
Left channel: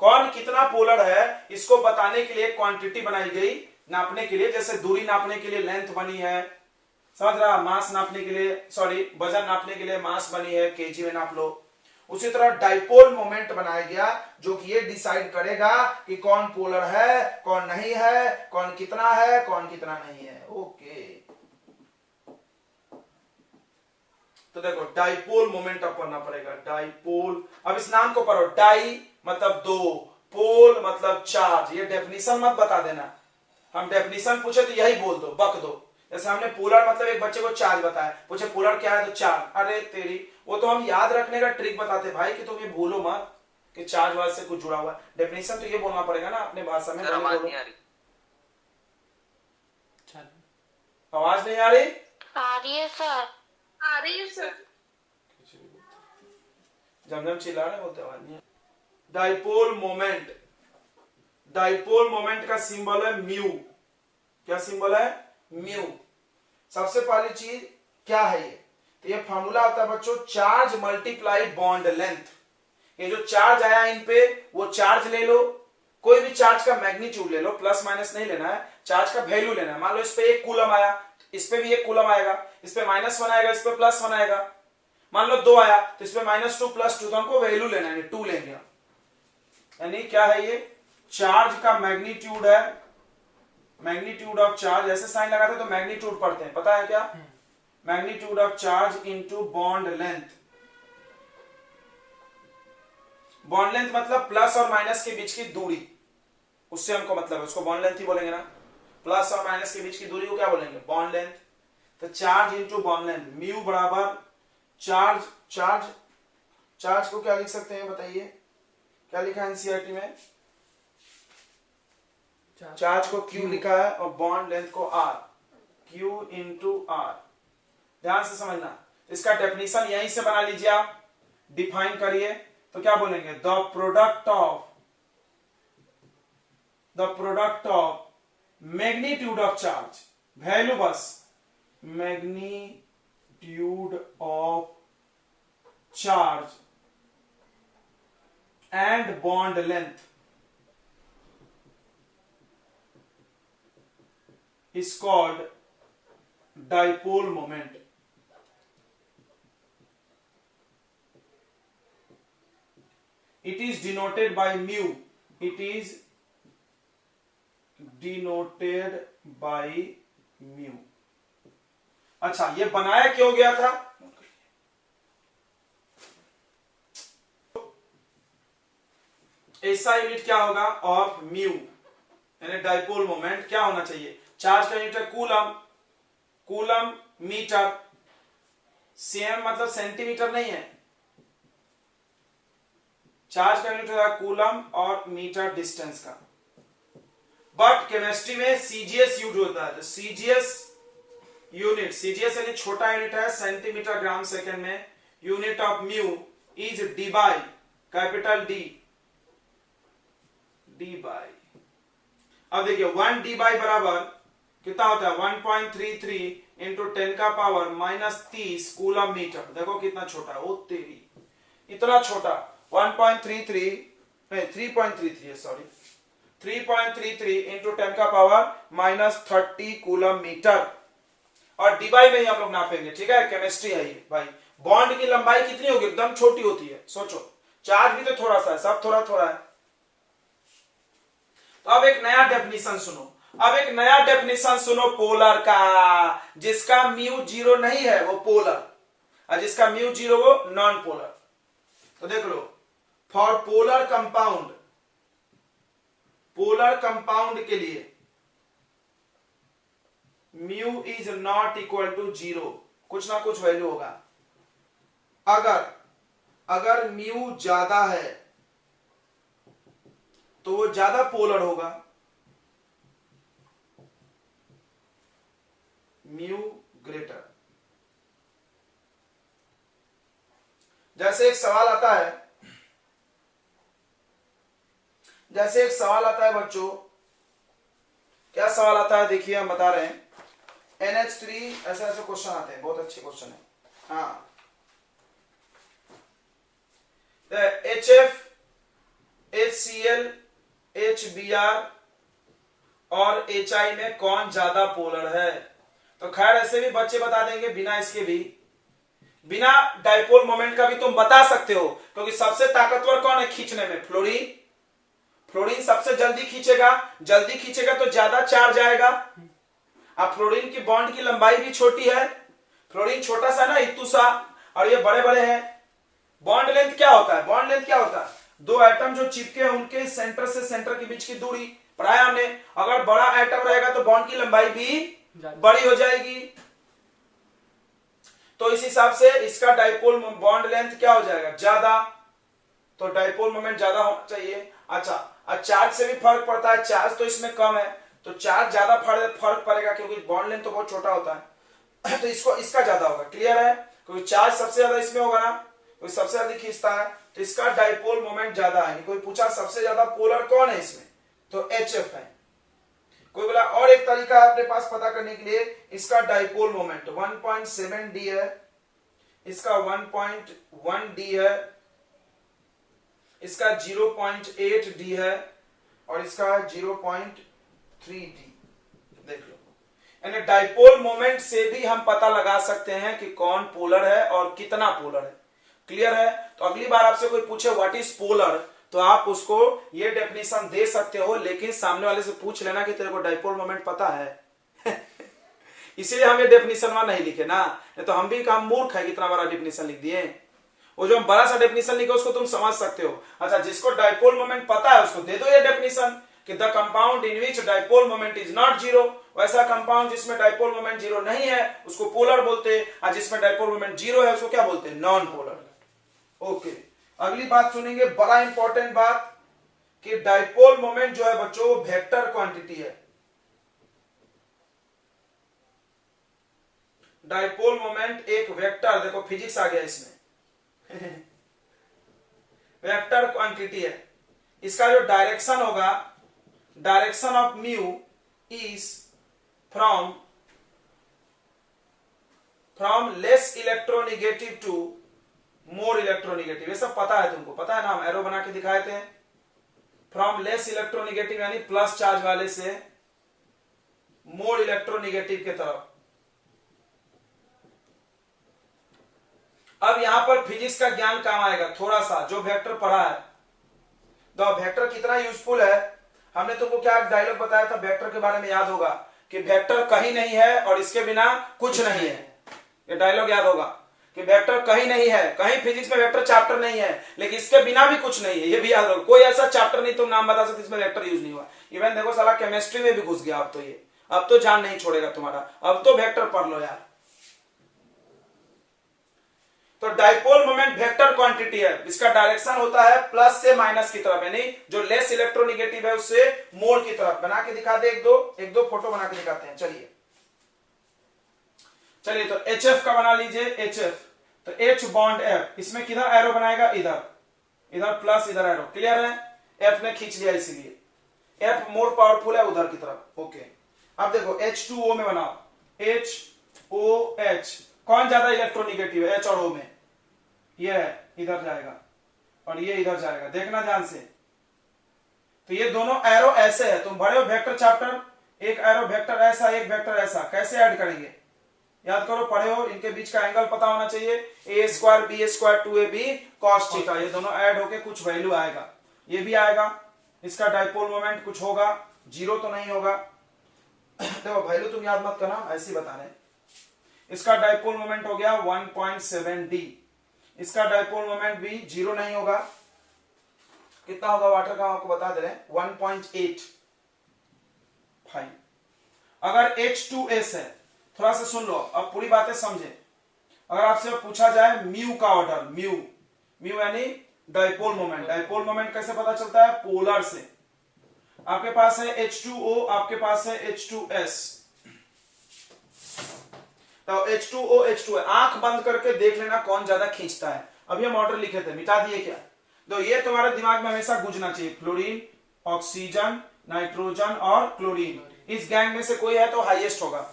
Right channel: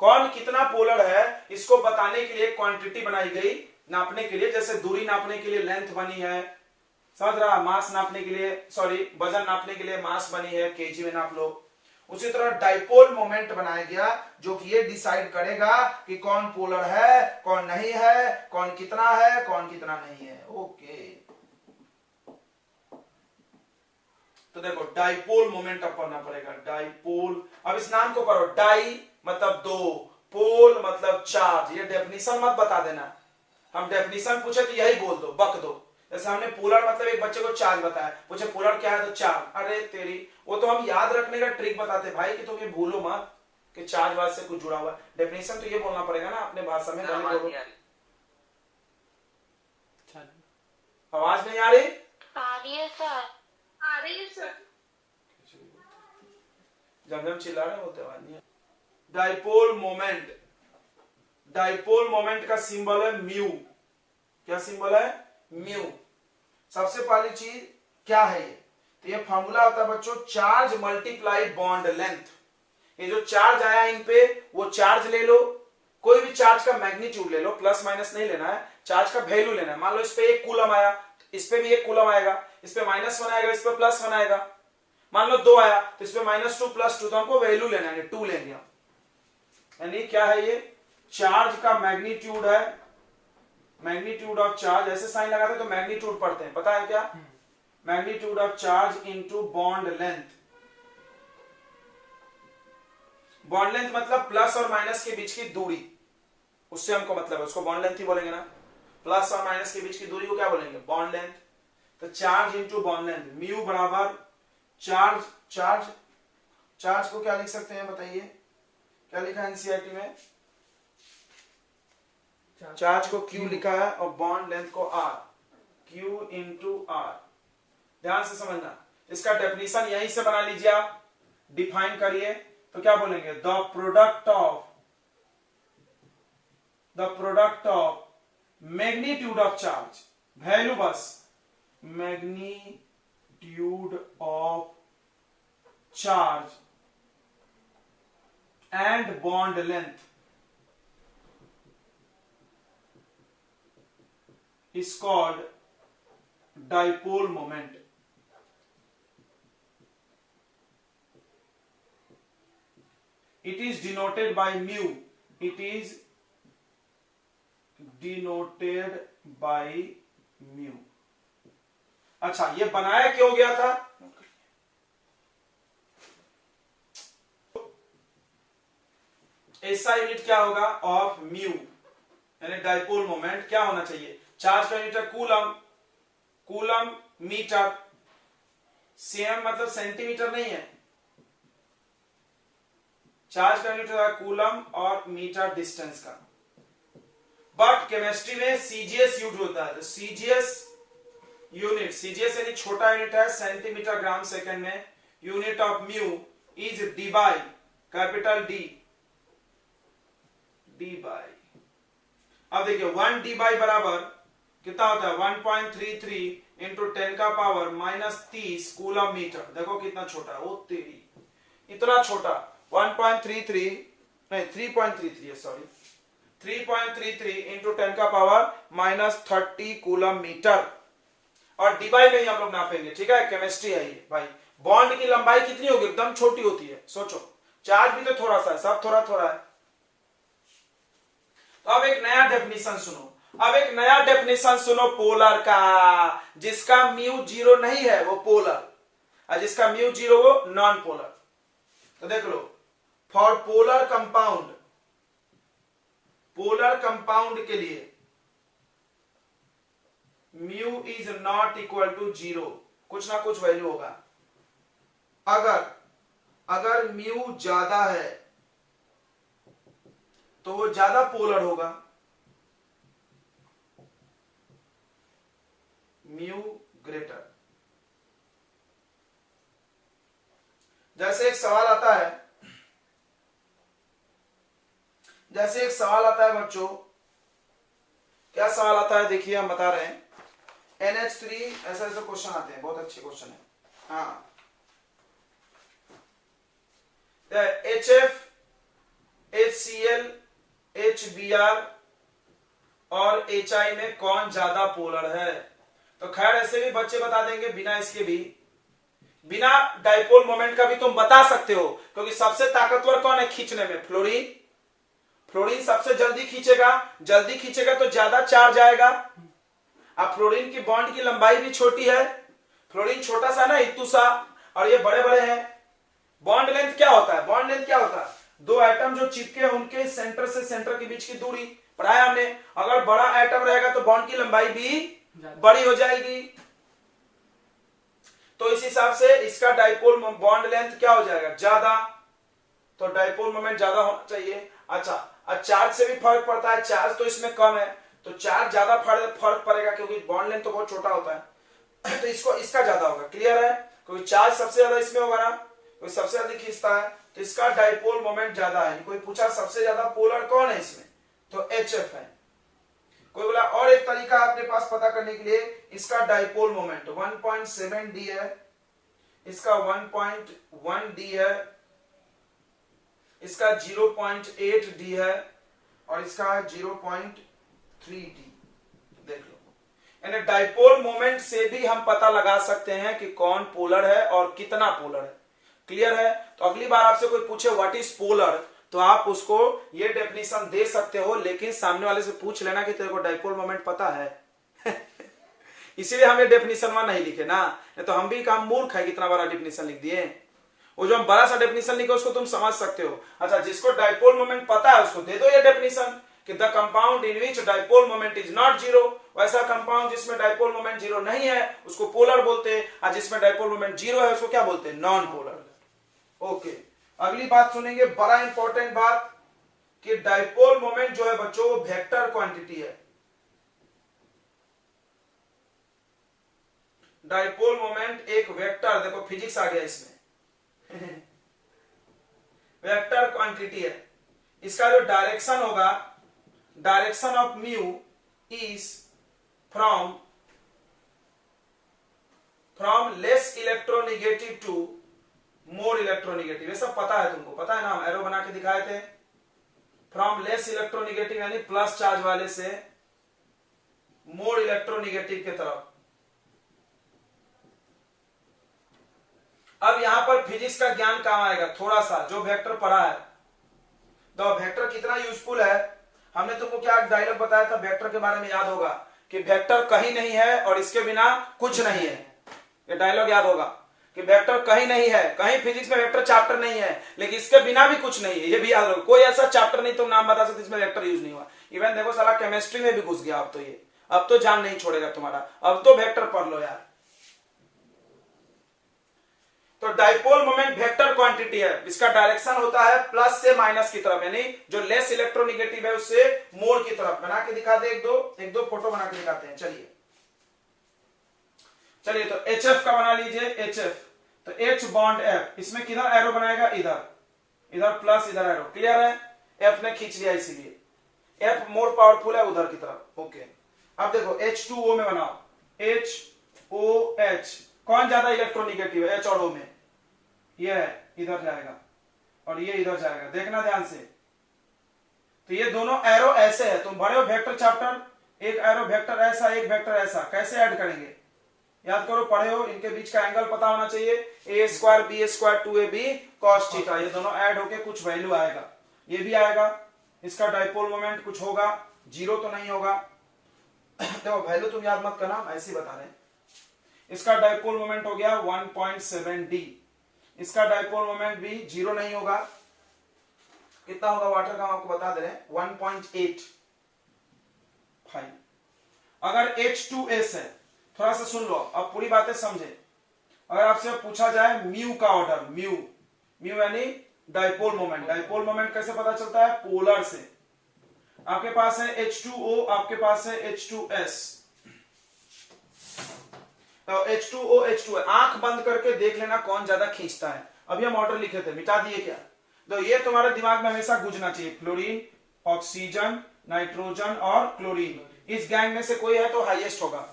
कौन कितना पोलर है, इसको बताने के लिए क्वांटिटी बनाई गई नापने के लिए। जैसे दूरी नापने के लिए लेंथ बनी है, समझ रहा, मास नापने के लिए, सॉरी वजन नापने के लिए मास बनी है, केजी में नाप लो। उसी तरह डाइपोल मोमेंट बनाया गया जो कि ये डिसाइड करेगा कि कौन पोलर है, कौन नहीं है, कौन कितना है, कौन कितना नहीं है। ओके, तो देखो डाइपोल मोमेंट अब पढ़ना पड़ेगा, डाइपोल। अब इस नाम को पढ़ो, डाई मतलब दो, पोल मतलब चार्ज। ये डेफिनेशन मत बता देना, हम डेफिनेशन पूछे तो यही बोल दो, बक दो। जैसे हमने पोलर मतलब एक बच्चे को चार्ज बताया, पूछे पोलर क्या है तो चार्ज, अरे तेरी, वो तो हम याद रखने का ट्रिक बताते भाई कि तुम ये भूलो मत कि चार्ज वार्ज से कुछ जुड़ा हुआ है। डेफिनेशन तो ये बोलना पड़ेगा ना अपने भाषा में, भले बोलो। आवाज नहीं आ रही? आ रही है सर। आ रही है सर। जब चिल्ला रहे होते आवाज नहीं। डाइपोल मोमेंट, डाइपोल मोमेंट का सिंबल है म्यू। क्या सिंबल है? म्यू। सबसे पहली चीज क्या है ये, तो ये फॉर्मूला आता है बच्चों, चार्ज मल्टीप्लाई बॉन्ड लेंथ। ये जो चार्ज आया इन पे, वो चार्ज ले लो, कोई भी चार्ज का मैग्नीट्यूड ले लो, प्लस माइनस नहीं लेना है, चार्ज का वैल्यू लेना है। मान लो इस पे 1 कूलम आया, इस पे भी 1 कूलम आएगा, इस पे -1 आएगा, इस पे +1 आएगा। मान लो 2 आया तो इस पे -2 +2, तो हमको वैल्यू लेना है, 2 लेंगे हम। यानी क्या है ये, चार्ज का मैग्नीट्यूड है, मैग्नीट्यूड ऑफ चार्ज। ऐसे साइन लगाते तो मैग्नीट्यूड पढ़ते हैं, पता है क्या? Magnitude of charge into bond length. Bond length मतलब प्लस और माइनस के बीच की दूरी, उससे हमको मतलब है, उसको बॉन्ड लेंथ ही बोलेंगे ना। प्लस और माइनस के बीच की दूरी को क्या बोलेंगे? Bond length. तो charge into bond length, mu बराबर चार्ज, चार्ज, चार्ज को क्या लिख सकते हैं बताइए, क्या लिखा है एनसीईआरटी में? चार्ज को Q लिखा है और बॉन्ड लेंथ को R, Q इंटू R। ध्यान से समझना, इसका डेफिनेशन यहीं से बना लीजिए आप, डिफाइन करिए तो क्या बोलेंगे, the product of magnitude of charge, value बस, magnitude of charge and bond length is called dipole moment. It is denoted by mu. It is denoted by mu. अच्छा, ये बनाया क्यों गया था? ऐसा यूनिट क्या होगा ऑफ म्यू, यानी डाइपोल मोमेंट क्या होना चाहिए? चार्ज का यूनिट है कूलम, कूलम मीटर, सीएम मतलब सेंटीमीटर नहीं है, चार्ज का यूनिट होगा कूलम और मीटर डिस्टेंस का। बट केमिस्ट्री में सीजीएस यूज होता है, तो सीजीएस यूनिट, सीजीएस यानी छोटा यूनिट है, सेंटीमीटर ग्राम सेकंड में। Unit of mu is D by, capital D, D by. अब देखिए 1 डी बाई बराबर कितना होता है, 1.33 इंटू 10 का पावर -30 कूलम मीटर। देखो कितना छोटा, ओ तेरी, इतना छोटा, 1.33 नहीं 3.33 है, सॉरी 3.33 इंटू 10 का पावर -30 कूलम मीटर। और डिवाइड में ही हम लोग नापेंगे, ठीक है, केमिस्ट्री है ये भाई। बॉन्ड की लंबाई कितनी होगी, एकदम छोटी होती है, सोचो, चार्ज भी तो थोड़ा सा है, सब थोड़ा थोड़ा है। तो अब एक नया डेफिनेशन सुनो, अब एक नया डेफिनेशन सुनो पोलर का, जिसका म्यू 0 नहीं है वो पोलर, और जिसका म्यू 0 वो नॉन पोलर। तो देख लो, for polar compound, polar compound के लिए mu is not equal to 0, कुछ ना कुछ वैल्यू होगा। अगर म्यू ज्यादा है तो वो ज्यादा पोलर होगा, म्यू ग्रेटर। जैसे एक सवाल आता है, जैसे एक सवाल आता है बच्चों, क्या सवाल आता है देखिए, हम बता रहे हैं NH3, ऐसा ऐसा क्वेश्चन आते हैं, बहुत अच्छे क्वेश्चन है। हाँ, HF, HCl, HBr और HI में कौन ज्यादा पोलर है? तो खैर ऐसे भी बच्चे बता देंगे बिना इसके भी, बिना डाइपोल मोमेंट का भी तुम बता सकते हो, क्योंकि सबसे ताकतवर कौन है खींचने में? फ्लोरीन। फ्लोरीन सबसे जल्दी खींचेगा तो ज्यादा चार्ज आएगा। अब फ्लोरीन की बॉन्ड की लंबाई भी छोटी है, फ्लोरीन छोटा सा ना इतू सा, और ये बड़े बड़े हैं। बॉन्ड लेंथ क्या होता है? बॉन्ड लेंथ क्या होता है? दो एटम जो चिपके हैं उनके सेंटर से सेंटर के बीच की दूरी पढ़ाया हमने। अगर बड़ा एटम रहेगा तो बॉन्ड की लंबाई भी बड़ी हो जाएगी, तो इस हिसाब से इसका डाइपोल बॉन्ड लेंथ क्या हो जाएगा? ज्यादा, तो डाइपोल मोमेंट ज्यादा होना चाहिए। अच्छा, अब चार्ज से भी फर्क पड़ता है, चार्ज तो इसमें कम है तो चार्ज ज्यादा फर्क पड़ेगा, क्योंकि बॉन्ड लेंथ तो बहुत छोटा होता है तो इसका ज्यादा होगा। क्लियर है? क्योंकि चार्ज सबसे ज्यादा इसमें होगा ना, कोई सबसे ज्यादा खींचता है तो इसका डाइपोल मोमेंट ज्यादा है। कोई पूछा सबसे ज्यादा पोलर कौन है इसमें, तो HF है। कोई बोला और एक तरीका है अपने पास पता करने के लिए, इसका डाइपोल मोमेंट 1.7 D है, इसका 1.1 D है, इसका 0.8 D है, और इसका 0.3 D। देख लो, यानी डाइपोल मोमेंट से भी हम पता लगा सकते हैं कि कौन पोलर है और कितना पोलर है। क्लियर है? तो अगली बार आपसे कोई पूछे व्हाट इज पोलर, तो आप उसको ये डेफिनेशन दे सकते हो, लेकिन सामने वाले से पूछ लेना कि तेरे को डाइपोल मोमेंट पता है इसीलिए हम ये डेफिनेशन वहां नहीं लिखे ना, तो हम भी काम मूर्ख है, कितना बड़ा डेफिनेशन लिख दिए। वो जो हम बड़ा सा डेफिनेशन लिखे उसको तुम समझ सकते हो। अच्छा, जिसको डाइपोल मोमेंट पता है उसको दे दो ये डेफिनेशन कि the compound in which dipole moment is not zero. वैसा कंपाउंड जिसमें डाइपोल मोमेंट जीरो नहीं है उसको पोलर बोलते हैं, और जिसमें डाइपोल मोमेंट जीरो है उसको क्या बोलते हैं? Non polar. ओके, अगली बात सुनेंगे, बड़ा इंपॉर्टेंट बात, कि डाइपोल मोमेंट जो है बच्चों वो वेक्टर क्वांटिटी है। डाइपोल मोमेंट एक वेक्टर, देखो फिजिक्स आ गया इसमें वेक्टर क्वांटिटी है। इसका जो डायरेक्शन होगा, direction of mu is from less electronegative to more electronegative. ये सब पता है तुमको, पता है ना, हम एरो बना के दिखाए थे। फ्रॉम लेस इलेक्ट्रोनिगेटिव यानी प्लस चार्ज वाले से मोर इलेक्ट्रोनिगेटिव के तरफ। अब यहां पर फिजिक्स का ज्ञान काम आएगा थोड़ा सा, जो वेक्टर पढ़ा है। तो वेक्टर कितना यूजफुल है, हमने तुमको क्या डायलॉग बताया था वेक्टर के बारे में, याद होगा कि वेक्टर कहीं नहीं है और इसके बिना कुछ नहीं है। ये डायलॉग याद होगा कि वेक्टर कहीं नहीं है, कहीं फिजिक्स में वेक्टर चैप्टर नहीं है, लेकिन इसके बिना भी कुछ नहीं है, ये भी याद होगा। कोई ऐसा चैप्टर नहीं तुम नाम बता सकते इसमें वेक्टर यूज नहीं हुआ। इवन देखो साला केमिस्ट्री में भी घुस गया अब तो, ये अब तो जान नहीं छोड़ेगा तुम्हारा, अब तो वेक्टर पढ़ लो यार। तो डाइपोल मोमेंट वेक्टर क्वांटिटी है, इसका डायरेक्शन होता है प्लस से माइनस की तरफ, यानी जो लेस इलेक्ट्रोनिगेटिव है उससे मोर की तरफ। बना के दिखा दे, एक दो फोटो बना के दिखाते हैं। चलिए तो HF का बना लीजिए, HF तो H बॉन्ड F, इसमें किधर एरो बनाएगा? इधर प्लस, इधर एरो। क्लियर है? F ने खींच लिया, इसलिए F मोर पावरफुल है उधर की तरफ। ओके, अब देखो H2O में बनाओ, HOH कौन ज्यादा इलेक्ट्रोनिगेटिव है? H और O में ये है, इधर जाएगा और ये इधर जाएगा, देखना ध्यान से। तो ये दोनों एरो ऐसे है, तुम बड़े हो वेक्टर चैप्टर, एक एरो वेक्टर ऐसा, एक वेक्टर ऐसा, कैसे ऐड करेंगे? याद करो, पढ़े हो, इनके बीच का एंगल पता होना चाहिए, a² b² 2ab cos theta. ये दोनों ऐड होके कुछ वैल्यू आएगा, ये भी आएगा। इसका डाइपोल मोमेंट कुछ होगा, जीरो तो नहीं होगा देखो वैल्यू तुम याद मत करना, ऐसे ही बता रहे हैं। इसका डाइपोल मोमेंट हो गया 1.7 D, इसका डाइपोल मोमेंट भी जीरो नहीं होगा। कितना होगा वाटर का आपको बता दे रहे हैं, 1.8। फाइन। अगर H2S है, थोड़ा सा सुन लो, अब पूरी बातें समझे। अगर आपसे पूछा जाए म्यू का ऑर्डर, म्यू यानी डाइपोल मोमेंट। डाइपोल मोमेंट कैसे पता चलता है? पोलर से। आपके पास है H2O, आपके पास है H2S। तो H2O H2 है, आंख बंद करके देख लेना कौन ज्यादा खींचता है। अभी हम ऑर्डर लिखे थे, मिटा दिए क्या? तो ये तुम्हारे दिमाग में हमेशा गूंजना चाहिए, फ्लोरीन, ऑक्सीजन, नाइट्रोजन और क्लोरीन। इस गैंग में से कोई है तो हाईएस्ट होगा।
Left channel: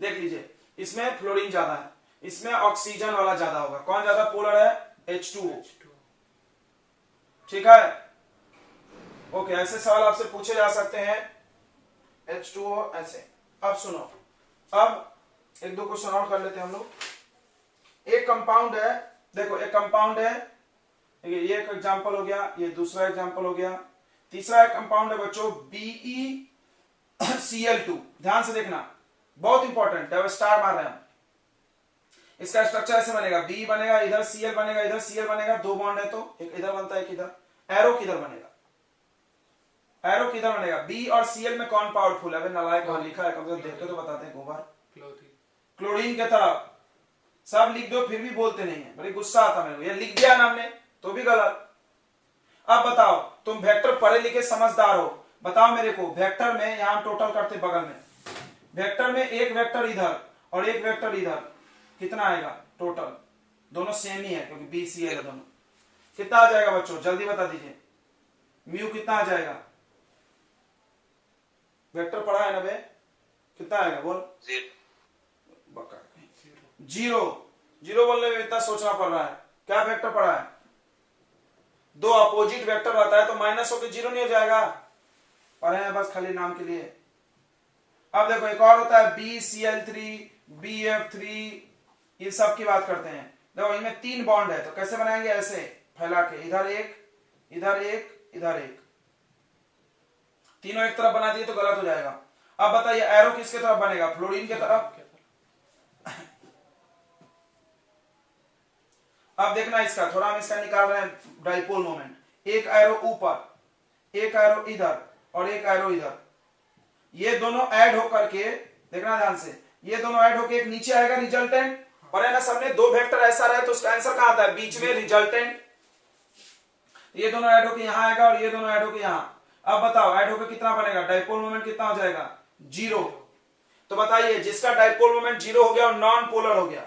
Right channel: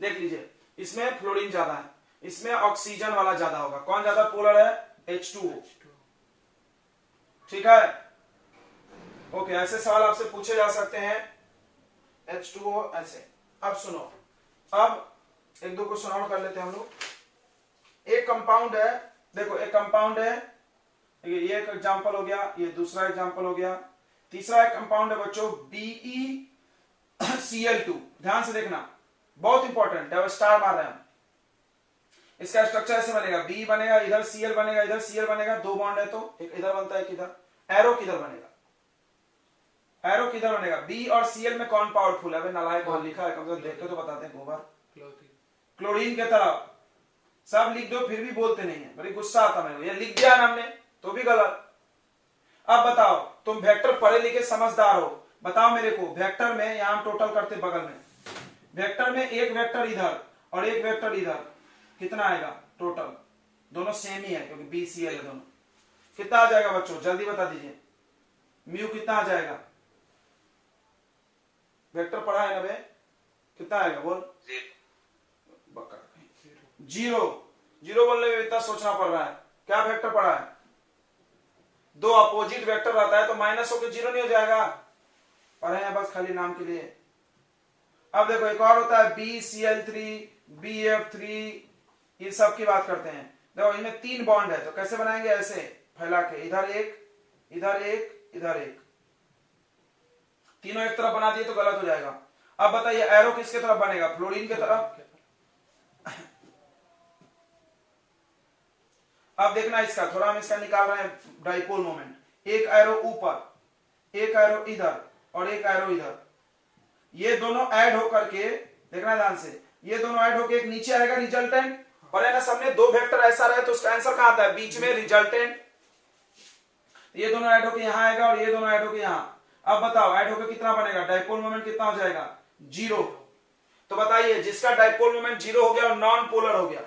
देख लीजिए, इसमें फ्लोरीन ज्यादा है, इसमें ऑक्सीजन वाला ज्यादा होगा। कौन ज्यादा पोलर है? H2O। ठीक है? ओके, ऐसे सवाल आपसे पूछे जा सकते हैं, H2O ऐसे। अब सुनो, अब एक दो क्वेश्चन और कर लेते हैं हम लोग। एक कंपाउंड है, देखो एक कंपाउंड है, ये एक एग्जांपल हो गया, ये दूसरा एग्जांपल हो गया। तीसरा एक कंपाउंड है बच्चों BeCl2, ध्यान से देखना, बहुत इंपॉर्टेंट है, स्टार मार रहे हैं हम। इसका स्ट्रक्चर ऐसे बनेगा, बी बनेगा, इधर Cl बनेगा, इधर Cl बनेगा, दो बॉन्ड है तो एक इधर बनता है, एक इधर। एरो किधर बनेगा, एरो किधर बनेगा, बी और Cl में कौन पावरफुल है? नालायक और लिखा है, कम से कम देख के तो बताते हैं गोबर। क्लोरीन के तरफ, सब लिख दो फिर भी बोलते नहीं है, बड़ी गुस्सा आता मेरे को, ये लिख दिया ना हमने तो भी गलत। अब बताओ, तुम वेक्टर पढ़े लिखे समझदार हो, बताओ मेरे को, वेक्टर में यहां टोटल करते बगल में, वेक्टर में एक वेक्टर इधर और एक वेक्टर इधर, कितना आएगा टोटल? दोनों सेम ही है क्योंकि BCl है दोनों। कितना आ जाएगा बच्चों, जल्दी बता दीजिए, म्यू कितना आ जाएगा? वेक्टर पढ़ा है ना बे, कितना आएगा बोल? जीरो। जीरो बोलने में इतना सोचना पड़ रहा है, क्या वेक्टर पढ़ा है? दो अपोजिट वेक्टर रहता है तो माइनस होकर जीरो नहीं हो जाएगा? पढ़े हैं बस खाली नाम के लिए। अब देखो एक और होता है BCl3, BF3, ये सब की बात करते हैं। देखो इनमें 3 बॉन्ड है तो कैसे बनाएंगे? ऐसे फैला के, इधर एक, इधर एक, इधर एक, तीनों एक तरफ बना दिए तो गलत हो जाएगा। अब बताइए एरो किसके तरफ बनेगा? फ्लोरीन के तरफ। अब देखना इसका, थोड़ा हम इसका निकाल रहे हैं डाइपोल मोमेंट। एक एरो ऊपर, एक एरो इधर और एक एरो इधर, ये दोनों ऐड होकर के, देखना ध्यान से, ये दोनों ऐड होकर एक नीचे आएगा रिजल्टेंट, और है ना सामने दो वेक्टर ऐसा रहे तो उसका आंसर कहां आता है? बीच में रिजल्टेंट। ये दोनों ऐड होकर यहां आएगा और ये दोनों ऐड होकर यहां। अब बताओ ऐड होकर कितना बनेगा? डाइपोल मोमेंट कितना हो जाएगा? 0। तो बताइए जिसका डाइपोल मोमेंट 0 हो गया और नॉन पोलर हो गया,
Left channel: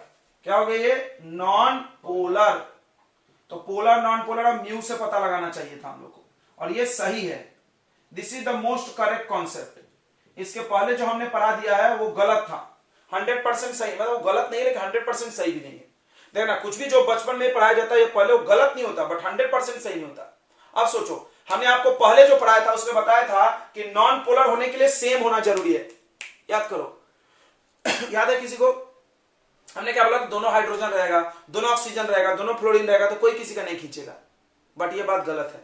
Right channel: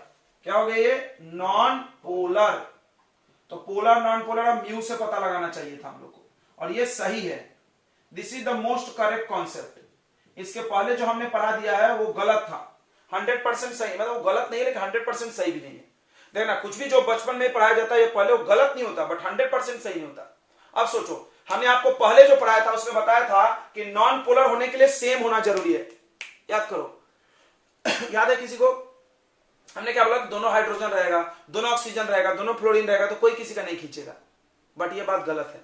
क्या हो गया? ये नॉन पोलर। तो पोलर नॉन पोलर अब म्यू से पता लगाना चाहिए था हम लोग को, और ये सही है। This is the most correct concept. इसके पहले जो हमने पढ़ा दिया है वो गलत था, 100% सही, मतलब वो गलत नहीं है लेकिन 100% सही भी नहीं है। देखना कुछ भी जो बचपन में पढ़ाया जाता है ये पहले वो गलत नहीं होता बट 100% सही नहीं होता। अब सोचो, हमने आपको पहले जो पढ़ाया था उसमें बताया था कि नॉन पोलर होने के लिए सेम होना जरूरी है, याद करो। याद है किसी को? हमने क्या बोला? दोनों हाइड्रोजन रहेगा, दोनों ऑक्सीजन रहेगा, दोनों फ्लोरीन रहेगा तो कोई किसी का नहीं खींचेगा। बट ये बात गलत है,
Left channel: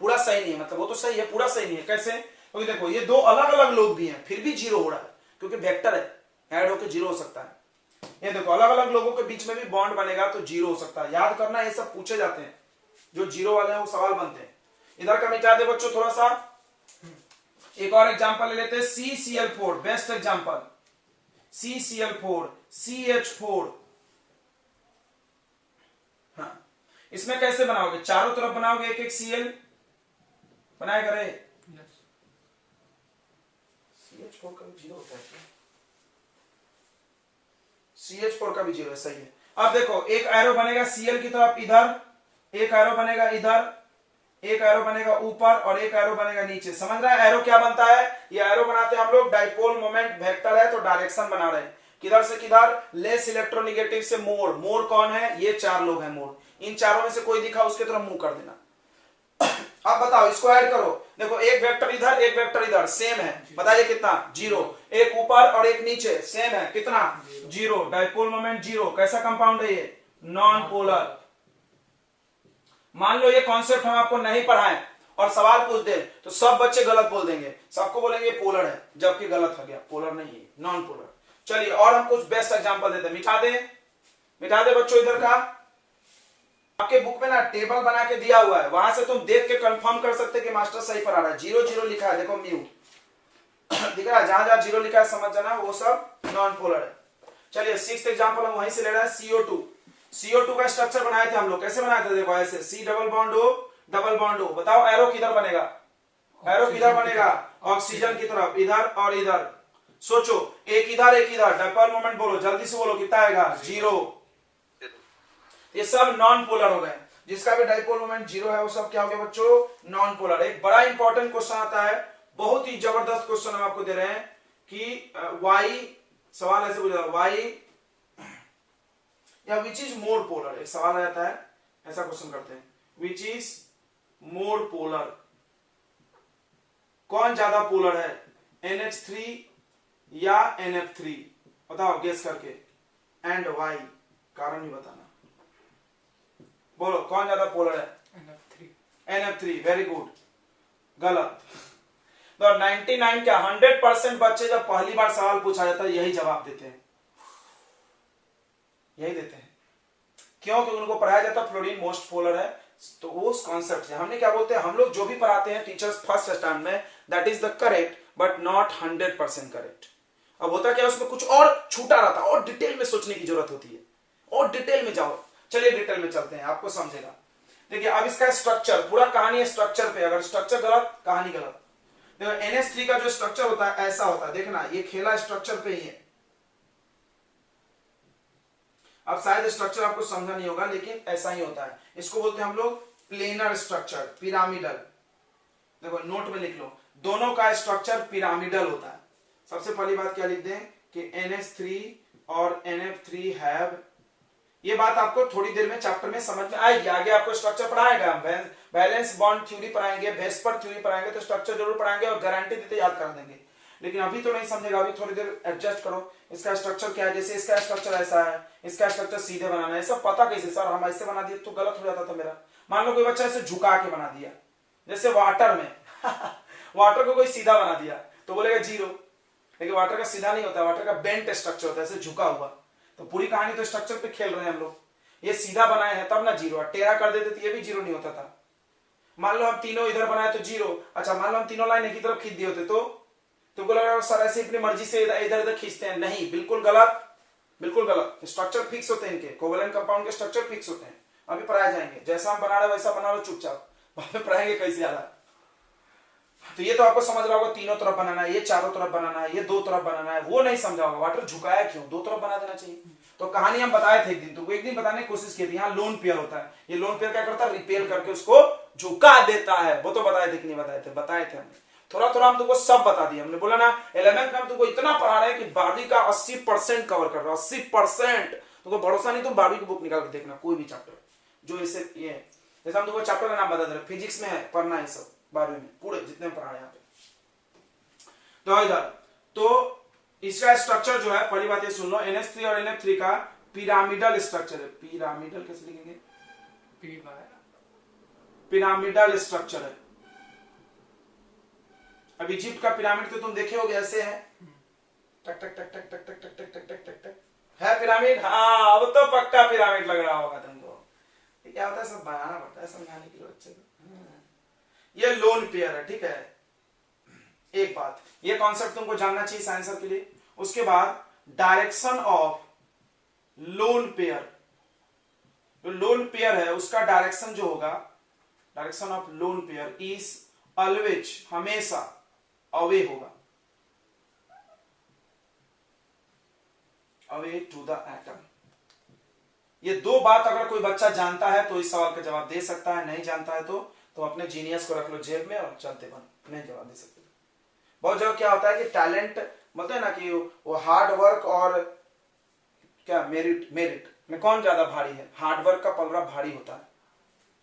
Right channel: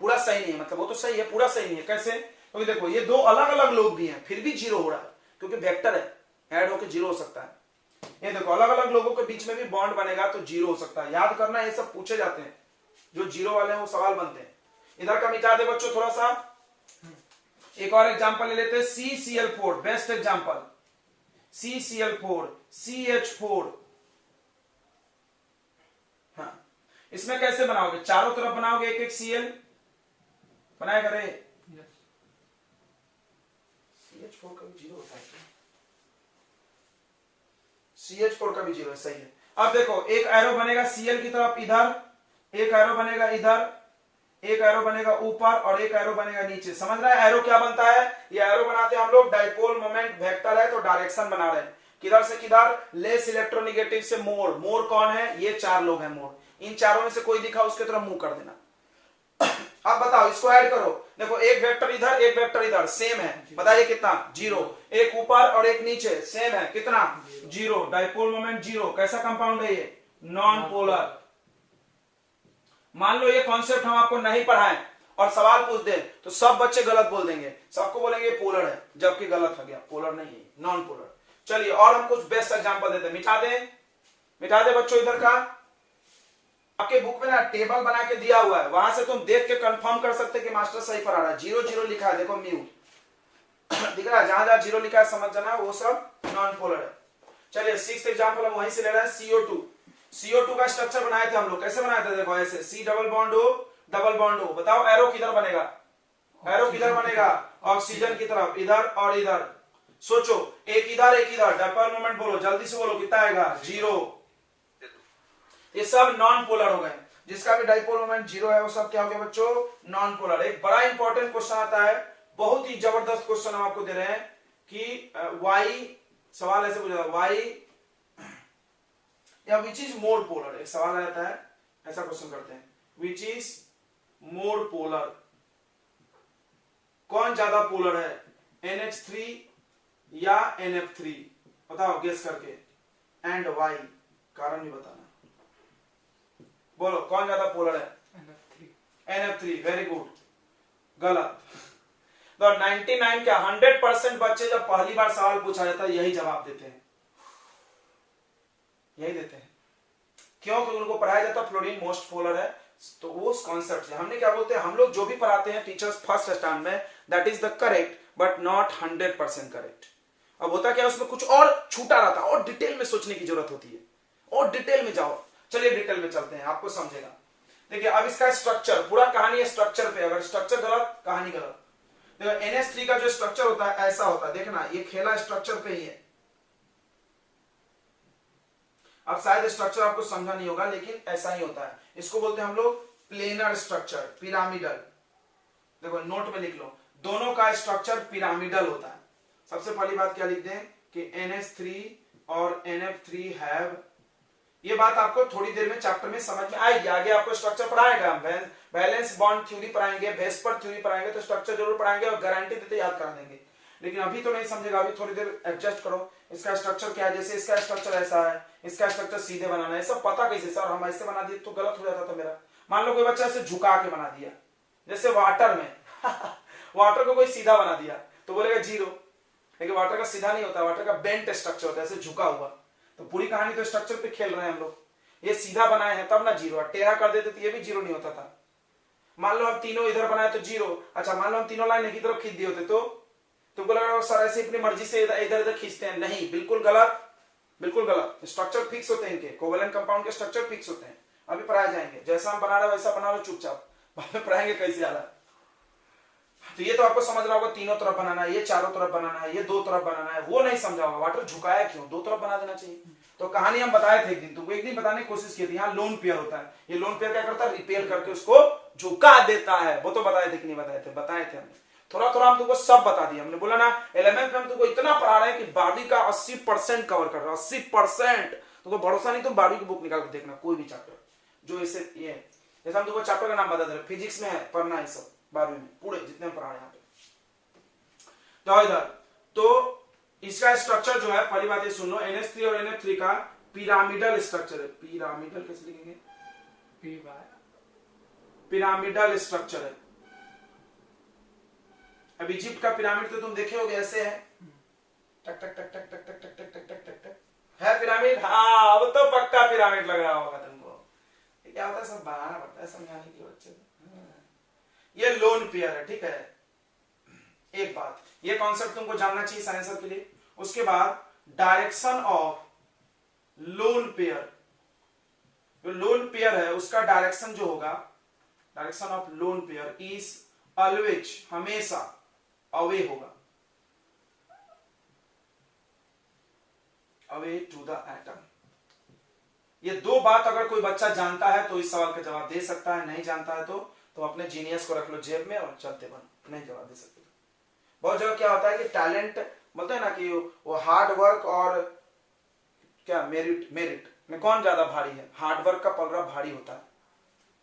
पूरा सही नहीं है, मतलब वो तो सही है, पूरा सही नहीं है। कैसे? क्योंकि देखो ये दो अलग अलग लोग भी हैं फिर भी 0 हो रहा है, क्योंकि वेक्टर है, ऐड होकर 0 हो सकता है। ये देखो अलग अलग लोगों के बीच में भी बॉन्ड बनेगा तो 0 हो सकता है। याद करना, ये सब पूछे जाते हैं, जो 0 वाले हैं वो सवाल बनते हैं। इधर का मिटा दे बच्चों थोड़ा सा। एक और एग्जांपल ले लेते हैं, CCl4, best example, CCl4, CH4। हाँ, इसमें कैसे बनाओगे? चारों तरफ बनाओगे एक एक Cl, बनाएगा रे? CH4 का भी 0 होता है, CH4 का भी 0 है, सही है। अब देखो एक एरो बनेगा Cl की तरफ इधर, एक एरो बनेगा इधर, एक एरो बनेगा ऊपर और एक एरो बनेगा नीचे। समझ रहा है एरो क्या बनता है? ये एरो बनाते हैं हम लोग, डाइपोल मोमेंट वेक्टर है तो डायरेक्शन बना रहे हैं, किधर से किधर? लेस इलेक्ट्रोनेगेटिव से मोर। मोर कौन है? ये 4 लोग हैं मोर। इन चारों में से कोई दिखा उसके तरफ मुंह कर देना। अब बताओ इसको ऐड करो, देखो एक वेक्टर इधर एक वेक्टर इधर, सेम है, बताइए कितना? 0। एक ऊपर और एक नीचे, सेम है, कितना? 0। Dipole moment 0। कैसा कंपाउंड है ये? Non polar. मान लो ये कॉन्सेप्ट हम आपको नहीं पढ़ाएं और सवाल पूछ दे तो सब बच्चे गलत बोल देंगे, सबको बोलेंगे पोलर है, जबकि गलत हो गया, पोलर नहीं है, नॉन पोलर। चलिए और हम कुछ बेस्ट एग्जांपल देते हैं। मिटा दे बच्चों इधर का। आपके बुक में ना टेबल बना के दिया हुआ है, वहां से तुम देख के कंफर्म कर सकते कि मास्टर सही पढ़ा रहा है। 0 0 लिखा है, देखो म्यू दिख रहा है, जहां जहां 0 लिखा है समझ जाना वो सब नॉन पोलर है। चलिए 6th एग्जांपल हम वहीं से ले रहे हैं, CO2। CO2 का स्ट्रक्चर बनाए थे हम लोग, कैसे बनाए थे? देखो ऐसे, C double bond O double bond O। बताओ एरो किधर बनेगा? एरो किधर बनेगा? ऑक्सीजन की तरफ, इधर और इधर। सोचो एक इधर एक इधर, डाइपोल मोमेंट बोलो, जल्दी से बोलो, कितना आएगा? 0। ये सब नॉन पोलर हो गए, जिसका भी डाइपोल मोमेंट 0 है वो सब क्या हो गया बच्चों? Non polar. एक बड़ा इंपॉर्टेंट क्वेश्चन आता है, बहुत ही जबरदस्त क्वेश्चन हम आपको दे रहे हैं कि वाई, सवाल ऐसे पूछा वाई या विच इज मोर पोलर। एक सवाल रहता है, ऐसा क्वेश्चन करते हैं, विच इज मोर पोलर, कौन ज्यादा पोलर है, NH3 या NF3? बताओ गेस करके, एंड वाई, कारण भी बताना। बोलो कौन ज्यादा पोलर है? NF3. NF3, वेरी गुड, गलत। तो 99 क्या 100% बच्चे जब पहली बार सवाल पूछा जाता है यही जवाब देते हैं, यही देते हैं। क्यों? क्योंकि उनको पढ़ाया जाता है फ्लोरीन मोस्ट पोलर है, तो वो कॉन्सेप्ट है। हमने क्या बोलते हैं, हम लोग जो भी पढ़ाते हैं टीचर्स फर्स्ट स्टैंड में, that is the correct but not 100% correct. अब होता क्या, उसमें कुछ और छूटा रहता है और डिटेल में सोचने की जरूरत होती है, और डिटेल में जाओ। चलिए डिटेल में चलते हैं, आपको समझेगा। देखिए अब इसका स्ट्रक्चर, पूरा कहानी है स्ट्रक्चर पे, अगर स्ट्रक्चर गलत कहानी गलत। देखो NH3 का जो स्ट्रक्चर होता है ऐसा होता है, देखना ये खेला स्ट्रक्चर पे ही है। अब शायद स्ट्रक्चर आपको समझा नहीं होगा लेकिन ऐसा ही होता है, इसको बोलते हैं हम लोग प्लेनर स्ट्रक्चर, पिरामिडल। देखो नोट में लिख लो, दोनों का स्ट्रक्चर पिरामिडल होता है। सबसे पहली बात क्या लिख दें कि NH3 और NF3 हैव, ये बात आपको थोड़ी देर में चैप्टर में समझ में आएगी, आगे आपको स्ट्रक्चर पढ़ाएगा, हम बैलेंस बॉन्ड थ्योरी पढ़ाएंगे, वेस्पर थ्योरी पढ़ाएंगे, तो स्ट्रक्चर जरूर पढ़ाएंगे और गारंटी देते याद करा देंगे। लेकिन अभी तो नहीं समझेगा, अभी थोड़ी देर एडजस्ट करो। इसका स्ट्रक्चर क्या है, जैसे इसका स्ट्रक्चर ऐसा है, इसका स्ट्रक्चर सीधे बनाना है, सब पता कैसे सर, हम ऐसे बना दिए तो गलत हो जाता था मेरा। मान लो कोई बच्चा ऐसे झुका के बना दिया, जैसे वाटर में वाटर को कोई सीधा बना दिया तो बोलेगा जीरो, लेकिन वाटर का सीधा नहीं होता, वाटर का बेंट स्ट्रक्चर होता है, ऐसे झुका हुआ। तो पूरी कहानी तो स्ट्रक्चर पे खेल रहे हैं हम लोग। ये सीधा बनाए हैं तब ना जीरो, टेढ़ा कर देते तो ये भी जीरो नहीं होता था। मान लो हम तीनों इधर बनाए तो जीरो, अच्छा मान लो हम तीनों लाइन एक ही तरफ खींच दिए होते तो तुमको लग रहा है सर ऐसे अपनी मर्जी से इधर इधर खींचते हैं, नहीं, बिल्कुल गलत, बिल्कुल गलत। स्ट्रक्चर फिक्स होते हैं इनके, कोवेलेंट कंपाउंड के स्ट्रक्चर फिक्स होते हैं। अभी पढ़ाए जाएंगे, जैसा हम बना रहे वैसा बना रहे, चुपचाप बाद में पढ़ाएंगे कैसे ज्यादा। तो ये तो आपको समझ रहा होगा, तीनों तरफ बनाना है, ये चारों तरफ बनाना है, ये दो तरफ बनाना है, वो नहीं समझा होगा वाटर झुकाया क्यों, दो तरफ बना देना चाहिए। तो कहानी हम बताए थे एक दिन, तो एक दिन बताने की कोशिश की थी। यहाँ लोन पेयर होता है, ये लोन पेयर क्या करता है, रिपेयर करके उसको झुका देता है। वो तो बताए थे कि नहीं बताए थे, बताए थे हमने, थोड़ा थोड़ा हम तुमको सब बता दिया। हमने बोला ना 11th में हम तुमको इतना पढ़ा रहे हैं कि 12वीं का 80% कवर कर रहा है, 80%। तुमको भरोसा नहीं, तुम 12वीं की बुक निकाल कर देखना, कोई भी चैप्टर जो ऐसे ये है, जैसे हम तुमको चैप्टर का नाम बता दे रहे, फिजिक्स में है पढ़ना है सब, 12वीं में पूरे जितने पढ़ा रहे हैं यहाँ पे। तो इधर तो इसका स्ट्रक्चर जो है, पहली बात ये सुन लो, NH3 और NF3 का पिरामिडल स्ट्रक्चर है। पिरामिडल कैसे लिखेंगे, पिरामिडल स्ट्रक्चर है। अब इजिप्ट का पिरामिड तो तुम देखे होगे, ऐसे है, टक टक टक टक टक टक टक टक टक टक टक टक, है पिरामिड। हाँ अब तो पक्का पिरामिड लग रहा होगा तुमको। ये क्या होता है, सब बनाना पड़ता है समझाने के लिए बच्चे को। ये लोन पेयर है, ठीक है। एक बात, ये कॉन्सेप्ट तुमको जानना चाहिए साइंसर के लिए। उसके बाद डायरेक्शन ऑफ लोन पेयर, जो लोन पेयर है उसका डायरेक्शन जो होगा, direction of lone pair is always, हमेशा अवे होगा, अवे टू द एटम। ये दो बात अगर कोई बच्चा जानता है तो इस सवाल का जवाब दे सकता है, नहीं जानता है तो अपने जीनियस को रख लो जेब में और चलते बनो, नहीं जवाब दे सकते। बहुत जगह क्या होता है कि टैलेंट बोलते हैं ना कि वो हार्ड वर्क और क्या मेरिट में कौन ज्यादा भारी है, हार्ड वर्क का पलड़ा भारी होता है,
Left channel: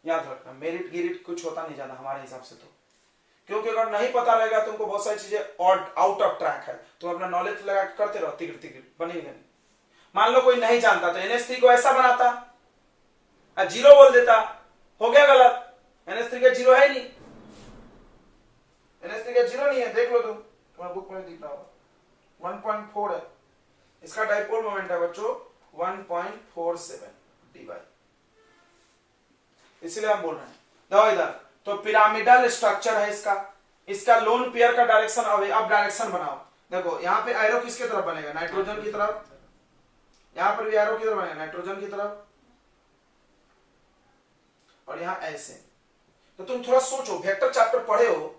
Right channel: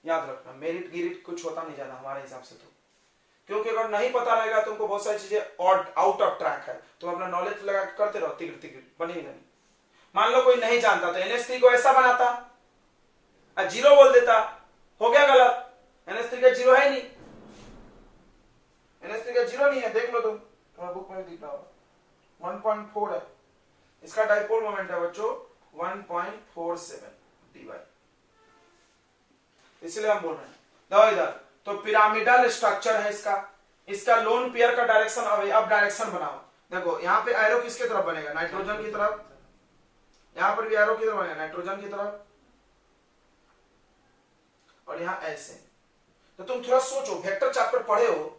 याद रखना। मेरिट गिरिट कुछ होता नहीं ज्यादा हमारे हिसाब से, तो क्योंकि अगर नहीं पता रहेगा तुमको बहुत सारी चीजें और आउट ऑफ ट्रैक है, तो अपना नॉलेज लगा करते रहो, तिगड़ तिगड़ बनेगी नहीं। मान लो कोई नहीं जानता तो NH3 को ऐसा बनाता, जीरो बोल देता, हो गया गलत। NH3 का जीरो है नहीं, NH3 का जीरो नहीं है, देख लो तुम, तुम्हारा बुक में दिख रहा होगा 1.4 है। इसका डाइपोल मोमेंट है बच्चों 1.47 dy, इसलिए हम बोल रहे हैं। देखो इधर तो पिरामिडल स्ट्रक्चर है इसका लोन पेयर का डायरेक्शन अवे। अब डायरेक्शन बनाओ, देखो यहाँ पे एरो किसके तरफ बनेगा, नाइट्रोजन की तरफ, यहां पर भी एरो की तरफ बनेगा, नाइट्रोजन की तरफ, और यहां ऐसे। तो तुम थोड़ा सोचो, वेक्टर चैप्टर पढ़े हो,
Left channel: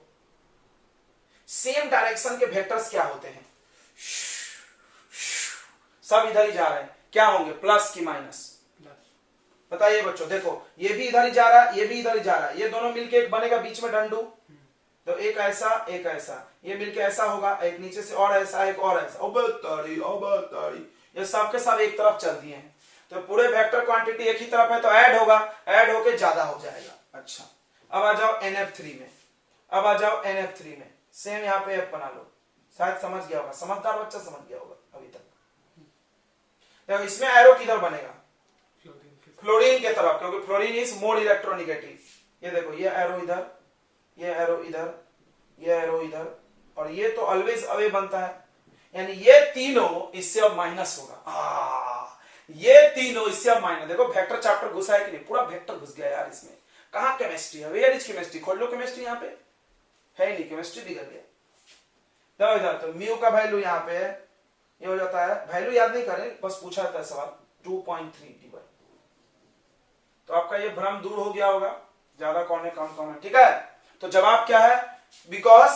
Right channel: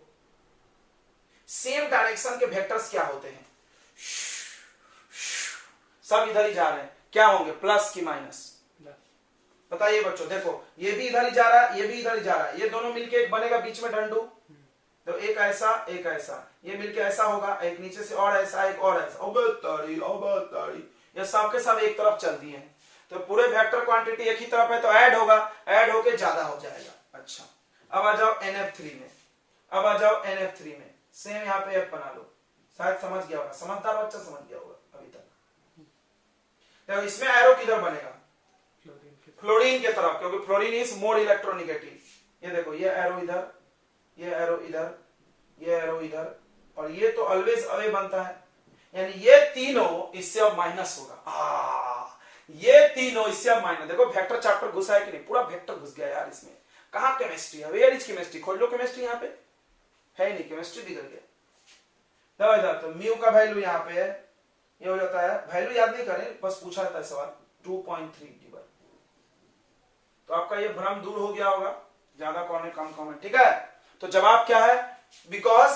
सेम डायरेक्शन के वेक्टर्स क्या होते हैं, सब इधर ही जा रहे हैं, क्या होंगे, प्लस की माइनस, बताइए बच्चों। देखो ये भी इधर ही जा रहा है, ये भी इधर ही जा रहा है, ये दोनों मिलके एक बनेगा बीच में डंडू, तो एक ऐसा एक ऐसा, ये मिलके ऐसा होगा, एक नीचे से और ऐसा, एक और ऐसा, अब ये सब के सब एक तरफ चलती हैं, तो पूरे वेक्टर क्वांटिटी एक ही तरफ है, तो ऐड होगा, ऐड होके ज्यादा हो जाएगा। अच्छा अब आ जाओ NF3 में, अब आ जाओ NF3 में, सेम यहाँ पे F बना लो, शायद समझ गया होगा, समझदार बच्चा समझ गया होगा अभी तक। तो इसमें एरो किधर बनेगा, फ्लोरीन की फ्लोरीन के तरफ, क्योंकि फ्लोरीन इज मोर इलेक्ट्रोनिगेटिव। ये देखो ये एरो इधर, ये एरो इधर, ये एरो इधर, और ये तो ऑलवेज अवे बनता है, यानी ये तीनों इससे अब माइनस होगा। ये तीनों इससे अब माइनस। देखो वेक्टर चैप्टर घुसा है कि नहीं, पूरा वेक्टर घुस गया यार इसमें। कहां केमिस्ट्री है, वेयर इज केमिस्ट्री, खोल लो केमिस्ट्री, यहाँ पे है ही नहीं, केमिस्ट्री दिख गया। तब आ जाता है म्यू का वैल्यू यहाँ पे है, ये हो जाता है, वैल्यू याद नहीं करें, बस पूछा था सवाल 2.3 तो आपका ये भ्रम दूर हो गया होगा, ज्यादा कौन है कम कौन है, ठीक है। तो जवाब क्या है, because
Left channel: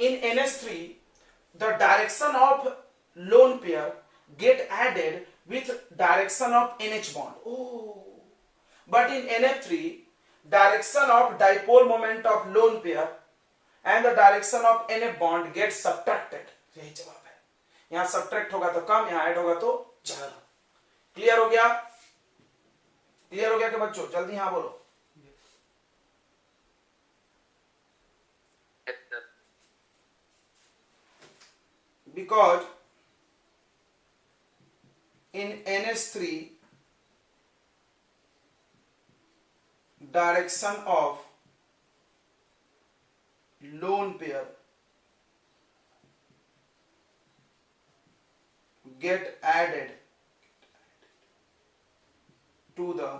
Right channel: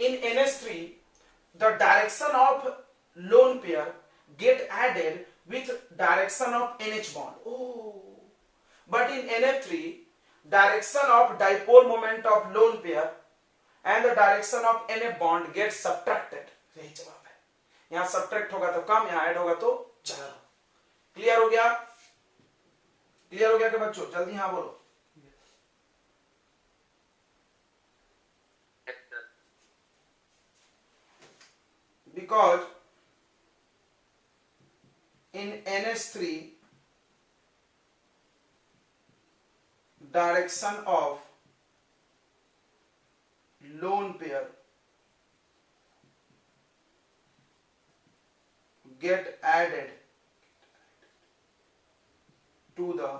in NH3 the direction of lone pair get added with direction of NH bond, but in NH3 direction of dipole moment of lone pair and the direction of NF bond get subtracted. यही जवाब है, यहां subtract होगा तो कम, यहां add होगा तो ज्यादा। क्लियर हो गया, क्लियर हो गया कि बच्चों, जल्दी हाँ बोलो। Because in NH3 direction of lone pair get added to the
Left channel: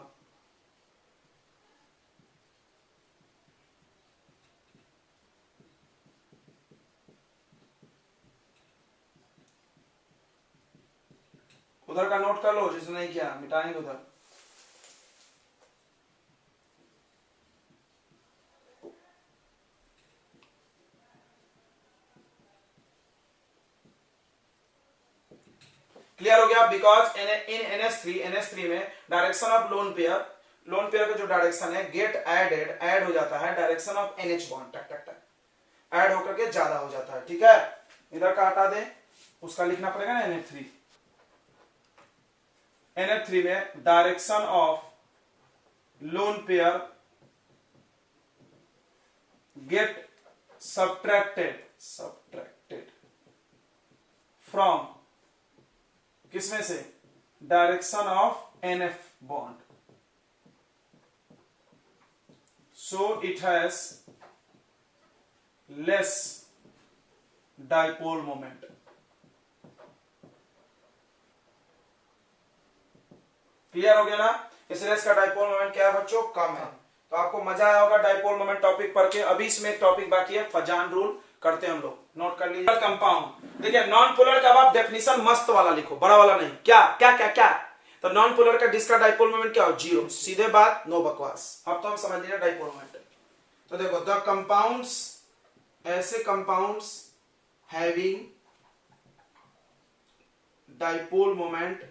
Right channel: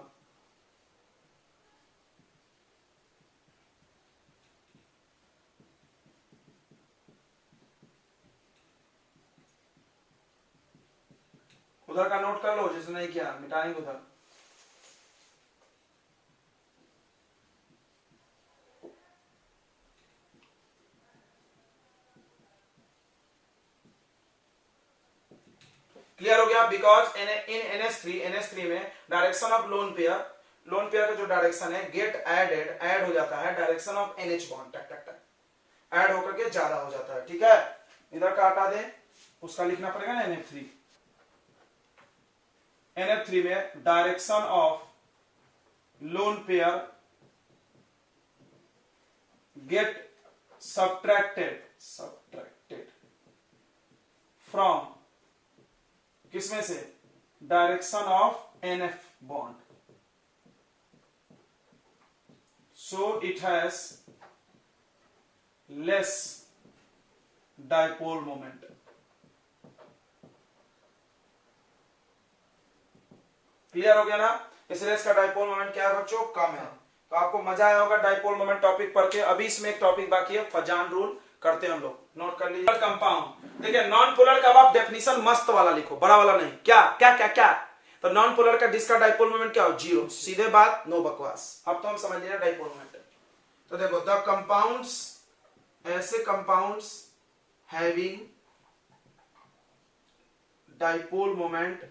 उधर का नोट कर लो, जिसने नहीं किया मिटाएंगे उधर। क्लियर हो गया, बिकॉज इन NH3 में डायरेक्शन ऑफ लोन पेयर का जो डायरेक्शन है गेट एडेड, ऐड हो जाता है डायरेक्शन ऑफ NH बॉन्ड, टक टक टक ऐड होकर के ज्यादा हो जाता है, ठीक है। इधर का हटा दें, उसका लिखना पड़ेगा ना NH3 में direction of lone pair get subtracted from किसमें से, direction of NF bond, so it has less dipole moment. Clear हो गया ना, इसलिए इसका डाइपोल मोमेंट क्या है बच्चों, कम है। तो आपको मजा आया होगा डाइपोल मोमेंट टॉपिक पढ़ के। अभी इसमें एक टॉपिक बाकी है, फजान रूल करते हैं हम लोग, नोट कर लीजिए। कंपाउंड, देखिए नॉन पोलर का आप डेफिनेशन मस्त वाला लिखो, बड़ा वाला नहीं। क्या क्या क्या क्या, तो नॉन पोलर का जिसका डाइपोल मोमेंट क्या हो, 0, सीधे बात, नो बकवास। अब तो हम समझ लीजिए डाइपोल मोमेंट। तो देखो द कंपाउंड्स, ऐसे कंपाउंड्स हैविंग डाइपोल मोमेंट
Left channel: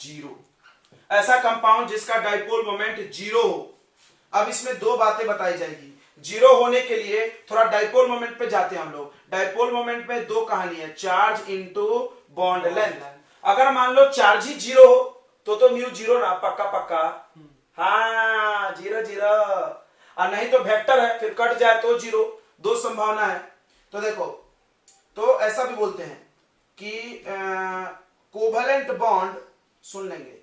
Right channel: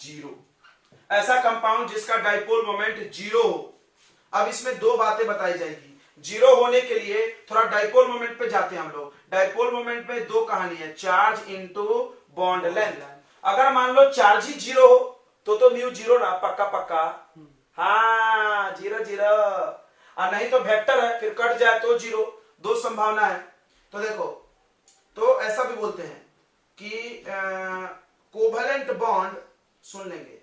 0, ऐसा कंपाउंड जिसका डाइपोल मोमेंट 0 हो। अब इसमें दो बातें बताई जाएगी। 0 होने के लिए थोड़ा डाइपोल मोमेंट पे जाते हैं हम लोग। डाइपोल मोमेंट में दो कहानी है, चार्ज इनटू बॉन्ड लेंथ। अगर मान लो चार्ज ही 0 हो तो म्यू 0 ना, पक्का पक्का, हाँ 0 और नहीं तो वेक्टर है, फिर कट जाए तो 0, दो संभावना है। तो देखो, तो ऐसा भी बोलते हैं कि कोवेलेंट बॉन्ड, सुन लेंगे,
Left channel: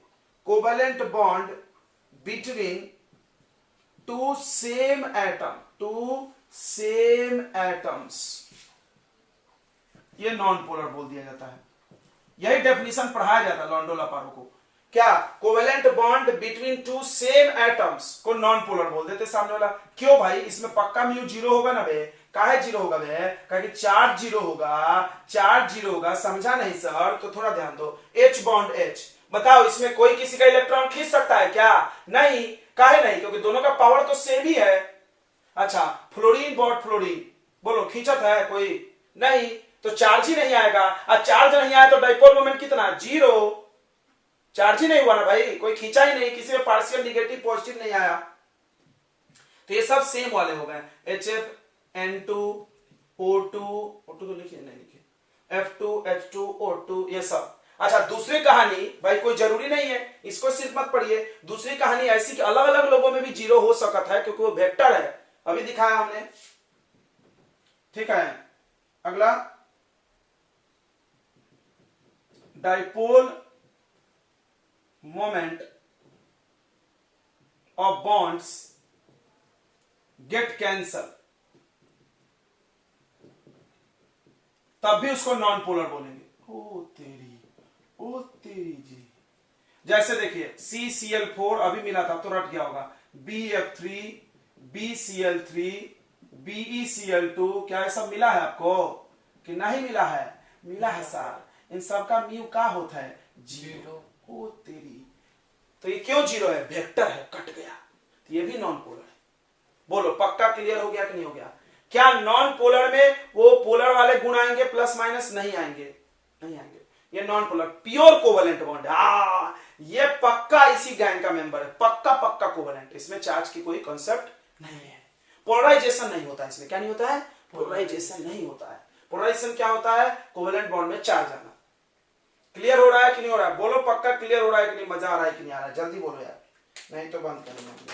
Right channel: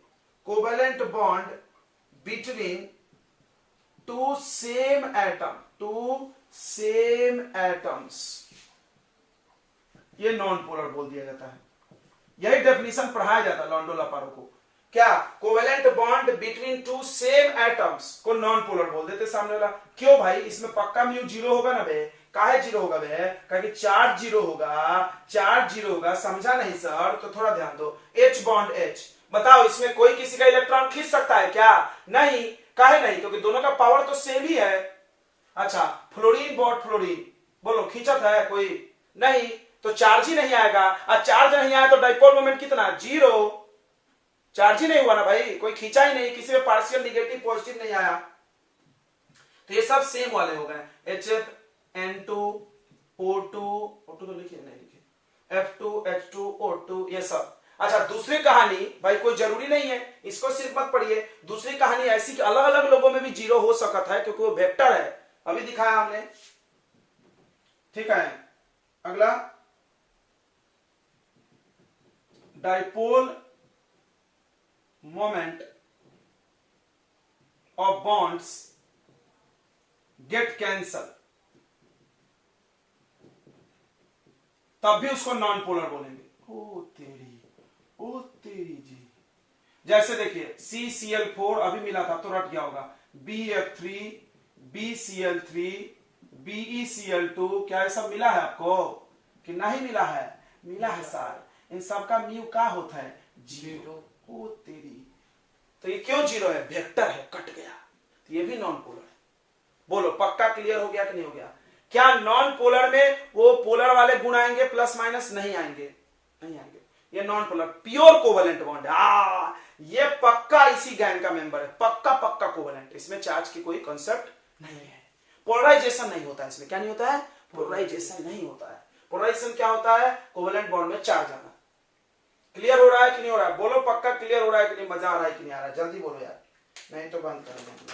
covalent bond between two same atoms, ये नॉन पोलर बोल दिया जाता है। यही डेफिनेशन पढ़ाया जाता है लॉन्डो लापारो को। क्या, covalent bond between two same atoms को नॉन पोलर बोल देते सामने वाला। क्यों भाई, इसमें पक्का म्यू 0 होगा ना बे, काहे 0 होगा बे, क्योंकि चार्ज 0 होगा, समझा नहीं सर, तो थोड़ा ध्यान दो। H बॉन्ड H, बताओ इसमें कोई किसी का इलेक्ट्रॉन खींच सकता है क्या, नहीं, काहे नहीं, क्योंकि दोनों का पावर तो सेम ही है। अच्छा, फ्लोरीन बॉन्ड फ्लोरीन, बोलो खींचत है कोई, नहीं, तो चार्ज ही नहीं आएगा। और चार्ज नहीं आया तो डाइपोल मोमेंट कितना, 0, चार्ज ही नहीं हुआ ना भाई, कोई खींचा ही नहीं, किसी में पार्शियल निगेटिव पॉजिटिव नहीं आया। तो ये सब सेम वाले हो गए, HF N2O2 तो लिखिए, नहीं लिखिए, F2H2O2, ये सब। अच्छा, दूसरी कहानी भाई कोई जरूरी नहीं है, इसको सिर्फ मत पढ़िए। दूसरी कहानी ऐसी कि अलग अलग लोगों में भी 0 हो सकता है, क्योंकि वो वेक्टर है, अभी दिखाया हमने, ठीक है। अगला dipole moment of bonds get cancel, तब भी उसको नॉन पोलर बोलेंगे। ओ तेरी जी। जैसे देखिए CCl4 अभी मिला था तो रट गया होगा, BF3, BCl3, BeCl2, क्या ये सब मिला है आपको कि नहीं मिला है? मिला है सर। इन सबका म्यू का होता है? जीरो। ओ तेरी, तो ये क्यों जीरो है? वेक्टर है, कट गया, तो ये भी नॉन पोलर है। बोलो पक्का क्लियर हो गया कि नहीं हो गया? क्या नॉन पोलर में वो पोलर वाले गुण आएंगे प्लस माइनस? नहीं आएंगे, नहीं आएंगे। ये non polar pure covalent bond है। ये पक्का इसी गैंग का मेंबर है, पक्का पक्का कोवेलेंट, इसमें चार्ज की कोई कंसेप्ट नहीं है। पोलराइजेशन नहीं होता है इसमें। क्या नहीं होता है? पोलराइजेशन नहीं होता है। पोलराइजेशन क्या होता है? कोवेलेंट बॉन्ड में चार्ज आना। क्लियर हो रहा है कि नहीं हो रहा है? बोलो पक्का क्लियर हो रहा है कि नहीं? मजा आ रहा है कि नहीं आ रहा है? जल्दी बोलो यार, नहीं तो बंद करेंगे।